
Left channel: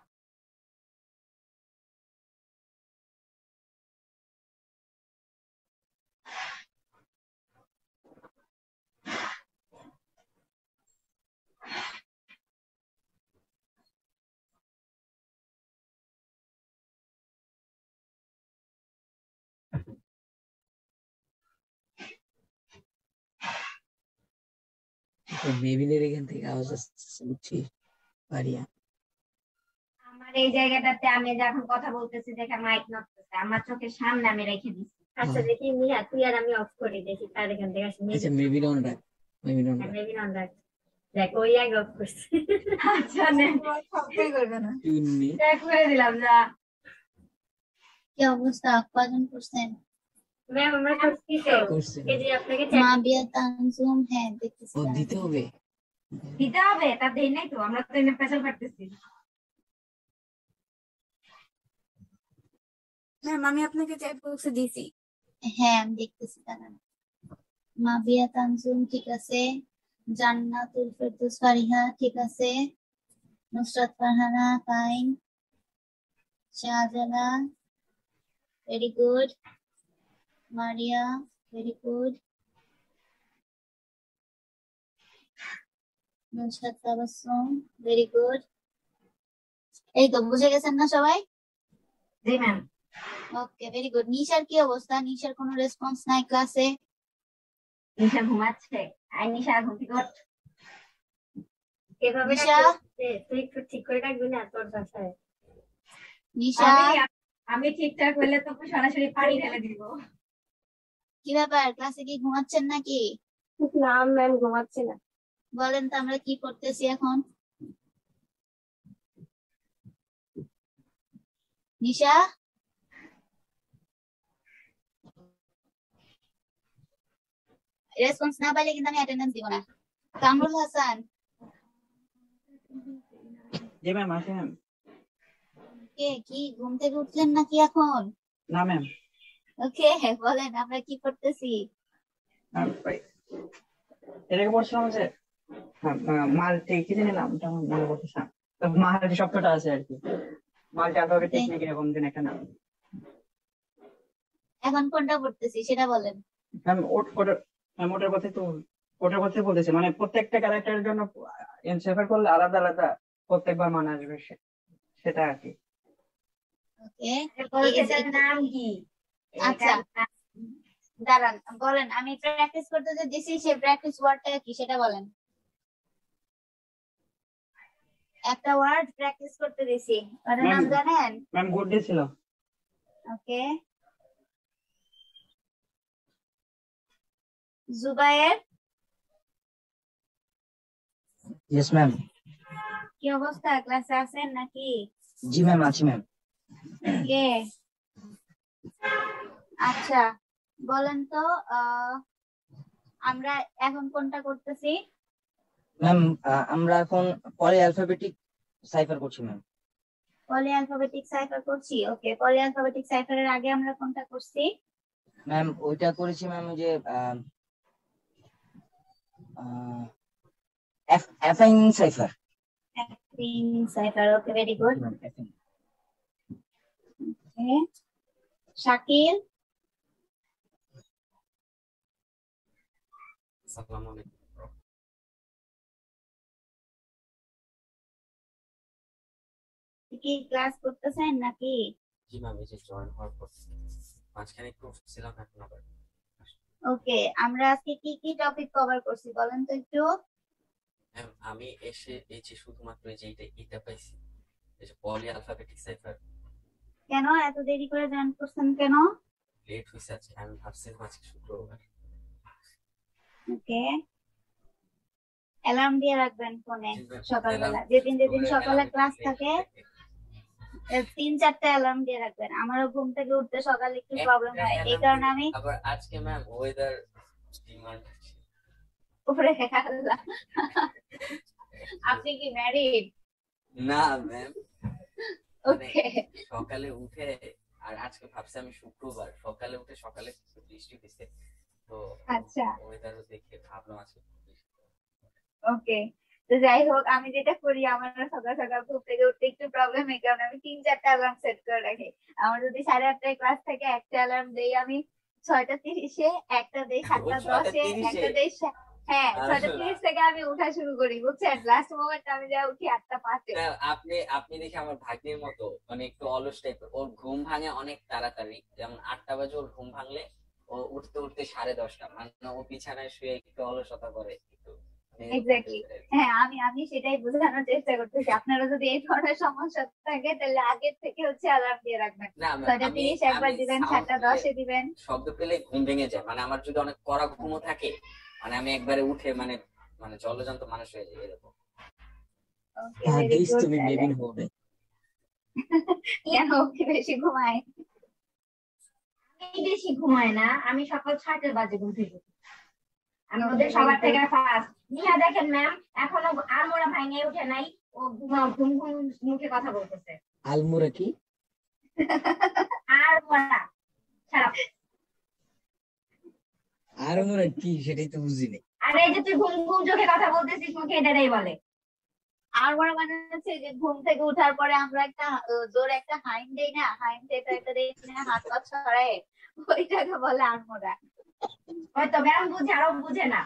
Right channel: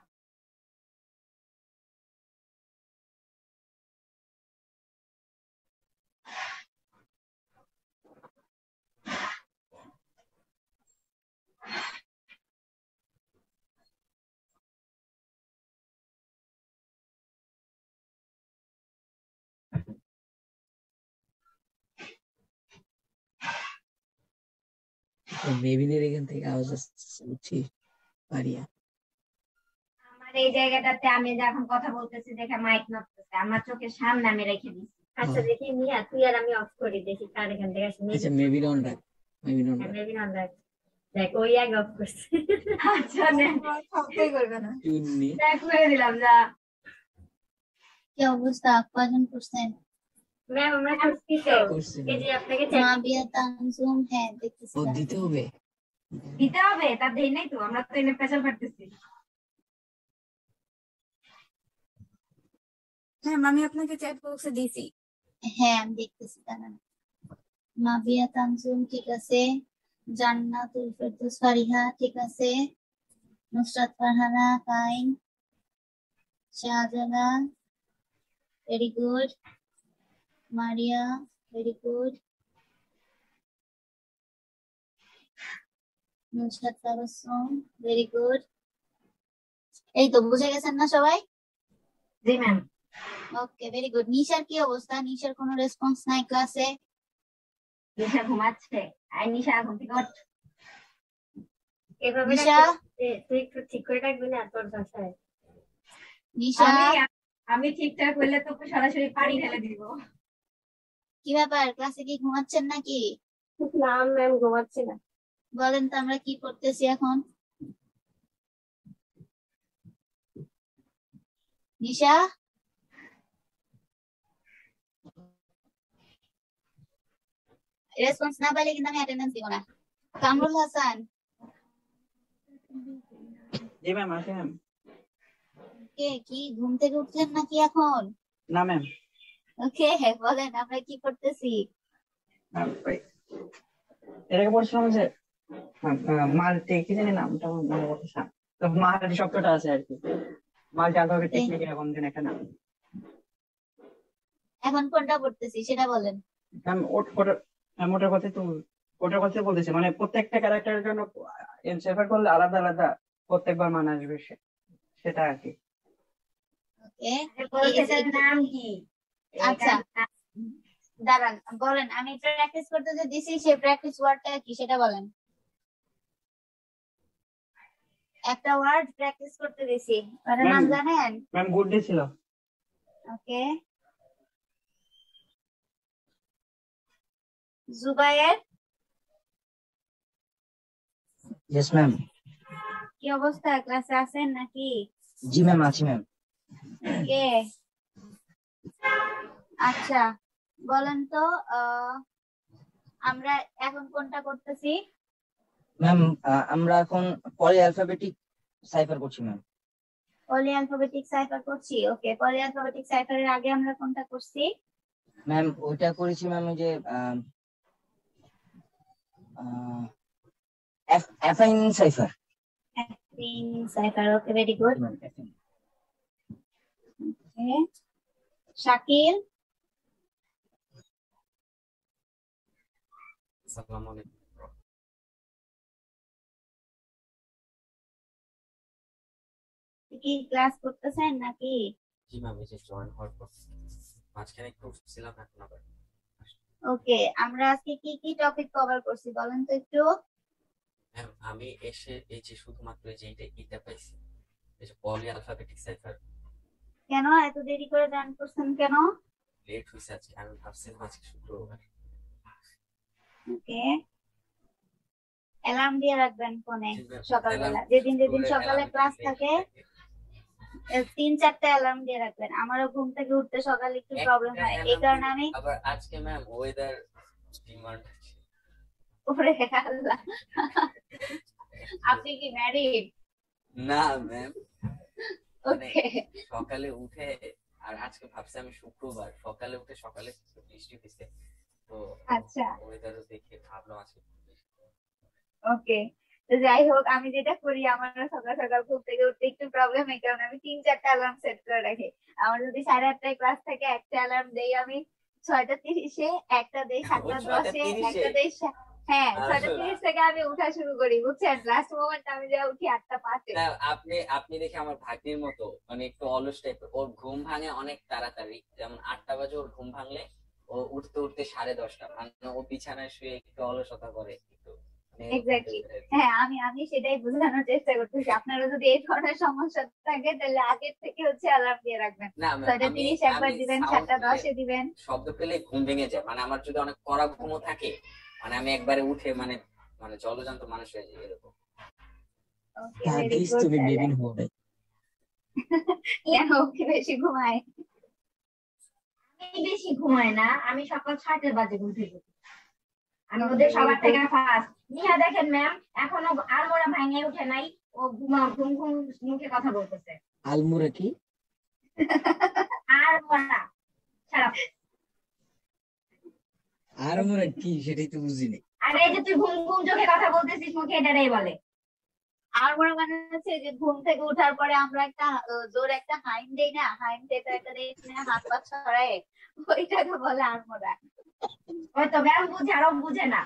মেবিনের এখান থেকে আওয়াজ আসছে, বুঝছি পারিয়া। আমার এই জায়গাটাতে আমি যে এখন কথা বলতেছি দেখে মাইক নড়তেছে, আমার চোখের সামনে আমি রেখে দিচ্ছি। আচ্ছা দেখি মিয়া তুই আর আমি অফ করি দেখি কার এখান থেকে আসে আচ্ছা মেবি ডন রাখ, মেবি ডন রাখ। মেবি নট দ্যাট দেখ ওই আগে অফ করছে আচ্ছা নে সবটাই করবে না চুন্নি ট্যাগ করে দিলাম যা। কি অবস্থা? কজন করছেন? ম্যাম আমরা করছি তো করছি। এই যে আপনাকে chat মাবিয়া তানজুম, হ্যাঁ দেখতেছি। ও দিতে হবে। দিতে হবে, তার দেরি নাই তো, আমরা তো এনে পেছাল কাটতেছি। ম্যাম আমি আপনাকে চ্যাট বক্সে দিছি। হ্যাঁ আমি দেখতেছি, দাঁড়ান। মাবিয়া তানজুম ঠিক আছে, জান্নাতুল ফেরদৌস ফারিহা ঠিক আছে, Nusrat Farhana fine, Shahjalal very good, Maria very good, Nusrat Tabassum very good. এই তো বুঝে গেছেন না সবাই? জি ম্যাম। Okay very good. নিশার কি অবস্থা? নিশার কোনো রেসপন্স নাই ক্লাসে? নিশা ঘুমাচ্ছে, আই নিশা ঘুম থেকে ওঠ। এভাবে নিশা? তুই একটু ঠিক করে রাখবি না তোর ভাষায় নিশা আমি ঠিকঠাক হইলে তো সরাসরি পানি ঢেলে দিব। কি ব্যাপার, ক্লাসে কি ঘুমাচ্ছেন নাকি? না ম্যাম ঘুমাচ্ছি না বলেন তো আমরা কি করতেছি এখন? নিশা রেসপন্স না পাইলে কিন্তু আমি অ্যাটেন্ডেন্স দিব না। কামরুল হাসান জি ম্যাম আছি ম্যাম। কে কি ঘুম থেকে উঠলেন নাকি এখন? না ম্যাম। ওকে বলেন আমরা কি করতেছি? এটাকে বলছিলাম যে মাল্টি কি জানি নামটা আমার মনে পড়তেছে না, মাল্টি শব্দটা আছে আর কি, মাল্টি আলফাবেট টেকনিক এরকম যেন একটা নাম। এখন কোনটা করতেছি সেটা বলেন। ম্যাম ওটার কথা বলতেছি, মানে প্রত্যেকটা ক্যারেক্টারের জন্য এনসেফার করলে আলাদা আলাদা প্রত্যেকবার মানে আসবে সেটা আর কি। ওকে এরপর সেটার নাম কি? আচ্ছা দাঁড়ান বলেন, আমি প্র্যাকটিস করতে যে দিছি সেই প্র্যাকটিস ওয়ার্ডটা কি সেটা বলেন। একটা ওয়ার্ড প্র্যাকটিস করতে দিছি, ওটার নাম জানেন? ম্যাম গুড ডে ছিল। ওকে জুবায়ের ইয়েস ম্যাম। কি অবস্থা, ক্লাসে আছেন নাকি? জি ম্যাম আছি ম্যাম। ওকে আচ্ছা বলেন তো আমরা এখন কোনটা করতেছি? ম্যাম আমরা এখন পলি অ্যালফাবেটিক সাইফার করছি ম্যাম। পলি অ্যালফাবেটিক সাইফার করছি। ওকে পলি অ্যালফাবেটিক সাইফারের আগে আমরা কোনটা করছি? ম্যাম ওইটা করেছি ম্যাম, ওই যে affine cipher. Affine cipher. Okay very good. Okay Shakil আসসালামু আলাইকুম। কি ক্লাস করতেছেন নাকি? জি ম্যাম, এই যে জয়েন হওয়ার পর মাঝখানে একটু ছিলাম, এখন আবার। ওকে আমরা আজকে কি কি টপিক কভার করছি বলেন তো একটু। ম্যাম আমি এসে এই যে শুধুমাত্র এই যে এটা পাইছি, এই যে পলি অ্যালফাবেটিক সাইফার। কেন এত দেরি করে জয়েন করছেন কেন? লেট হয়েছে আজকে, আমি ভাবছিলাম আজকে শুক্রবার। ওকে অ্যালার্ম দিয়ে রাখবেন ফোনে কিন্তু সকালবেলা, alarm- যেদিন যেদিন ওরে সকালে alarm ক্লাস দিতে থাকে থাকে। 3-4টা অ্যালার্ম দিয়ে রাখবেন। আমারও ঘুম থেকে উঠতে সকালে একটু প্রবলেম একটা হয়, এই alarm কারণে দিই। আমি আবার আজকে ম্যাম ওয়েদার ডিমান্ড আছে। উপরে আল্লাহ। আপনি কি ম্যারিড? না ম্যাম, ওকে সকালে উঠে, আর আজকে ভাবছি আমি শুক্রবার সকালে উঠে সকালে বৃষ্টি হয়েছে, তো আচ্ছা ওয়েদার দেখে ভাবলাম আজকে ওকে। তো যাই হোক আমি যেটা করি, আমার সকাল সকাল ঘুম থেকে উঠতে একটু প্রবলেম, এই কারণে আমি 3-4টা অ্যালার্ম সেট করে রাখি। আমার যদি 8:30টায় ক্লাস থাকে একটা অ্যালার্ম দেই আমি 6:30-এ, একটা দেই 7:10-এ, একটা দেই হ্যাঁ 6:30 থেকে আমি উঠা শুরু করি বুঝছেন। লাস্ট মোমেন্ট আমি যা উঠি 8:05-এ। না, আপনি দেখে আমার ভাগ্নের মতো, মানে একটু অলস টাইপের। ওর ঘুম ভাঙে অনেক তাড়াতাড়ি, যেমন 8টা বাজে ওর ঘুম ভাঙলে ও উঠতে উঠতে 10:30, মানে ও বিছানায় শুয়ে একটু অলসতা করে, একটু এক্স্যাক্টলি। হ্যাঁ, আমি সেটাই বোঝানোর চেষ্টা করতেছি। আপনারা যদি এই ধরনের সমস্যা থাকে তাহলে আগের থেকে হচ্ছে অ্যালার্ম দিয়ে রাখবেন। না 6:30 একবার দিবেন, সাউন্ড 7:10 দিবেন। শব্দ পেলে ঘুম ভেঙে যায়, মানে আমার যদি অনেক কড়া ঘুমও থাকে, মানে আমি একবারে উঠে মানে মানে জলজন্ত মানুষ হয়ে যাই এরকম। ওকে, ভেরি হাদিস গুড। তুমি বেবিন হবে। কেন ওকে বেশি ঘুমায়? আমি বেশি ঘুমাই না, আমি সকাল 6টা বাজে ঘুম থেকে উঠি। আমি ওদের সবার থেকে ফার্স্ট। নিহা দেখেন ম্যাম, এখনো আলমোড়া ভাঙে উঠে নাই, ও ঘুম ঘুম মুখে কথা বলতেছে। আলমোড়া কি? আলমোড়া খারাপ। আলমোড়া কি সেটাই তো বুঝিনি। আরে এই যে তুই ঘুম ঘুম চোখে কথা বলতেছিস, মুখে এটাই বলে। আর মনে মানে হচ্ছে যে ঘুম থেকে ওঠার পরে আমরা একটা জোর একটা হাইম দেই না, হাইম থেকে একটা দেই না, হাত পা ছড়ায়, ওইটাকে বলে আড়মোড়া। ওই তো ম্যাম বুঝে, আরো বুঝে না।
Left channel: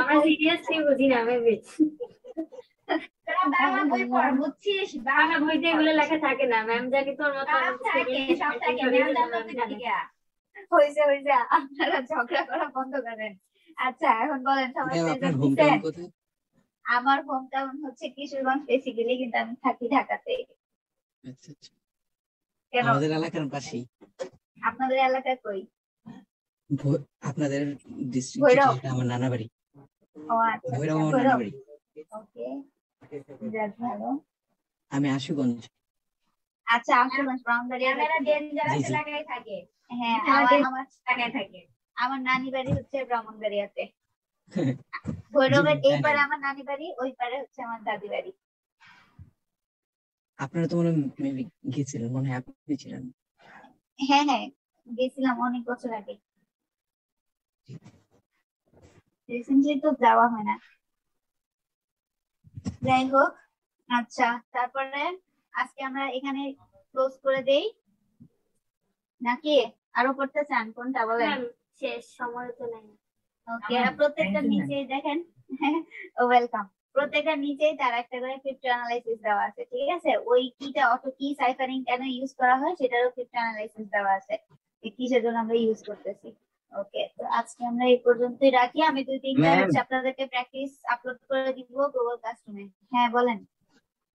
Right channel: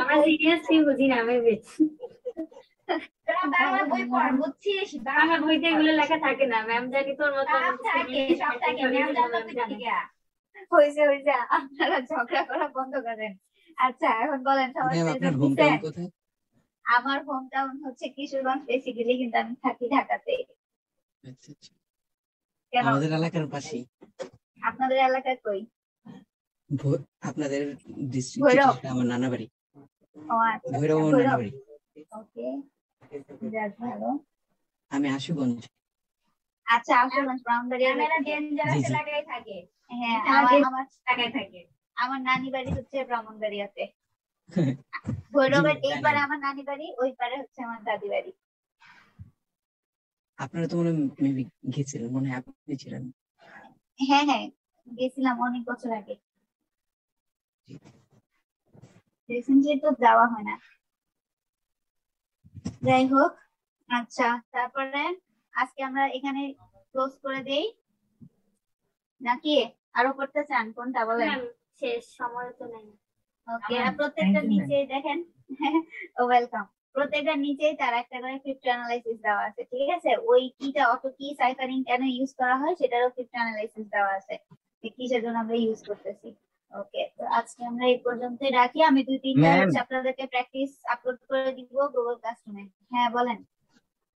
আমরা সিরিয়াসলি বুঝি না, আমি বুঝছি। তোরা বাংলা বই পড়, বুঝছিস? বাংলা বইতে এগুলো লেখা থাকে না ম্যাম, জানি তোর মতো সব থাকে, সব থাকে, ম্যাম জানতো তো ঠিক আছে। হয়েছে, আপনারা ঝগড়া করা বন্ধ করেন। আচ্ছা, এখন বলেন সবার ম্যাম আপনার প্রেজেন্ট হোম দিতে। টাউন কোথায়? আমার হোম টাউন হচ্ছে কিশোরগঞ্জ বেসিক্যালি, কিন্তু আমি থাকি ঢাকাতে। আচ্ছা আচ্ছা, কেন আমাদের এলাকার পাশেই। আপনাদের এলাকায় কই? আপনাদের ডিস্ট্রিক্ট ভৈরব। যেটা, আমার নানা বাড়ি ও আচ্ছা, ভৈরব, আমার ভৈরব। নানা বাড়ি। ওকে, যাক ভালো। আমি আশুগঞ্জ। আচ্ছা, আসুন ব্রাউনবাড়ি। ক্যামেরা ডেঞ্জারাস জি, জি। এলাকায় থাকে। হ্যাঁ, আমার এলাকায় থাকে। আমার নানি বাড়ি হচ্ছে ব্রাহ্মণবাড়িয়াতে। ভৈরবের জি, এই জানি। পারে আমার নানি বাড়ি, ওই পারে হচ্ছে আমার দাদি বাড়ি। আপনারা তো মনে মেবি গেছিলেন, মনে হয় আপনি ছিলেন। হ্যাঁ হ্যাঁ, গেছিলাম অনেক বছর আগে। রিসেন্টলি তো যাওয়া হয় না। যাই হোক, আচ্ছা, তারপরে আজকে আমরা এখানে ক্লোজ করে দেই নাকি আরো করতে চান? কোনটা বলেন? ম্যাম শেষ, সময় তো নেই। ওকে, প্রত্যেকটা নিচেই দেখেন। ওয়েলকাম। প্রত্যেকটা নিচেই তার একটা করে ক্রিপ্টো অ্যানালাইসিস দেওয়া আছে, ঠিক আছে? ওই কিটা, অটো কি, সাইফারিং কেন ইউজ করা হয় সেটারও ক্রিপ্টো অ্যানালাইসিস দেওয়া আছে, কিসের জন্য আমরা ইউজ করতেছি। ওকে, তো আজকে আমরা এই পর্যন্তই রাখি। আমি 2-3টা ম্যাম। হচ্ছে আপনাদেরকে প্র্যাকটিস আপলোড করে দিব গুগল ক্লাসরুমে। হ্যাঁ বলেন।